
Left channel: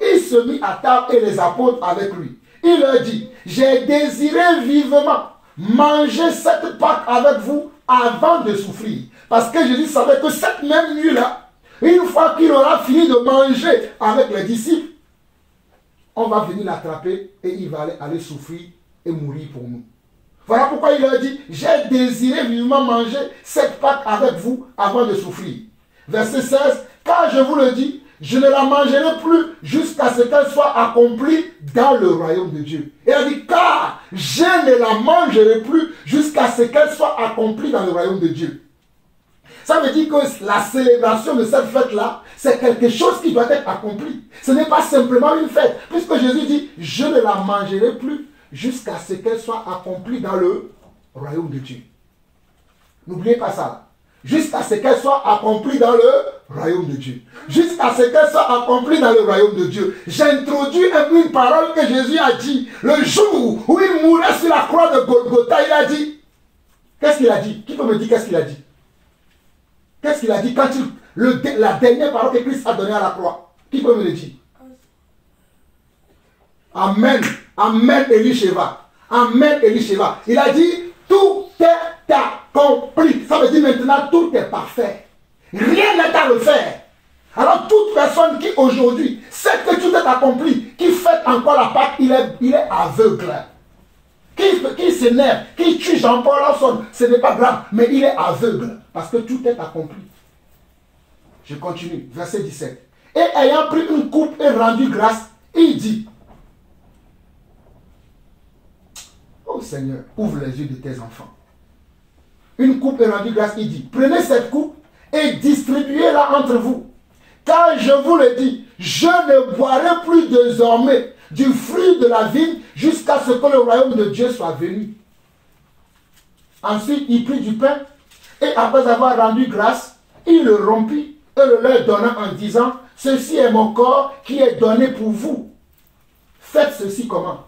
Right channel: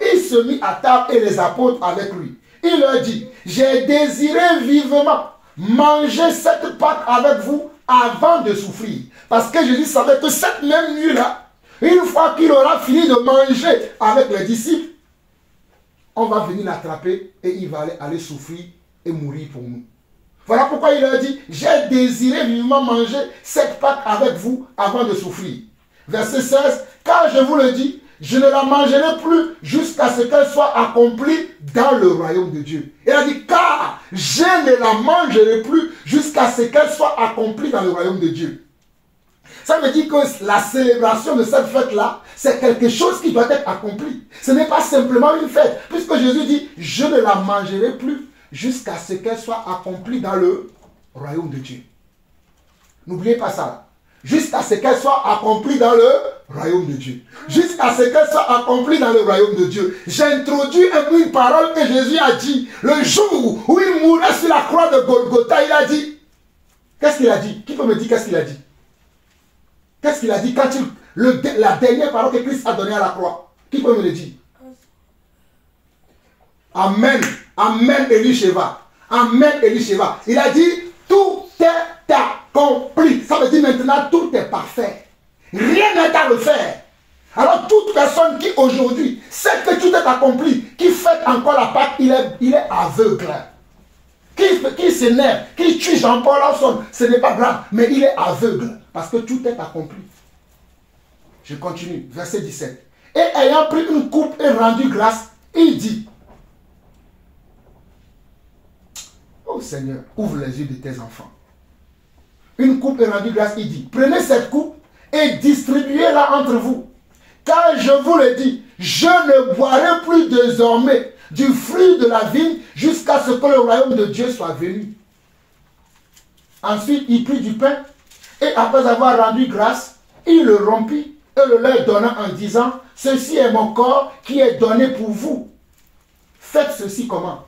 Il se mit à table et les apôtres avec lui. Il leur dit, j'ai désiré vivement manger cette Pâque avec vous avant de souffrir. Parce que Jésus savait que cette même nuit-là, une fois qu'il aura fini de manger avec les disciples, on va venir l'attraper et il va aller souffrir et mourir pour nous. Voilà pourquoi il leur dit, j'ai désiré vivement manger cette Pâque avec vous avant de souffrir. Verset 16, car je vous le dis, je ne la mangerai plus jusqu'à ce qu'elle soit accomplie dans le royaume de Dieu. Et elle dit, car je ne la mangerai plus jusqu'à ce qu'elle soit accomplie dans le royaume de Dieu. Ça veut dire que la célébration de cette fête-là, c'est quelque chose qui doit être accompli. Ce n'est pas simplement une fête. Puisque Jésus dit, je ne la mangerai plus jusqu'à ce qu'elle soit accomplie dans le royaume de Dieu. N'oubliez pas ça. Jusqu'à ce qu'elle soit accomplie dans le royaume de Dieu. Jusqu'à ce qu'elle soit accomplie dans le royaume de Dieu. J'introduis une parole que Jésus a dit. Le jour où il mourait sur la croix de Golgotha, il a dit. Qu'est-ce qu'il a dit? Qui peut me dire qu'est-ce qu'il a dit? Qu'est-ce qu'il a dit quand la dernière parole que Christ a donnée à la croix? Qui peut me le dire? Amen. Amen, Elisheva. Amen, Elisheva. Il a dit, tout est accompli. Ça veut dire maintenant, tout est parfait. Rien n'est à refaire. Alors, toute personne qui aujourd'hui sait que tout est accompli, qui fait encore la Pâque, il est aveugle. Qui s'énerve, qui tue Jean-Paul Lawson, ce n'est pas grave, mais il est aveugle. Parce que tout est accompli. Je continue, verset 17. Et ayant pris une coupe et rendu grâce, il dit, oh Seigneur, ouvre les yeux de tes enfants. Une coupe et rendu grâce, il dit, prenez cette coupe et distribuez-la entre vous. Car je vous le dis, je ne boirai plus désormais du fruit de la vigne jusqu'à ce que le royaume de Dieu soit venu. Ensuite, il prit du pain et après avoir rendu grâce, il le rompit et le leur donna en disant, ceci est mon corps qui est donné pour vous. Faites ceci comment?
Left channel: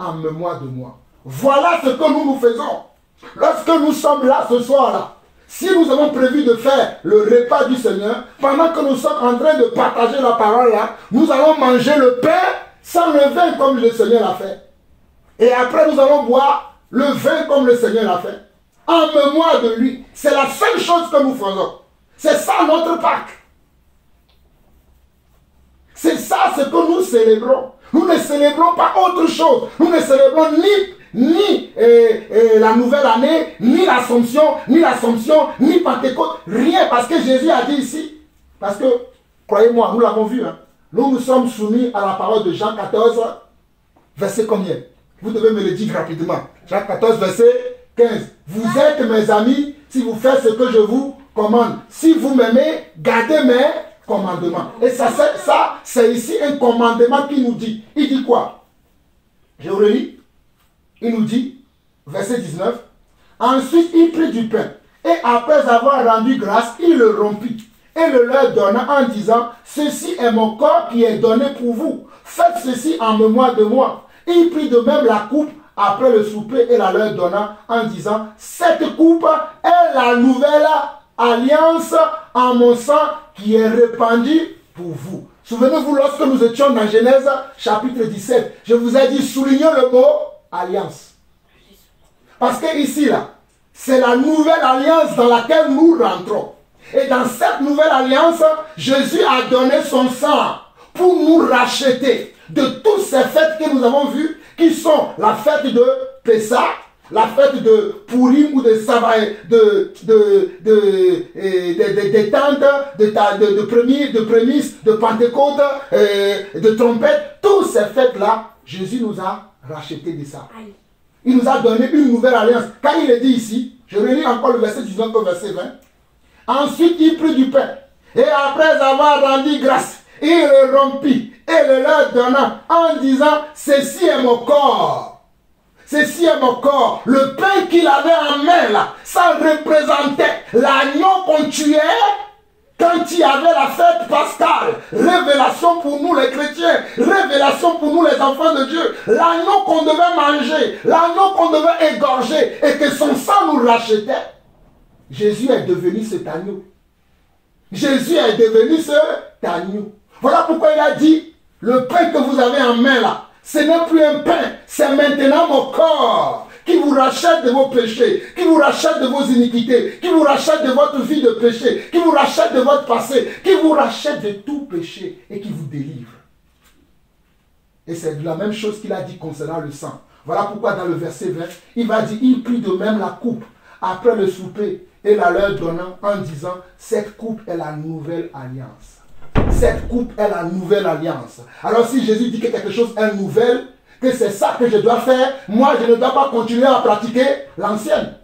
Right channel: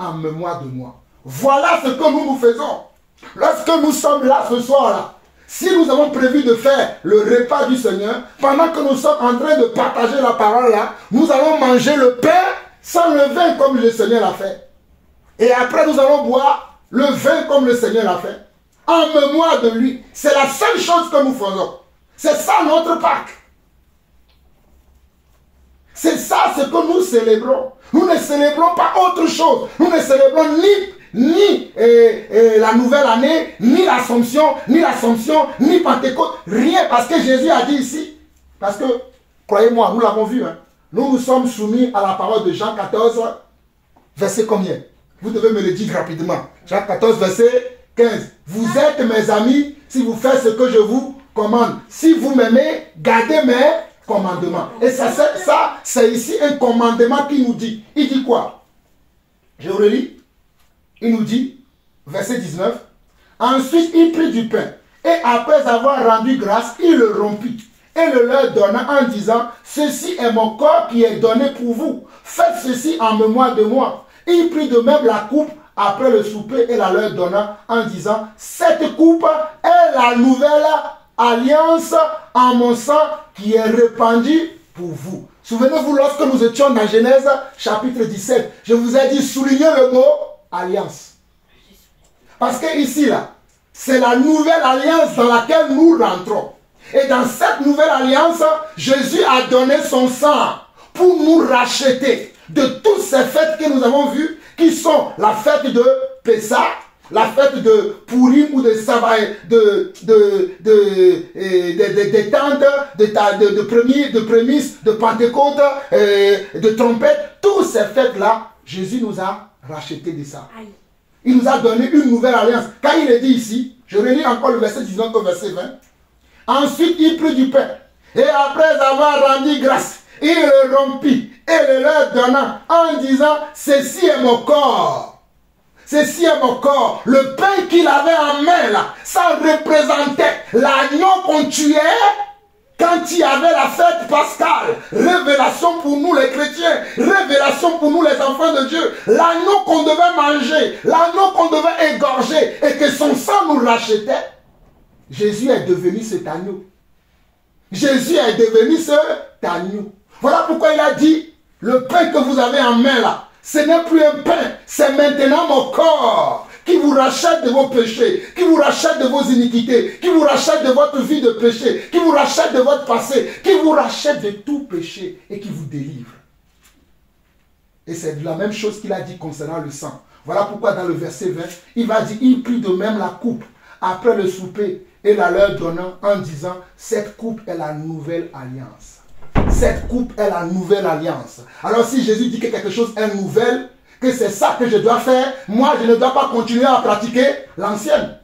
en mémoire de moi. Voilà ce que nous faisons. Lorsque nous sommes là ce soir-là, si nous avons prévu de faire le repas du Seigneur, pendant que nous sommes en train de partager la parole là, nous allons manger le pain sans le vin comme le Seigneur l'a fait. Et après nous allons boire le vin comme le Seigneur l'a fait. En mémoire de lui. C'est la seule chose que nous faisons. C'est ça notre Pâques. C'est ça ce que nous célébrons. Nous ne célébrons pas autre chose. Nous ne célébrons ni la nouvelle année, ni l'Assomption, ni Pentecôte. Rien, parce que Jésus a dit ici. Parce que, croyez-moi, nous l'avons vu. Hein, nous sommes soumis à la parole de Jean 14, verset combien? Vous devez me le dire rapidement. Jean 14, verset 15. Vous êtes mes amis si vous faites ce que je vous commande. Si vous m'aimez, gardez mes commandements. Et ça c'est ici un commandement qui nous dit. Il dit quoi? Je vous le lis. Il nous dit, verset 19. Ensuite, il prit du pain. Et après avoir rendu grâce, il le rompit. Et le leur donna en disant, ceci est mon corps qui est donné pour vous. Faites ceci en mémoire de moi. Il prit de même la coupe après le souper et la leur donna en disant, cette coupe est la nouvelle alliance en mon sang qui est répandue pour vous. Souvenez-vous, lorsque nous étions dans Genèse chapitre 17, je vous ai dit, soulignez le mot alliance. Parce que ici, là, c'est la nouvelle alliance dans laquelle nous rentrons. Et dans cette nouvelle alliance, Jésus a donné son sang pour nous racheter de toutes ces fêtes que nous avons vues, qui sont la fête de Pessah, la fête de Purim ou de Savaï, de tentes, de prémices, de Pentecôte, de trompette. Toutes ces fêtes-là, Jésus nous a racheté de ça. Il nous a donné une nouvelle alliance. Quand il est dit ici, je relis encore le verset 19 au verset 20. Ensuite, il prit du pain. Et après avoir rendu grâce, il le rompit et le leur donna en disant, ceci est mon corps. Ceci est mon corps. Le pain qu'il avait en main là, ça représentait l'agneau qu'on tuait quand il y avait la fête pascale. Révélation pour nous les chrétiens, révélation pour nous les enfants de Dieu. L'agneau qu'on devait manger, l'agneau qu'on devait égorger et que son sang nous rachetait. Jésus est devenu cet agneau. Jésus est devenu cet agneau. Voilà pourquoi il a dit, le pain que vous avez en main là, ce n'est plus un pain, c'est maintenant mon corps qui vous rachète de vos péchés, qui vous rachète de vos iniquités, qui vous rachète de votre vie de péché, qui vous rachète de votre passé, qui vous rachète de tout péché et qui vous délivre. Et c'est la même chose qu'il a dit concernant le sang. Voilà pourquoi dans le verset 20, il va dire, il prit de même la coupe après le souper et la leur donnant en disant, cette coupe est la nouvelle alliance. Cette coupe est la nouvelle alliance. Alors si Jésus dit que quelque chose est nouvelle, que c'est ça que je dois faire, moi je ne dois pas continuer à pratiquer l'ancienne.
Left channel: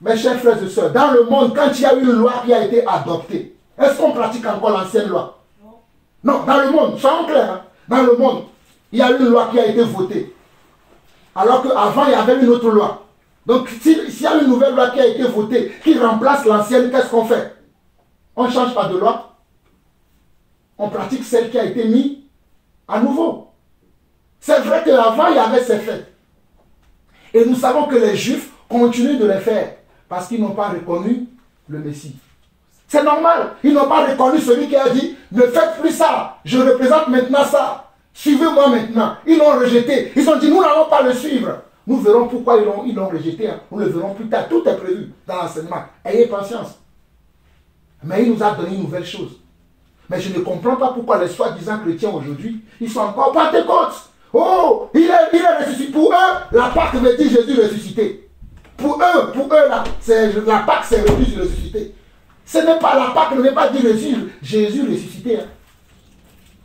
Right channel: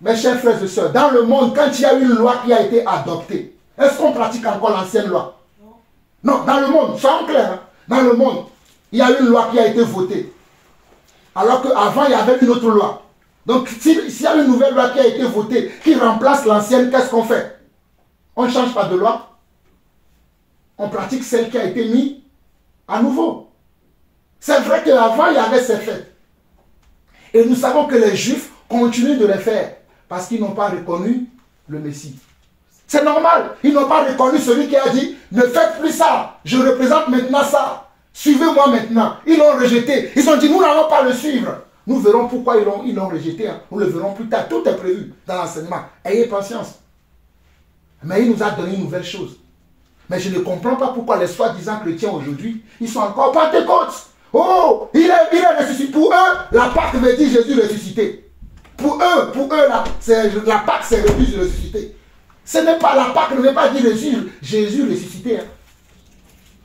Mes chers frères et sœurs, dans le monde, quand il y a une loi qui a été adoptée, est-ce qu'on pratique encore l'ancienne loi? Non, dans le monde, soyons clairs, hein, dans le monde, il y a une loi qui a été votée. Alors qu'avant, il y avait une autre loi. Donc, s'il y a une nouvelle loi qui a été votée, qui remplace l'ancienne, qu'est-ce qu'on fait? On ne change pas de loi. On pratique celle qui a été mise à nouveau. C'est vrai qu'avant, il y avait ces fêtes. Et nous savons que les Juifs continuent de les faire parce qu'ils n'ont pas reconnu le Messie. C'est normal. Ils n'ont pas reconnu celui qui a dit, ne faites plus ça. Je représente maintenant ça. Suivez-moi maintenant. Ils l'ont rejeté. Ils ont dit, nous n'allons pas le suivre. Nous verrons pourquoi ils l'ont rejeté. Nous le verrons plus tard. Tout est prévu dans l'enseignement. Ayez patience. Mais il nous a donné une nouvelle chose. Mais je ne comprends pas pourquoi les soi-disant chrétiens aujourd'hui, ils sont encore Pentecôte. Oh, il est ressuscité. Pour eux, la Pâque me dit Jésus ressuscité. Pour eux, la Pâque c'est Jésus ressuscité. Ce n'est pas la Pâque, ne veut pas dire Jésus ressuscité. Hein.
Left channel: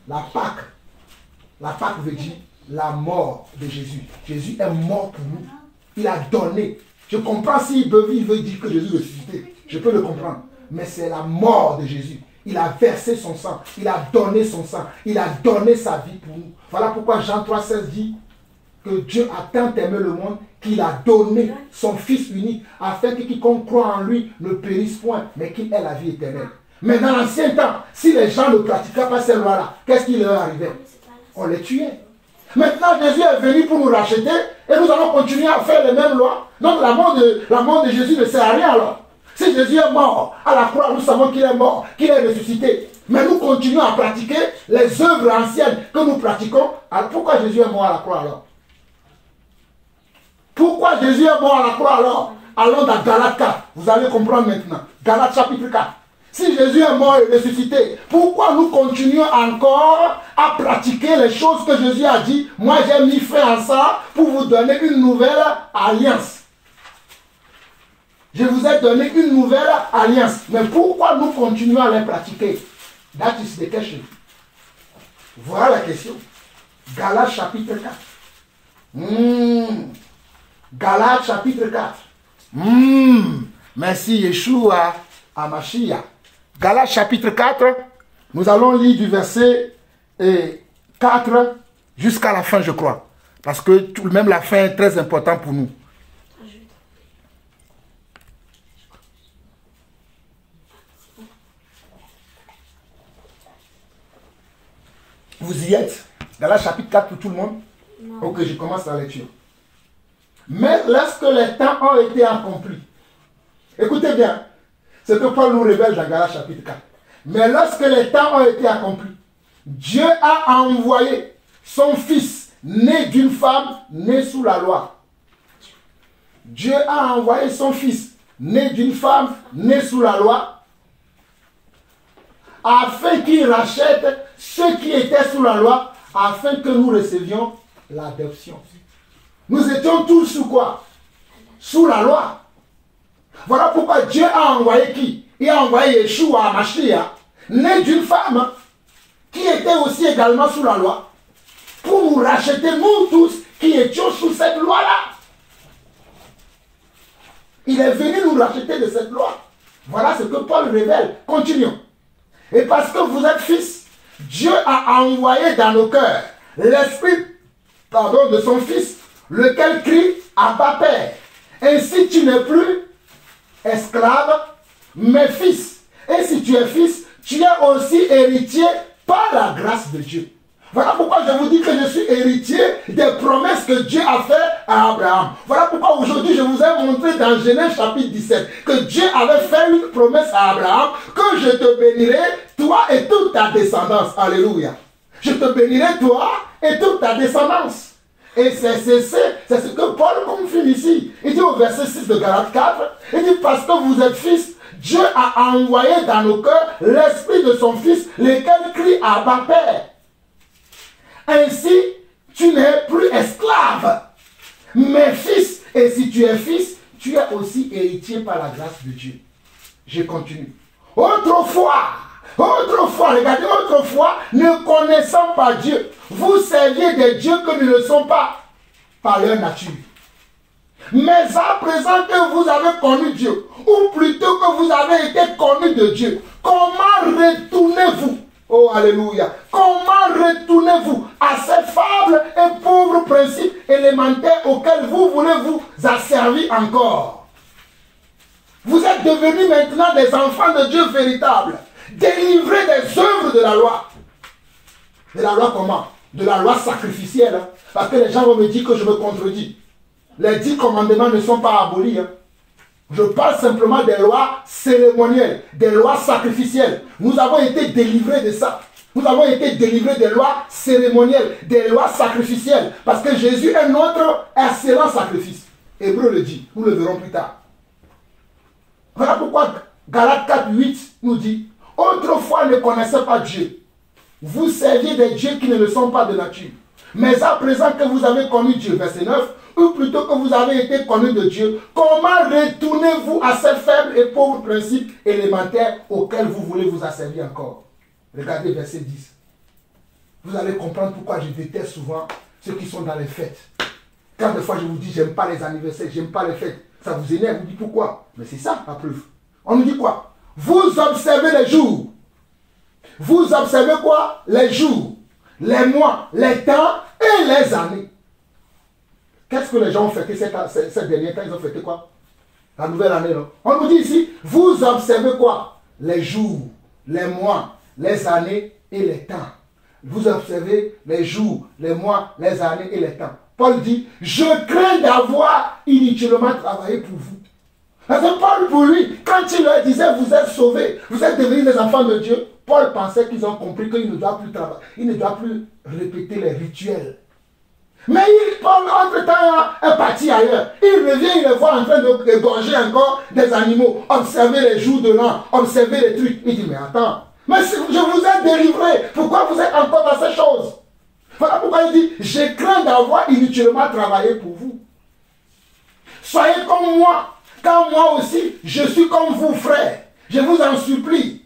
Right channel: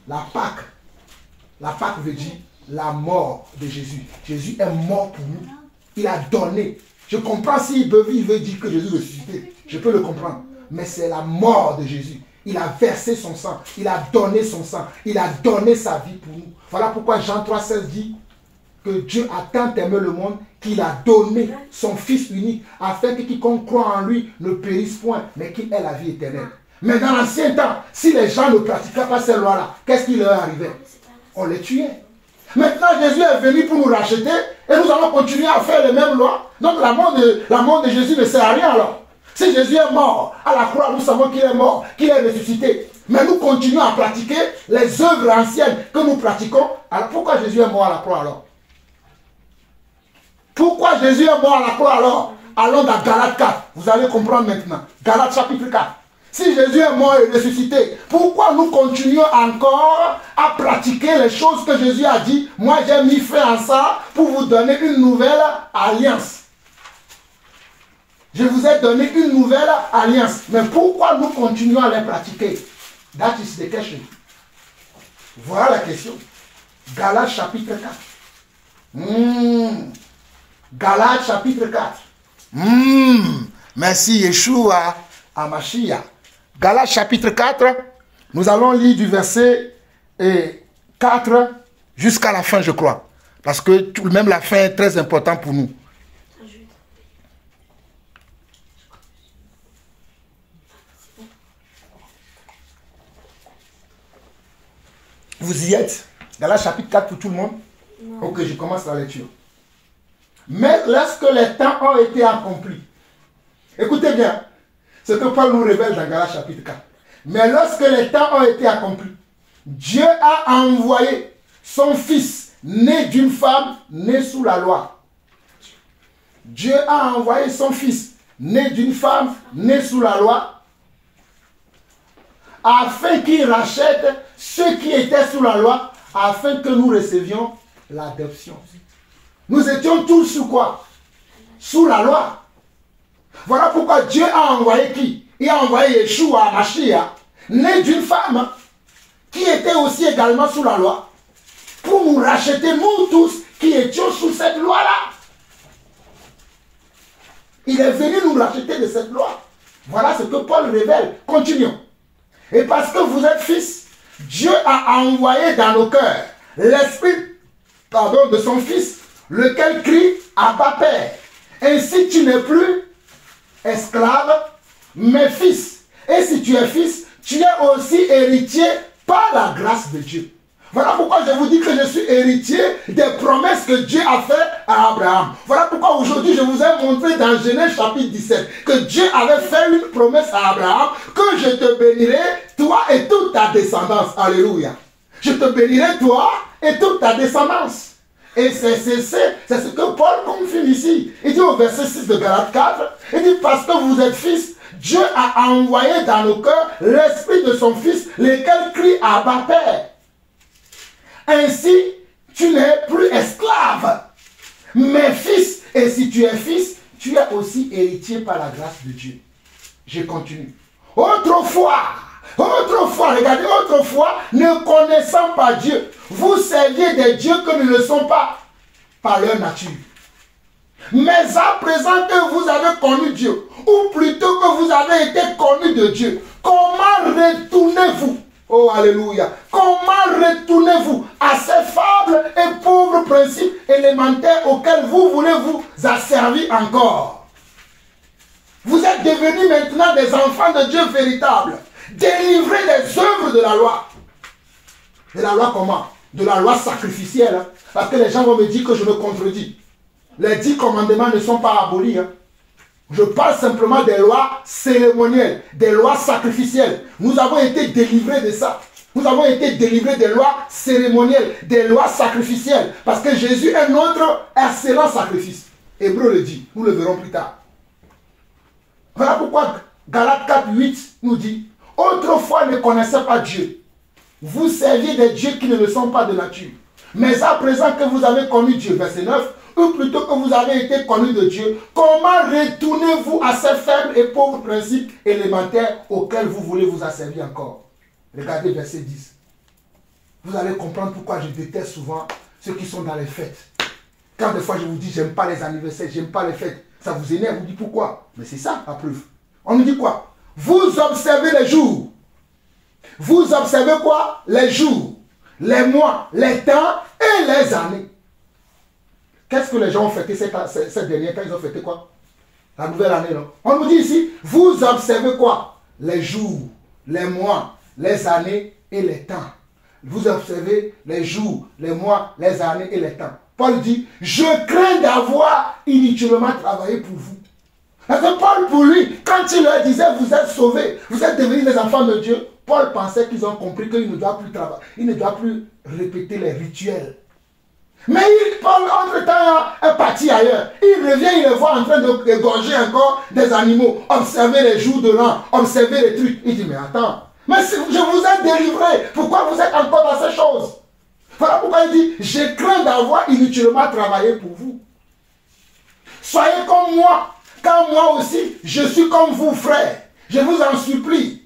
La Pâque veut dire la mort de Jésus. Jésus est mort pour nous. Il a donné. Je comprends s'il veut dire que Jésus ressuscité. Je peux le comprendre. Mais c'est la mort de Jésus. Il a versé son sang. Il a donné son sang. Il a donné sa vie pour nous. Voilà pourquoi Jean 3,16 dit que Dieu a tant aimé le monde qu'il a donné son Fils unique afin que quiconque croit en lui ne périsse point, mais qu'il ait la vie éternelle. Mais dans l'ancien temps, si les gens ne pratiquaient pas ces lois-là, qu'est-ce qui leur arrivait? On les tuait. Maintenant, Jésus est venu pour nous racheter et nous allons continuer à faire les mêmes lois. Donc la mort de Jésus ne sert à rien alors. Si Jésus est mort à la croix, nous savons qu'il est mort, qu'il est ressuscité. Mais nous continuons à pratiquer les œuvres anciennes que nous pratiquons. Alors pourquoi Jésus est mort à la croix alors? Pourquoi Jésus est mort à la croix alors? Allons dans Galates 4. Vous allez comprendre maintenant. Galates chapitre 4. Si Jésus est mort et ressuscité, pourquoi nous continuons encore à pratiquer les choses que Jésus a dit? Moi j'ai mis fin à ça pour vous donner une nouvelle alliance. Je vous ai donné une nouvelle alliance. Mais pourquoi nous continuons à les pratiquer? That is the question. Voilà la question. Galates chapitre 4. Galates chapitre 4. Merci Yeshua Hamashiach. Galates chapitre 4. Nous allons lire du verset 4 jusqu'à la fin, je crois. Parce que même la fin est très importante pour nous. Vous y êtes? Galates chapitre 4 pour tout le monde? Non. Ok, je commence la lecture. Mais lorsque les temps ont été accomplis, écoutez bien ce que Paul nous révèle dans Galates chapitre 4. Mais lorsque les temps ont été accomplis, Dieu a envoyé son fils, né d'une femme, né sous la loi. Dieu a envoyé son fils, né d'une femme, né sous la loi, afin qu'il rachète ceux qui étaient sous la loi, afin que nous recevions l'adoption. Nous étions tous sous quoi? Sous la loi. Voilà pourquoi Dieu a envoyé qui? Il a envoyé Yeshua Hamashiach, né d'une femme, qui était aussi également sous la loi, pour nous racheter, nous tous, qui étions sous cette loi-là. Il est venu nous racheter de cette loi. Voilà ce que Paul révèle. Continuons. Et parce que vous êtes fils, Dieu a envoyé dans nos cœurs l'esprit de son fils, lequel crie Abba Père. Ainsi tu n'es plus esclave, mais fils. Et si tu es fils, tu es aussi héritier par la grâce de Dieu. Voilà pourquoi je vous dis que je suis héritier des promesses que Dieu a fait à Abraham. Voilà pourquoi aujourd'hui je vous ai montré dans Genèse chapitre 17 que Dieu avait fait une promesse à Abraham que je te bénirai, toi et toute ta descendance. Alléluia. Je te bénirai, toi et toute ta descendance. Et c'est ce que Paul confirme ici. Il dit au verset 6 de Galates 4, il dit parce que vous êtes fils, Dieu a envoyé dans nos cœurs l'esprit de son fils, lequel crie Abba Père. Ainsi, tu n'es plus esclave, mais fils. Et si tu es fils, tu es aussi héritier par la grâce de Dieu. Je continue. Autrefois, regardez, autrefois, ne connaissant pas Dieu, vous serviez des dieux que ne le sont pas par leur nature. Mais à présent que vous avez connu Dieu, ou plutôt que vous avez été connu de Dieu, comment retournez-vous? Oh, alléluia. Comment retournez-vous à ces faibles et pauvres principes élémentaires auxquels vous voulez vous asservir encore? Vous êtes devenus maintenant des enfants de Dieu véritables, délivrés des œuvres de la loi. De la loi comment? De la loi sacrificielle. Hein? Parce que les gens vont me dire que je me contredis. Les 10 commandements ne sont pas abolis. Hein? Je parle simplement des lois cérémonielles, des lois sacrificielles. Nous avons été délivrés de ça. Nous avons été délivrés des lois cérémonielles, des lois sacrificielles. Parce que Jésus est notre excellent sacrifice. Hébreu le dit. Nous le verrons plus tard. Voilà pourquoi Galates 4, 8 nous dit, autrefois ne connaissez pas Dieu. Vous serviez des dieux qui ne le sont pas de nature. Mais à présent que vous avez connu Dieu, verset 9, ou plutôt que vous avez été connu de Dieu, comment retournez-vous à ces faibles et pauvres principes élémentaires auxquels vous voulez vous asservir encore? Regardez verset 10. Vous allez comprendre pourquoi je déteste souvent ceux qui sont dans les fêtes. Quand des fois je vous dis, j'aime pas les anniversaires, j'aime pas les fêtes, ça vous énerve, vous dites pourquoi? Mais c'est ça la preuve. On nous dit quoi? Vous observez les jours. Vous observez quoi? Les jours, les mois, les temps et les années. Qu'est-ce que les gens ont fêté cette dernière temps? Ils ont fêté quoi? La nouvelle année, non? On nous dit ici, vous observez quoi? Les jours, les mois, les années et les temps. vous observez les jours, les mois, les années et les temps. Paul dit, je crains d'avoir inutilement travaillé pour vous. Parce que Paul, pour lui, quand il leur disait, vous êtes sauvés, vous êtes devenus des enfants de Dieu, Paul pensait qu'ils ont compris qu'il ne doit plus travailler, il ne doit plus répéter les rituels. Mais Paul, entre-temps, est parti ailleurs. Il revient, il les voit en train d'égorger encore des animaux, observer les jours de l'an, observer les trucs. Il dit, mais attends, mais si je vous ai délivré, pourquoi vous êtes encore dans ces choses? Voilà pourquoi il dit, je crains d'avoir inutilement travaillé pour vous. Soyez comme moi, car moi aussi, je suis comme vous, frères. Je vous en supplie.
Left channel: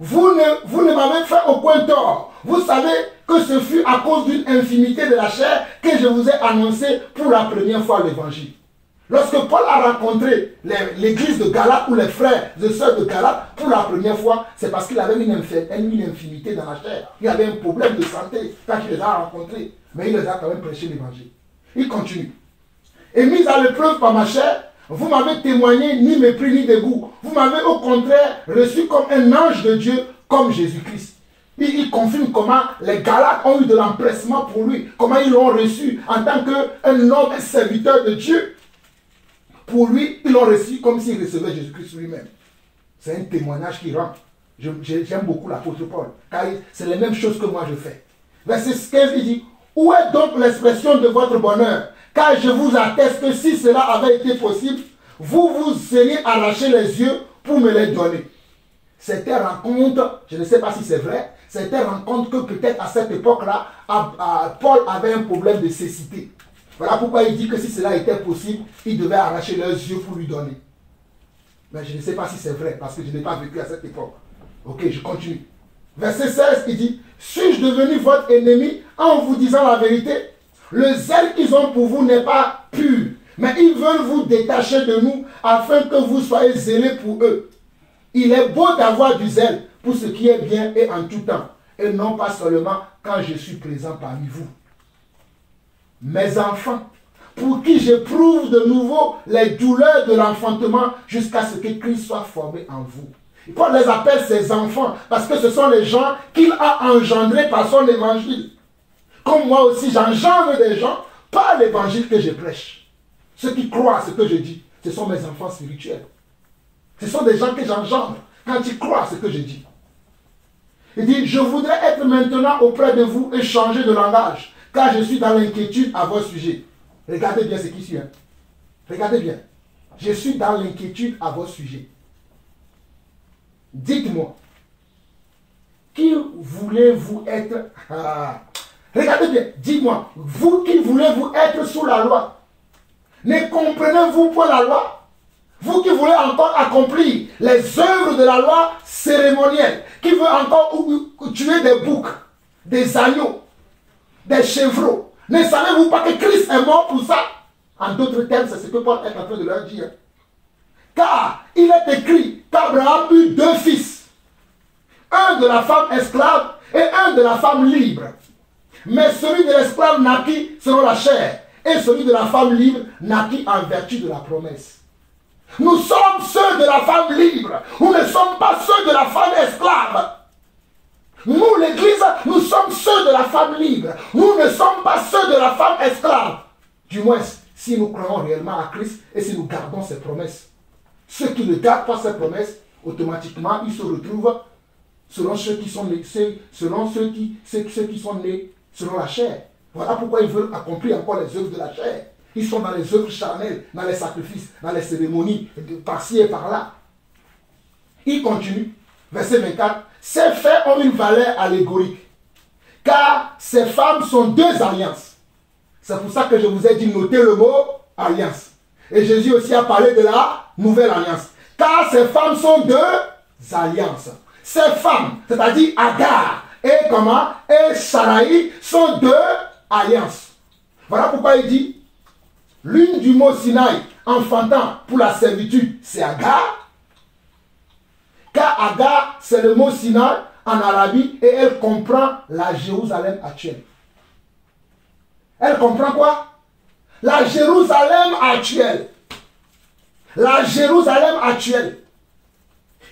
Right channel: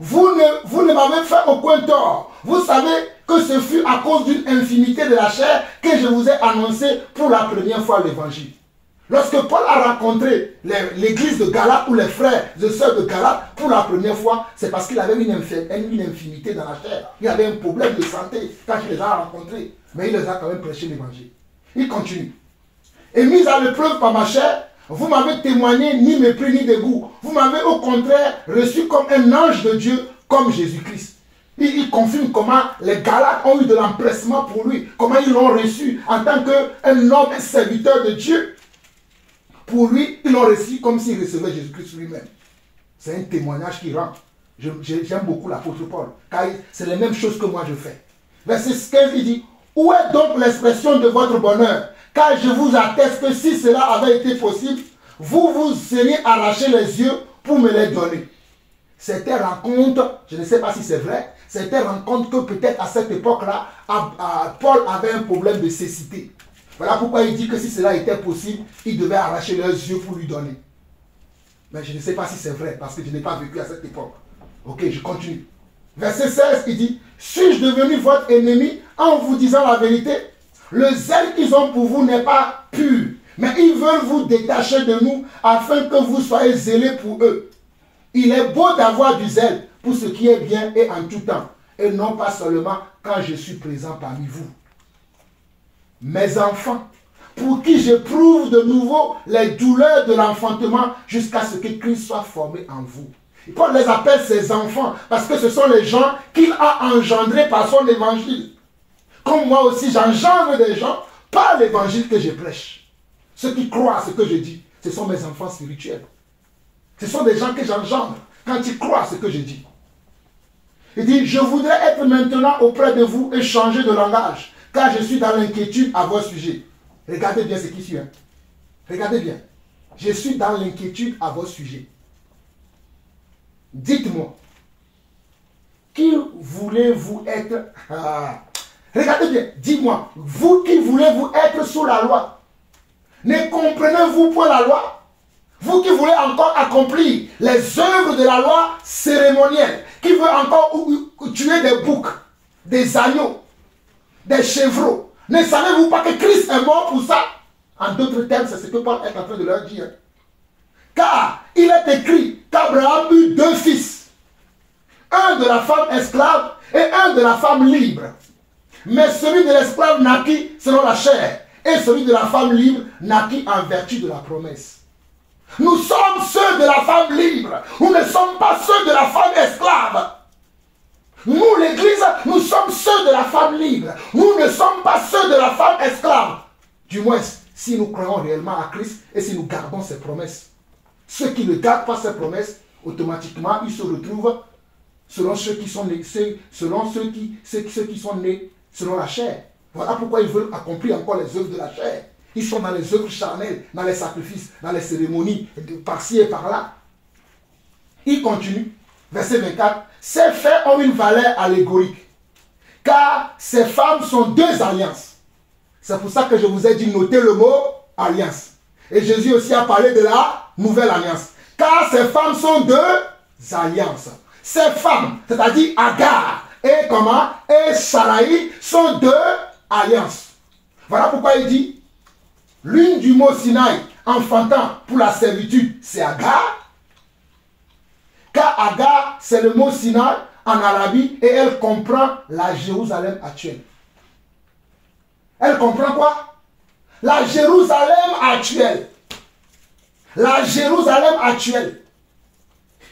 Vous ne m'avez fait aucun tort. Vous savez que ce fut à cause d'une infimité de la chair que je vous ai annoncé pour la première fois l'évangile. Lorsque Paul a rencontré l'église de Galate ou les frères et sœurs de Galate pour la première fois, c'est parce qu'il avait une infimité dans la chair. Il avait un problème de santé quand il les a rencontrés. Mais il les a quand même prêché l'évangile. Il continue. Et mis à l'épreuve par ma chair, vous m'avez témoigné ni mépris ni dégoût. Vous m'avez au contraire reçu comme un ange de Dieu, comme Jésus-Christ. Il confirme comment les Galates ont eu de l'empressement pour lui, comment ils l'ont reçu en tant qu'un homme, un serviteur de Dieu. Pour lui, ils l'ont reçu comme s'il recevait Jésus-Christ lui-même. C'est un témoignage qui rend. J'aime beaucoup l'apôtre Paul, car c'est les mêmes choses que moi je fais. Verset 15, il dit, où est donc l'expression de votre bonheur? Car je vous atteste que si cela avait été possible, vous vous seriez arraché les yeux pour me les donner. C'était rencontre, je ne sais pas si c'est vrai, c'était rencontre que peut-être à cette époque-là, Paul avait un problème de cécité. Voilà pourquoi il dit que si cela était possible, il devait arracher leurs yeux pour lui donner. Mais je ne sais pas si c'est vrai, parce que je n'ai pas vécu à cette époque. Ok, je continue. Verset 16, il dit, suis-je devenu votre ennemi en vous disant la vérité? Le zèle qu'ils ont pour vous n'est pas pur, mais ils veulent vous détacher de nous afin que vous soyez zélés pour eux. Il est beau d'avoir du zèle pour ce qui est bien et en tout temps, et non pas seulement quand je suis présent parmi vous. Mes enfants, pour qui j'éprouve de nouveau les douleurs de l'enfantement jusqu'à ce que Christ soit formé en vous. Paul les appelle ses enfants parce que ce sont les gens qu'il a engendrés par son évangile. Comme moi aussi, j'engendre des gens par l'évangile que je prêche. Ceux qui croient à ce que je dis, ce sont mes enfants spirituels. Ce sont des gens que j'engendre quand ils croient à ce que je dis. Il dit, je voudrais être maintenant auprès de vous et changer de langage, car je suis dans l'inquiétude à votre sujet. Regardez bien ce qui suit. Regardez bien. Je suis dans l'inquiétude à votre sujet. Dites-moi, qui voulez-vous être? Regardez bien, dis-moi, vous qui voulez-vous être sous la loi, ne comprenez-vous point la loi? Vous qui voulez encore accomplir les œuvres de la loi cérémonielle, qui veut encore tuer des boucs, des agneaux, des chevreaux, ne savez-vous pas que Christ est mort pour ça? En d'autres termes, c'est ce que Paul est en train de leur dire. Car il est écrit qu'Abraham eut deux fils, un de la femme esclave et un de la femme libre. Mais celui de l'esclave naquit selon la chair, et celui de la femme libre naquit en vertu de la promesse. Nous sommes ceux de la femme libre, nous ne sommes pas ceux de la femme esclave. Nous, l'Église, nous sommes ceux de la femme libre, nous ne sommes pas ceux de la femme esclave. Du moins, si nous croyons réellement à Christ et si nous gardons ses promesses. Ceux qui ne gardent pas ses promesses, automatiquement, ils se retrouvent selon ceux qui sont nés, ceux qui sont nés selon la chair. Voilà pourquoi ils veulent accomplir encore les œuvres de la chair. Ils sont dans les œuvres charnelles, dans les sacrifices, dans les cérémonies, par-ci et par-là. Il continue, verset 24. Ces faits ont une valeur allégorique, car ces femmes sont deux alliances. C'est pour ça que je vous ai dit, notez le mot alliance. Et Jésus aussi a parlé de la nouvelle alliance. Car ces femmes sont deux alliances. Ces femmes, c'est-à-dire Agar et comment? Et Sarai sont deux alliances. Voilà pourquoi il dit, l'une du mot Sinaï, enfantant pour la servitude, c'est Agar. Car Agar, c'est le mot Sinaï en Arabie et elle comprend la Jérusalem actuelle. Elle comprend quoi? La Jérusalem actuelle. La Jérusalem actuelle.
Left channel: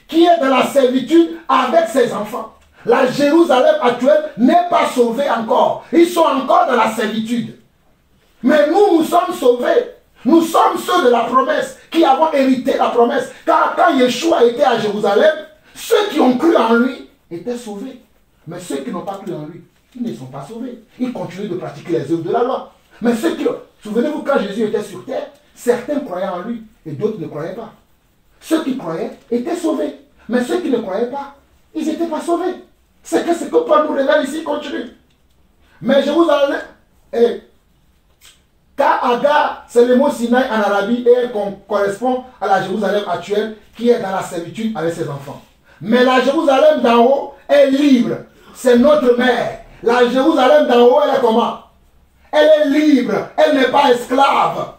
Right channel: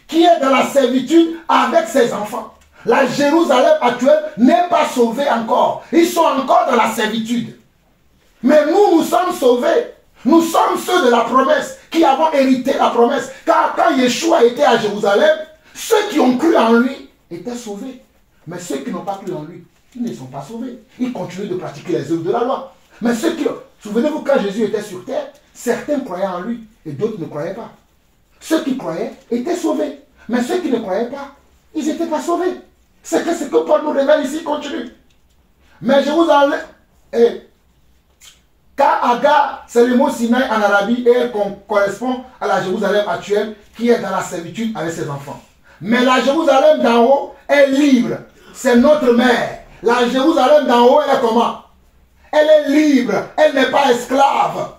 Qui est dans la servitude avec ses enfants. La Jérusalem actuelle n'est pas sauvée encore. Ils sont encore dans la servitude. Mais nous sommes sauvés. Nous sommes ceux de la promesse qui avons hérité la promesse. Car quand Yeshua était à Jérusalem, ceux qui ont cru en lui étaient sauvés. Mais ceux qui n'ont pas cru en lui, ils ne sont pas sauvés. Ils continuent de pratiquer les œuvres de la loi. Mais ceux qui... Souvenez-vous, quand Jésus était sur terre, certains croyaient en lui et d'autres ne croyaient pas. Ceux qui croyaient étaient sauvés. Mais ceux qui ne croyaient pas, ils n'étaient pas sauvés. C'est ce que Paul nous révèle ici, continue. Mais Jérusalem... Ka'aga, c'est le mot Sinaï en Arabie et elle correspond à la Jérusalem actuelle qui est dans la servitude avec ses enfants. Mais la Jérusalem d'en haut est libre. C'est notre mère. La Jérusalem d'en haut, elle est comment? Elle est libre. Elle n'est pas esclave.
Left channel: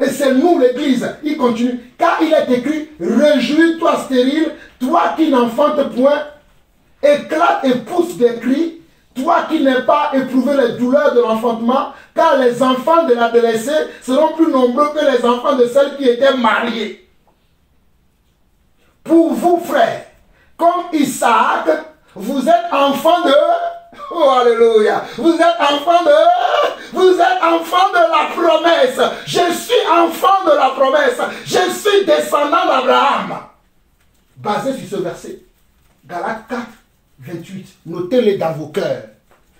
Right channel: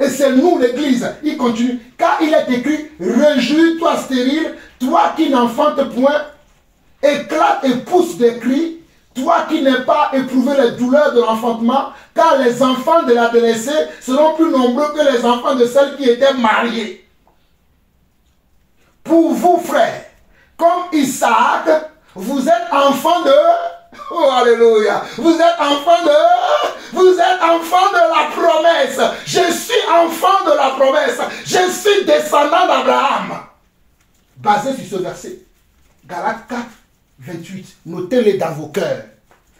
Et c'est nous, l'Église. Il continue. Car il est écrit, réjouis-toi stérile, toi qui n'enfantes point, éclate et pousse des cris, toi qui n'as pas éprouvé les douleurs de l'enfantement, car les enfants de la délaissée seront plus nombreux que les enfants de celles qui étaient mariées. Pour vous, frères, comme Isaac, vous êtes enfants de... Oh, alléluia! Vous êtes enfants de la promesse. Je suis enfant de la promesse. Je suis descendant d'Abraham. Basé sur ce verset, Galates 4, 28. Notez-le dans vos cœurs.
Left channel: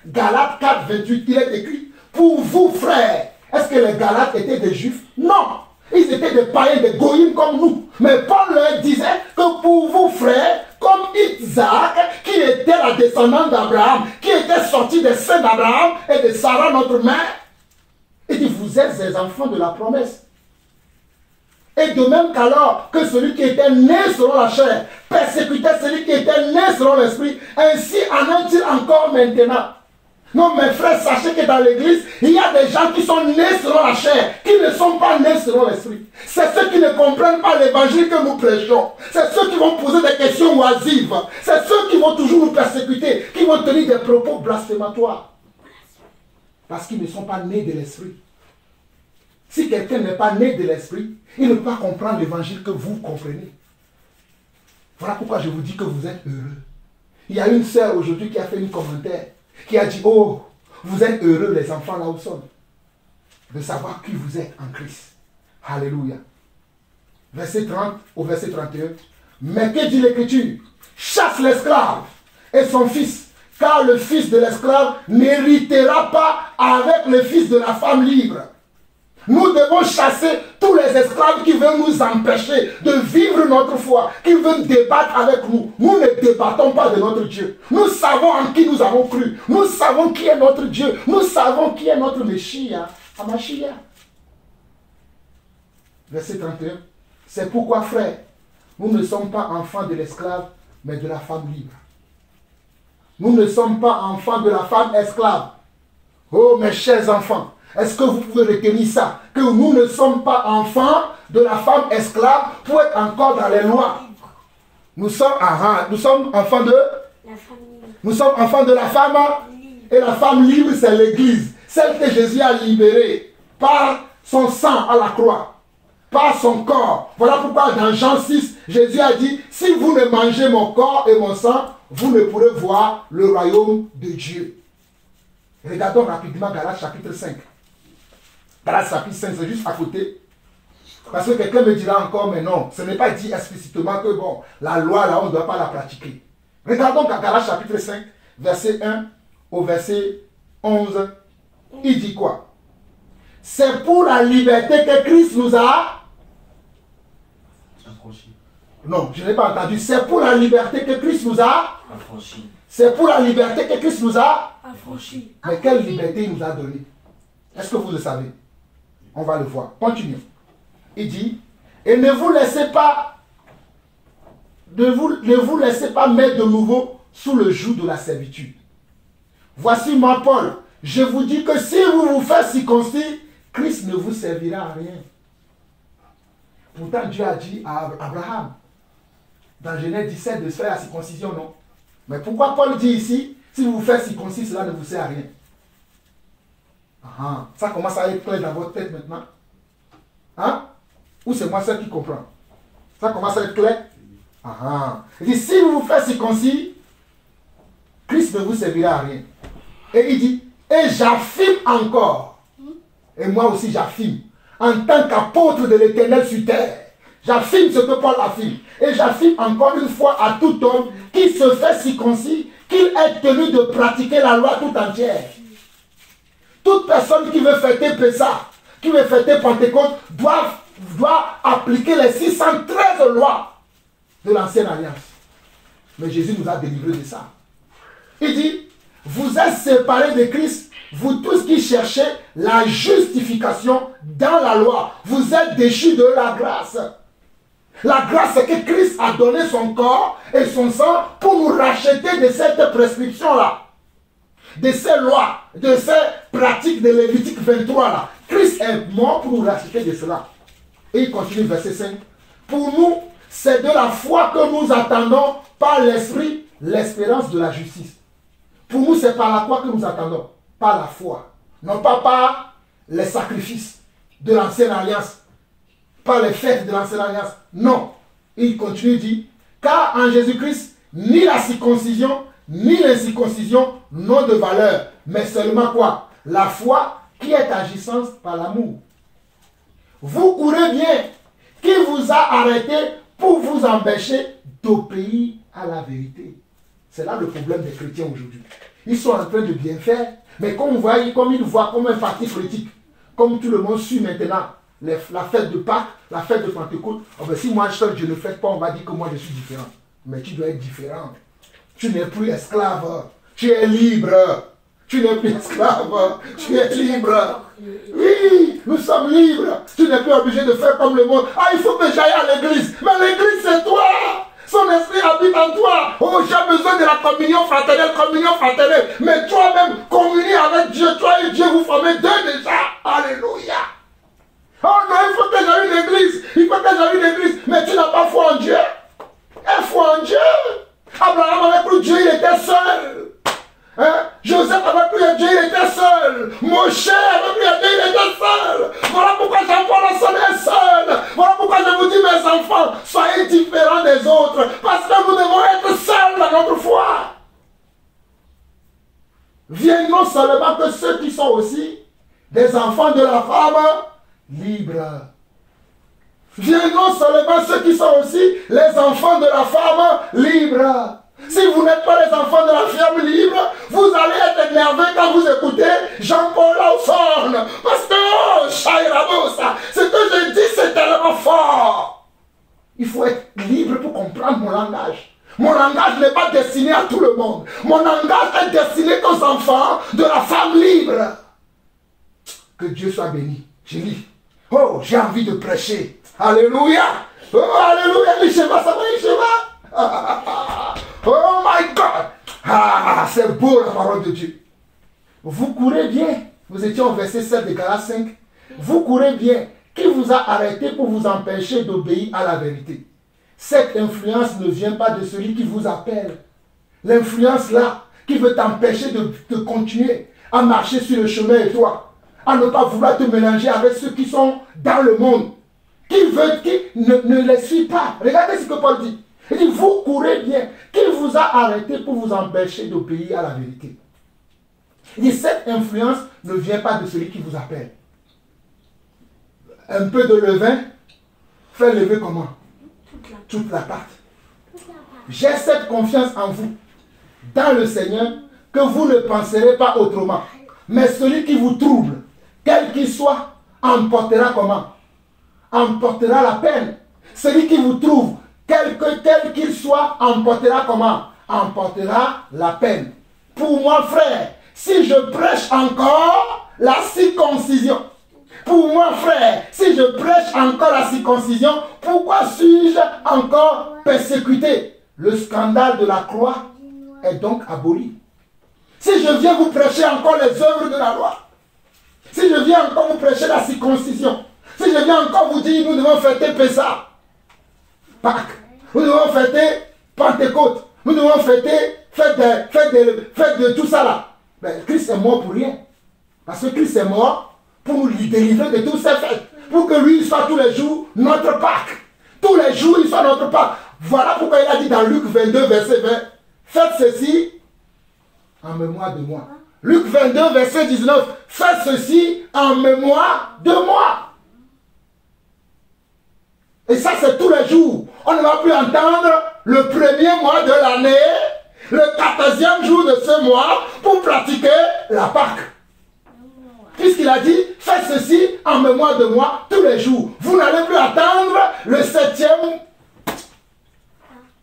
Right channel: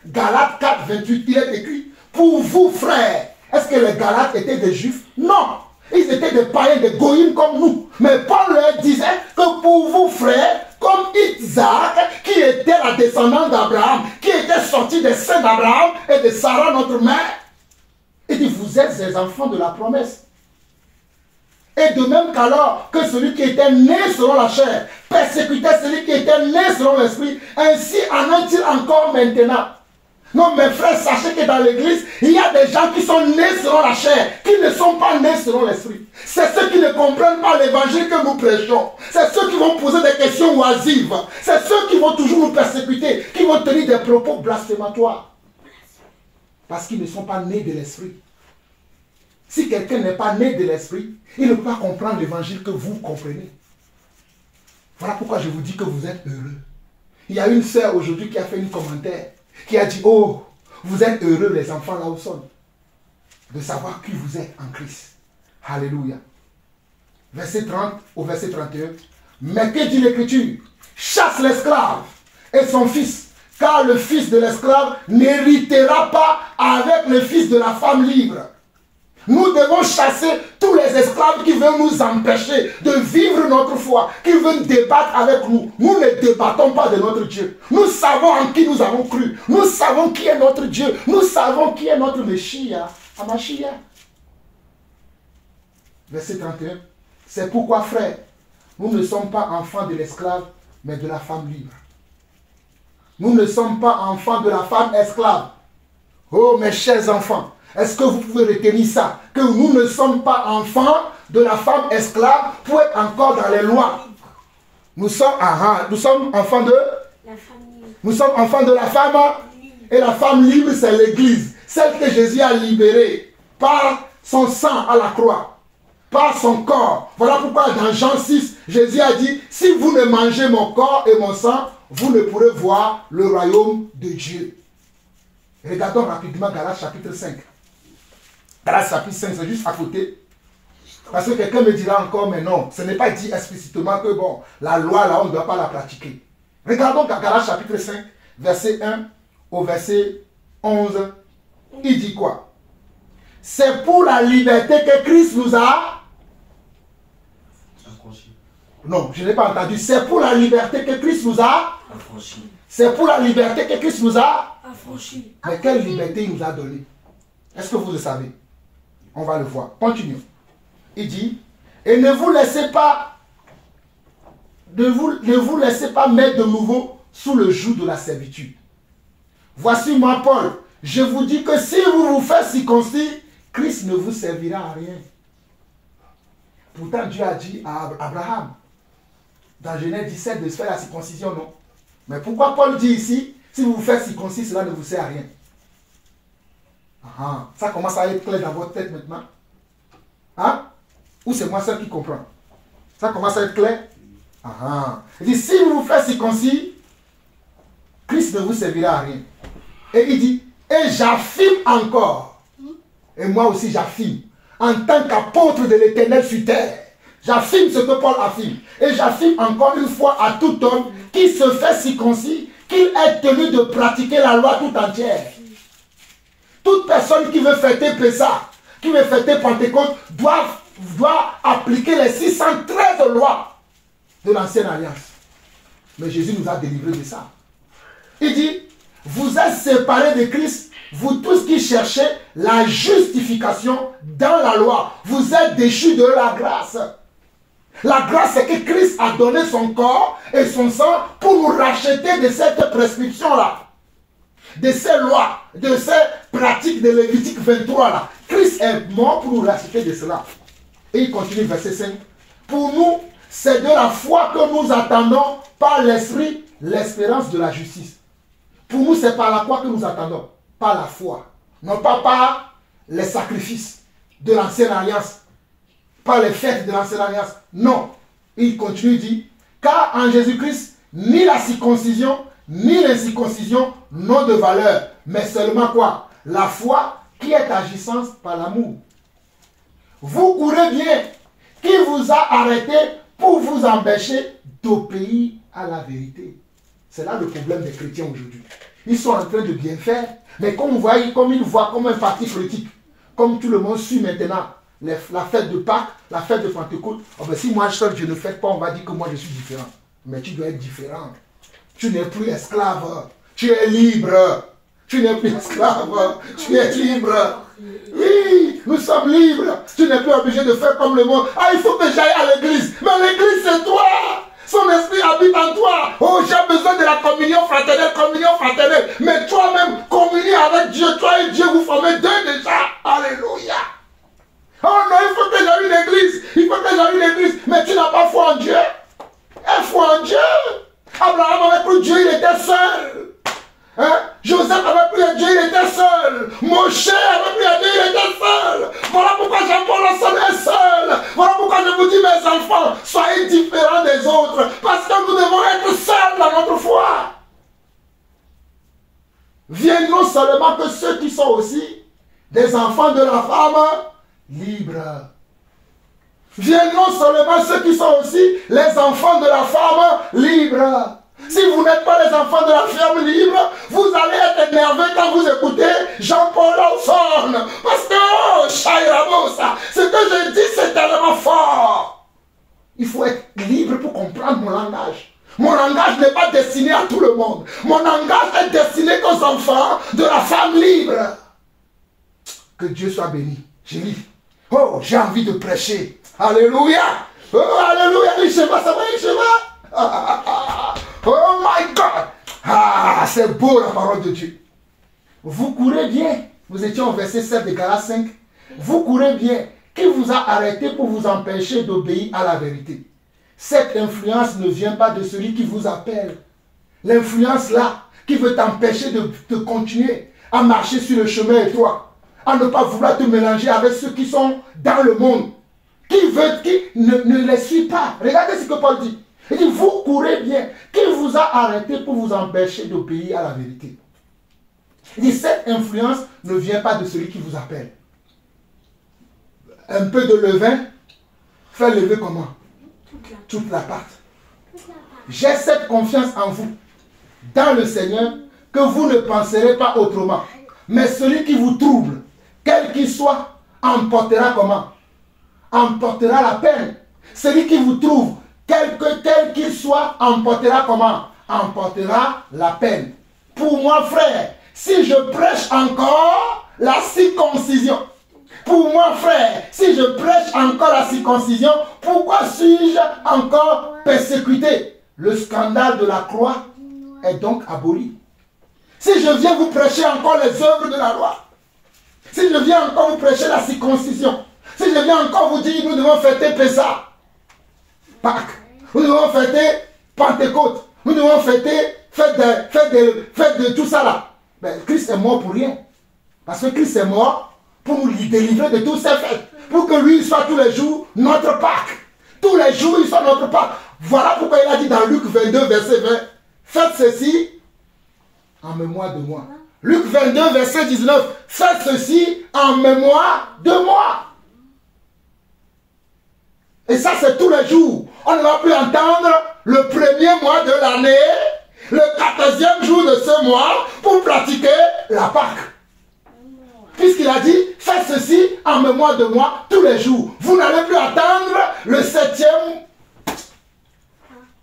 Galates 4, 28, il est écrit, pour vous, frères. Est-ce que les Galates étaient des Juifs? Non. Ils étaient des païens, des goïms comme nous. Mais Paul leur disait que pour vous, frères, comme Isaac, qui était la descendante d'Abraham, qui était sorti des seins d'Abraham et de Sarah, notre mère, il dit, vous êtes des enfants de la promesse. Et de même qu'alors que celui qui était né selon la chair persécutait celui qui était né selon l'esprit, ainsi en est-il encore maintenant. Non, mes frères, sachez que dans l'église, il y a des gens qui sont nés selon la chair, qui ne sont pas nés selon l'esprit. C'est ceux qui ne comprennent pas l'évangile que nous prêchons. C'est ceux qui vont poser des questions oisives. C'est ceux qui vont toujours nous persécuter, qui vont tenir des propos blasphématoires. Parce qu'ils ne sont pas nés de l'esprit. Si quelqu'un n'est pas né de l'esprit, il ne peut pas comprendre l'évangile que vous comprenez. Voilà pourquoi je vous dis que vous êtes heureux. Il y a une sœur aujourd'hui qui a fait un commentaire, qui a dit, oh, vous êtes heureux les enfants là où sont, de savoir qui vous êtes en Christ. Alléluia. Verset 30 au verset 31. Mais que dit l'Écriture? Chasse l'esclave et son fils, car le fils de l'esclave n'héritera pas avec le fils de la femme libre. Nous devons chasser tous les esclaves qui veulent nous empêcher de vivre notre foi, qui veulent débattre avec nous. Nous ne débattons pas de notre Dieu. Nous savons en qui nous avons cru. Nous savons qui est notre Dieu. Nous savons qui est notre Messia. Amashia. Verset 31. C'est pourquoi, frères, nous ne sommes pas enfants de l'esclave, mais de la femme libre. Nous ne sommes pas enfants de la femme esclave. Oh, mes chers enfants, est-ce que vous pouvez retenir ça? Que nous ne sommes pas enfants de la femme esclave pour être encore dans les lois. Nous sommes enfants de... Nous sommes enfants de la femme. Et la femme libre, c'est l'Église. Celle que Jésus a libérée par son sang à la croix. Par son corps. Voilà pourquoi dans Jean 6, Jésus a dit, si vous ne mangez mon corps et mon sang, vous ne pourrez voir le royaume de Dieu. Regardons rapidement Galates chapitre 5. Galates chapitre 5, c'est juste à côté. Parce que quelqu'un me dira encore, mais non, ce n'est pas dit explicitement que bon, la loi là, on ne doit pas la pratiquer. Regardons Galates chapitre 5, verset 1 au verset 11. Il dit quoi? C'est pour la liberté que Christ nous a... Non, je n'ai pas entendu. C'est pour la liberté que Christ nous a... C'est pour la liberté que Christ nous a... Mais quelle liberté il nous a donnée? Est-ce que vous le savez? On va le voir. Continuons. Il dit, et ne vous laissez pas mettre de nouveau sous le joug de la servitude. Voici moi, Paul. Je vous dis que si vous vous faites circoncis, Christ ne vous servira à rien. Pourtant, Dieu a dit à Abraham, dans Genèse 17, de se faire la circoncision, non? Mais pourquoi Paul dit ici, si vous vous faites circoncis, cela ne vous sert à rien? Ça commence à être clair dans votre tête maintenant. Hein? Ou c'est moi seul qui comprends? Ça commence à être clair? Il dit, si vous vous faites circoncis, Christ ne vous servira à rien. Et il dit, et j'affirme encore, et moi aussi j'affirme, en tant qu'apôtre de l'Éternel sur terre, j'affirme ce que Paul affirme. Et j'affirme encore une fois à tout homme qui se fait circoncis qu'il est tenu de pratiquer la loi tout entière. Toute personne qui veut fêter Pessah, qui veut fêter Pentecôte, doit appliquer les 613 lois de l'ancienne alliance. Mais Jésus nous a délivrés de ça. Il dit, vous êtes séparés de Christ, vous tous qui cherchez la justification dans la loi. Vous êtes déchus de la grâce. La grâce, c'est que Christ a donné son corps et son sang pour nous racheter de cette prescription-là. De ces lois, de ces pratiques de Lévitique 23 là. Christ est mort pour nous racheter de cela. Et il continue, verset 5. Pour nous, c'est de la foi que nous attendons par l'Esprit, l'espérance de la justice. Pour nous, c'est par la foi que nous attendons. Par la foi. Non pas par les sacrifices de l'ancienne alliance. Par les fêtes de l'ancienne alliance. Non. Il continue, dit, car en Jésus-Christ, ni la circoncision, ni l'incirconcision n'ont de valeur, mais seulement quoi? La foi qui est agissante par l'amour. Vous courez bien. Qui vous a arrêté pour vous empêcher d'obéir à la vérité? C'est là le problème des chrétiens aujourd'hui. Ils sont en train de bien faire, mais comme ils voient comme un parti politique, comme tout le monde suit maintenant la fête de Pâques, la fête de Pentecôte, oh ben si moi seul je ne fête pas, on va dire que moi je suis différent. Mais tu dois être différent. Tu n'es plus esclave, tu es libre. Tu n'es plus esclave, tu es libre. Oui, nous sommes libres. Tu n'es plus obligé de faire comme le monde. Ah, il faut que j'aille à l'église. Mais l'église, c'est toi. Son esprit habite en toi. Oh, j'ai besoin de la communion fraternelle. Mais toi-même, communie avec Dieu. Toi et Dieu, vous formez deux déjà. Alléluia. Oh non, il faut que j'aille à l'église. Il faut que j'aille à l'église. Mais tu n'as pas foi en Dieu. Et foi en Dieu. Abraham avait cru Dieu, il était seul. Hein? Joseph avait prié Dieu, il était seul. Moshe avait prié Dieu, il était seul. Voilà pourquoi Jean-Paul est seul. Voilà pourquoi je vous dis, mes enfants, soyez différents des autres. Parce que nous devons être seuls dans notre foi. Viendront seulement que ceux qui sont aussi des enfants de la femme libre. Viendront seulement ceux qui sont aussi les enfants de la femme libre. Si vous n'êtes pas les enfants de la femme libre, vous allez être énervé quand vous écoutez Jean-Paul Lawson. Parce que, oh, Shairabosa, ce que je dis, c'est tellement fort. Il faut être libre pour comprendre mon langage. Mon langage n'est pas destiné à tout le monde. Mon langage est destiné aux enfants de la femme libre. Que Dieu soit béni. Je lis. Oh, j'ai envie de prêcher. Alléluia. Oh, alléluia. Isheva, ça va, Isheva. Oh my God. Ah, c'est beau la parole de Dieu. Vous courez bien. Vous étiez au verset 7 de Galates 5. Vous courez bien. Qui vous a arrêté pour vous empêcher d'obéir à la vérité? Cette influence ne vient pas de celui qui vous appelle. L'influence là, qui veut t'empêcher de continuer à marcher sur le chemin étroit, à ne pas vouloir te mélanger avec ceux qui sont dans le monde, qui ne les suit pas. Regardez ce que Paul dit. Il dit, vous courez bien. Qui vous a arrêté pour vous empêcher d'obéir à la vérité? Il dit, cette influence ne vient pas de celui qui vous appelle. Un peu de levain fait lever comment? Toute la pâte. J'ai cette confiance en vous, dans le Seigneur, que vous ne penserez pas autrement. Mais celui qui vous trouble, quel qu'il soit, emportera comment? Emportera la peine. Celui qui vous trouve, quel qu'il soit, emportera comment? Emportera la peine. Pour moi, frère, si je prêche encore la circoncision, pour moi, frère, si je prêche encore la circoncision, pourquoi suis-je encore persécuté? Le scandale de la croix est donc aboli. Si je viens vous prêcher encore les œuvres de la loi, si je viens encore vous prêcher la circoncision, si je viens encore vous dire nous devons fêter Pessah, Pâques, nous devons fêter Pentecôte, nous devons fêter fête de tout ça là, ben, Christ est mort pour rien. Parce que Christ est mort pour nous délivrer de tous ces fêtes. Pour que lui soit tous les jours notre Pâques. Tous les jours il soit notre Pâques. Voilà pourquoi il a dit dans Luc 22 verset 20, faites ceci en mémoire de moi. Luc 22, verset 19. Faites ceci en mémoire de moi. Et ça, c'est tous les jours. On ne va plus entendre le premier mois de l'année, le 14e jour de ce mois, pour pratiquer la Pâque. Puisqu'il a dit, faites ceci en mémoire de moi tous les jours. Vous n'allez plus attendre le 7e.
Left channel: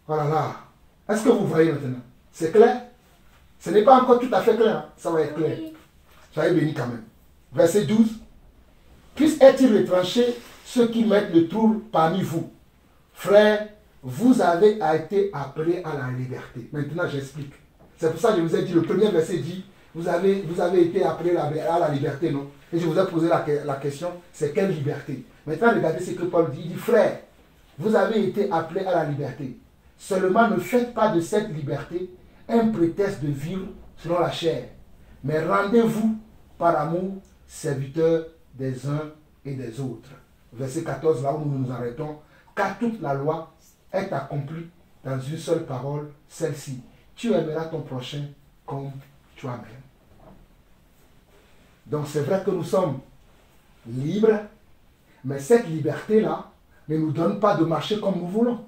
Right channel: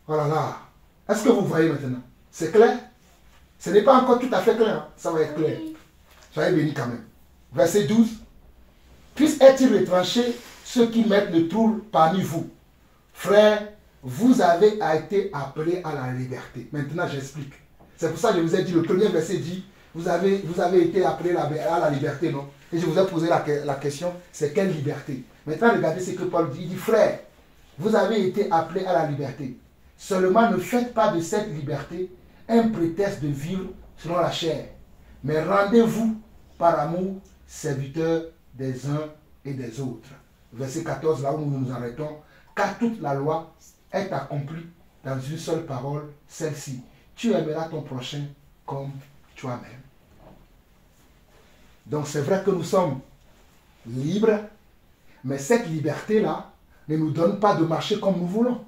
Voilà là. Est-ce que vous voyez maintenant? C'est clair? Ce n'est pas encore tout à fait clair. Hein? Ça va être clair. Soyez bénis quand même. Verset 12. Puisse être retranché ceux qui mettent le trouble parmi vous. Frères, vous avez été appelés à la liberté. Maintenant, j'explique. C'est pour ça que je vous ai dit, le premier verset dit, vous avez été appelés à la liberté, non? Et je vous ai posé la question, c'est quelle liberté? Maintenant, regardez ce que Paul dit. Il dit, frères, vous avez été appelés à la liberté. Seulement, ne faites pas de cette liberté un prétexte de vivre selon la chair. Mais rendez-vous par amour, serviteurs des uns et des autres. Verset 14, là où nous nous arrêtons. Car toute la loi est accomplie dans une seule parole, celle-ci. Tu aimeras ton prochain comme toi-même. Donc c'est vrai que nous sommes libres, mais cette liberté-là ne nous donne pas de marcher comme nous voulons.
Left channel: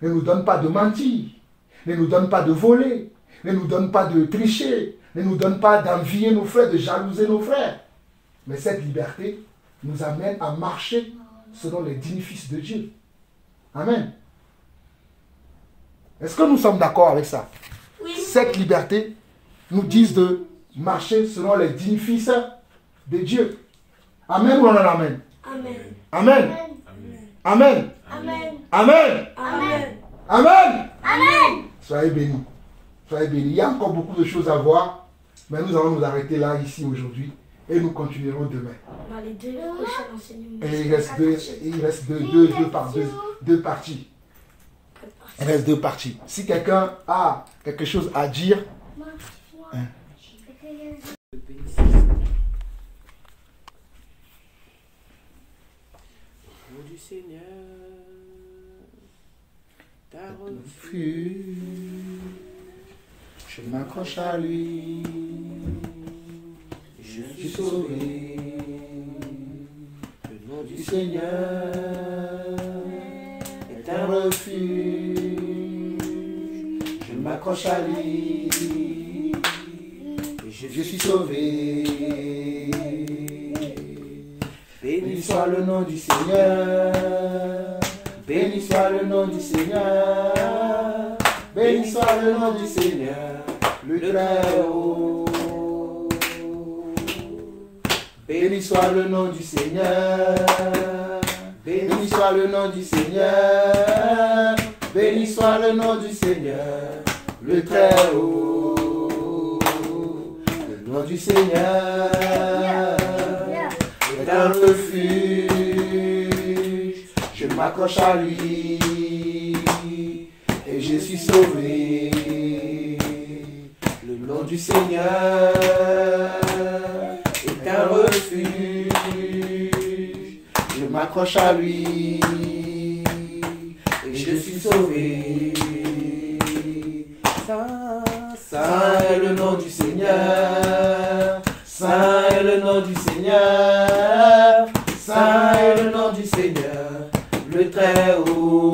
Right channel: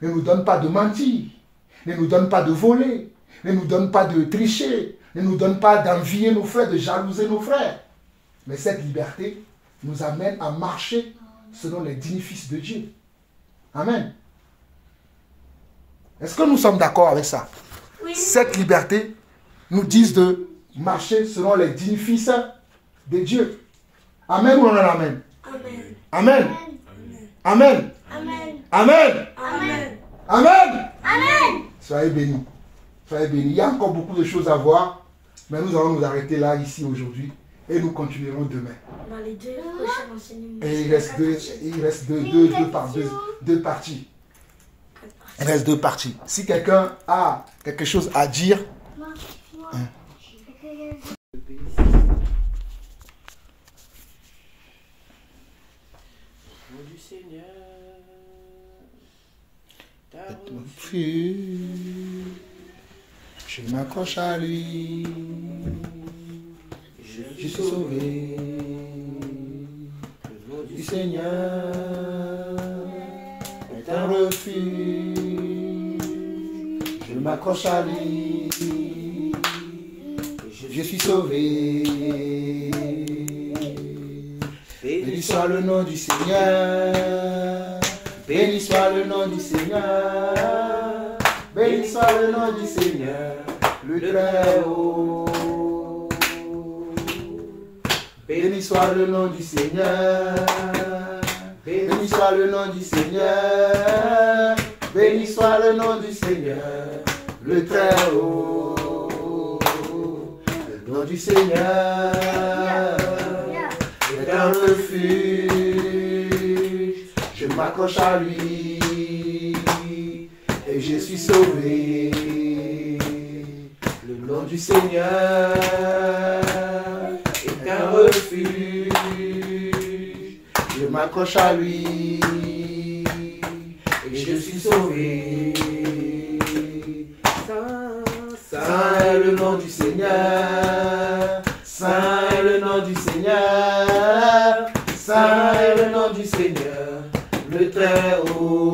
Ne nous donne pas de mentir. Ne nous donne pas de voler. Ne nous donne pas de tricher. Ne nous donne pas d'envier nos frères, de jalouser nos frères. Mais cette liberté nous amène à marcher selon les bénéfices de Dieu. Amen. Est-ce que nous sommes d'accord avec ça? Oui. Cette liberté nous dit de marcher selon les bénéfices de Dieu. Amen ou non? Amen. Amen. Amen. Amen. Amen. Amen. Amen. Amen. Amen. Soyez bénis. Soyez bénis. Il y a encore beaucoup de choses à voir, mais nous allons nous arrêter là, ici, aujourd'hui, et nous continuerons demain. Dans les deux prochains enseignements. Et il reste deux parties. Il reste deux parties. Si quelqu'un a quelque chose à dire, du Seigneur, je m'accroche à lui, je suis sauvé. Le nom du Seigneur est un refuge, je m'accroche à lui, je suis sauvé. Béni soit le nom du Seigneur, béni soit le nom du Seigneur, béni soit le nom du Seigneur, le Très-Haut. Béni soit le nom du Seigneur, béni soit le nom du Seigneur, béni soit le nom du Seigneur, le Très-Haut. Le nom du Seigneur est un refuge, je m'accroche à lui et je suis sauvé. Le nom du Seigneur est un refuge, je m'accroche à lui et je suis sauvé. Saint est le nom du Seigneur, Saint est le nom du Seigneur, Saint est le nom du Seigneur, le Très-Haut.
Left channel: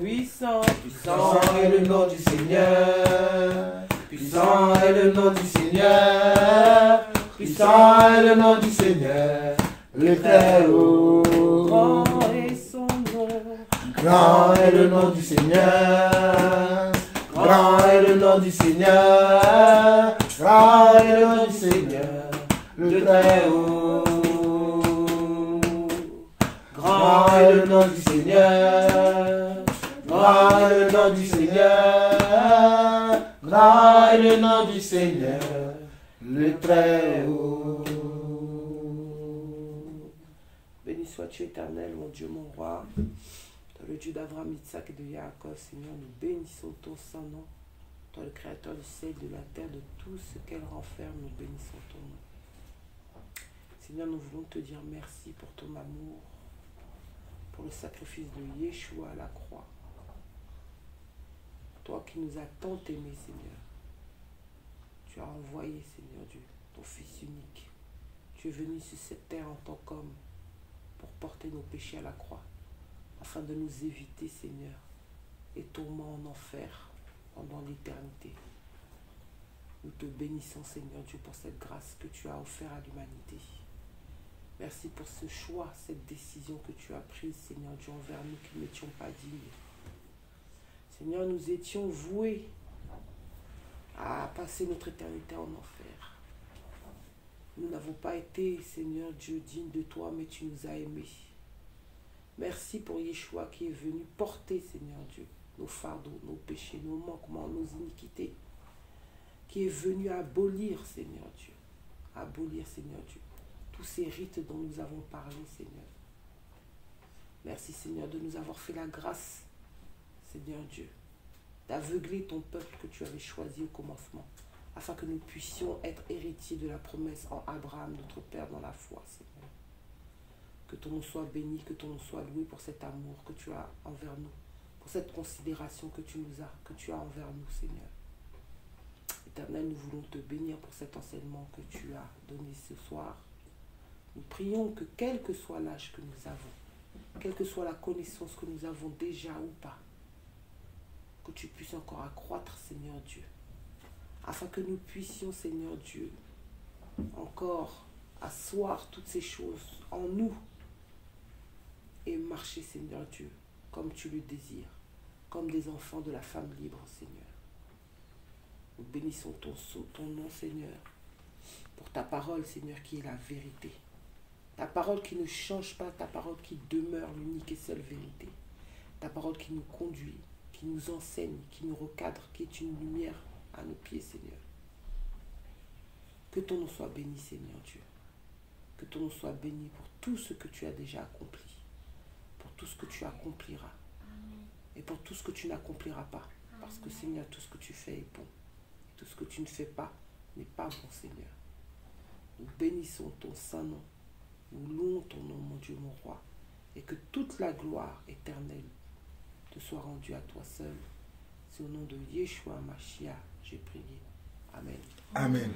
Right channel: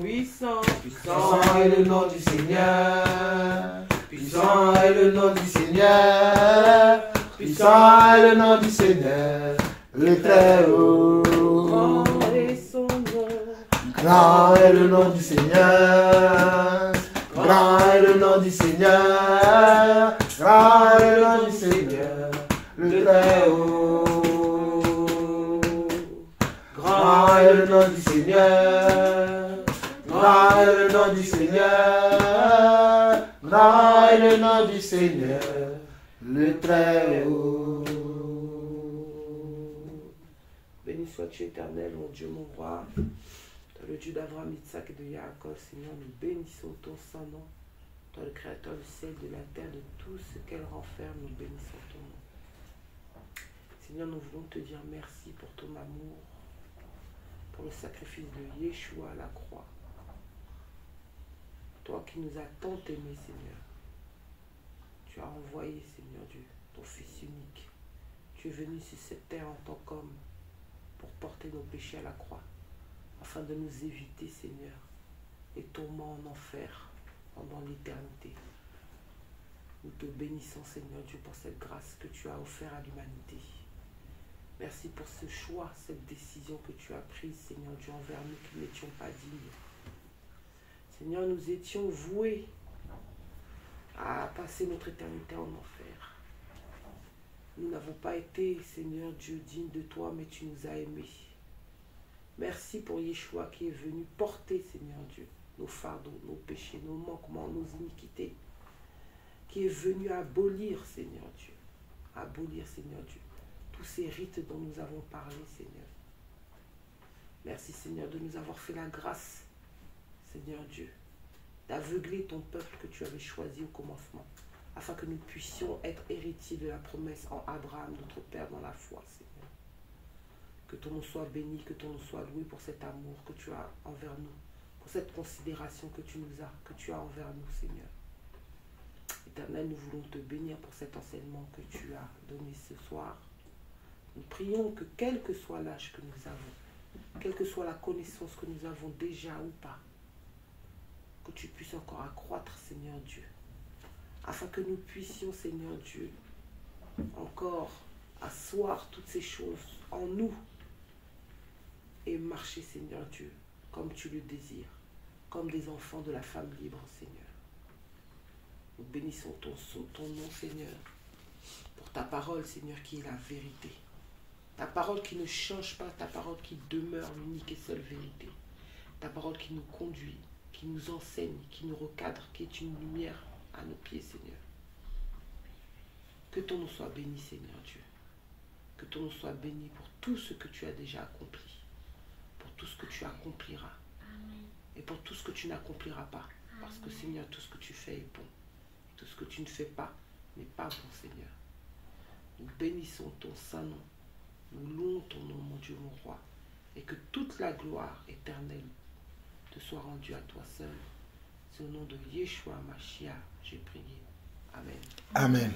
Puissant, puissant est le nom du Seigneur, puissant est le nom du Seigneur, puissant est le nom du Seigneur, le Très-Haut. Grand est son nom, grand est le nom du Seigneur, grand est le nom du Seigneur, grand est le nom du Seigneur, le Très-Haut. Grand est le nom du Seigneur, grand est le nom du Seigneur, grand est le nom du Seigneur, le Très-Haut. Béni sois-tu éternel, mon Dieu, mon roi. Toi, le Dieu d'Abraham, d'Isaac et de Jacob, Seigneur, nous bénissons ton saint nom. Toi, le Créateur du ciel et de la terre, de tout ce qu'elle renferme, nous bénissons ton nom. Seigneur, nous voulons te dire merci pour ton amour, pour le sacrifice de Yeshua à la croix. Toi qui nous as tant aimés, Seigneur. tu as envoyé, Seigneur Dieu, ton Fils unique. Tu es venu sur cette terre en tant qu'homme pour porter nos péchés à la croix, afin de nous éviter, Seigneur, les tourments en enfer pendant l'éternité. Nous te bénissons, Seigneur Dieu, pour cette grâce que tu as offerte à l'humanité. Merci pour ce choix, cette décision que tu as prise, Seigneur Dieu, envers nous qui n'étions pas dignes. Seigneur, nous étions voués à passer notre éternité en enfer. Nous n'avons pas été, Seigneur Dieu, dignes de toi, mais tu nous as aimés. Merci pour Yeshua qui est venu porter, Seigneur Dieu, nos fardeaux, nos péchés, nos manquements, nos iniquités, qui est venu abolir, Seigneur Dieu, tous ces rites dont nous avons parlé, Seigneur. Merci, Seigneur, de nous avoir fait la grâce, Seigneur Dieu, d'aveugler ton peuple que tu avais choisi au commencement, afin que nous puissions être héritiers de la promesse en Abraham, notre Père, dans la foi, Seigneur. Que ton nom soit béni, que ton nom soit loué pour cet amour que tu as envers nous, pour cette considération que tu as envers nous, Seigneur. Éternel, nous voulons te bénir pour cet enseignement que tu as donné ce soir. Nous prions que quel que soit l'âge que nous avons, quelle que soit la connaissance que nous avons déjà ou pas, que tu puisses encore accroître, Seigneur Dieu, afin que nous puissions, Seigneur Dieu, encore asseoir toutes ces choses en nous et marcher, Seigneur Dieu, comme tu le désires, comme des enfants de la femme libre, Seigneur. Nous bénissons ton nom, Seigneur, pour ta parole, Seigneur, qui est la vérité. Ta parole qui ne change pas, ta parole qui demeure l'unique et seule vérité. Ta parole qui nous conduit, qui nous enseigne, qui nous recadre, qui est une lumière à nos pieds, Seigneur. Que ton nom soit béni, Seigneur Dieu. Que ton nom soit béni pour tout ce que tu as déjà accompli, pour tout ce que tu accompliras, et pour tout ce que tu n'accompliras pas. Parce que, Seigneur, tout ce que tu fais est bon. Tout ce que tu ne fais pas n'est pas bon, Seigneur. Nous bénissons ton saint nom. Nous louons ton nom, mon Dieu, mon roi. Et que toute la gloire éternelle te soit rendue à toi seul. C'est au nom de Yeshua Mashiach, j'ai prié. Amen. Amen.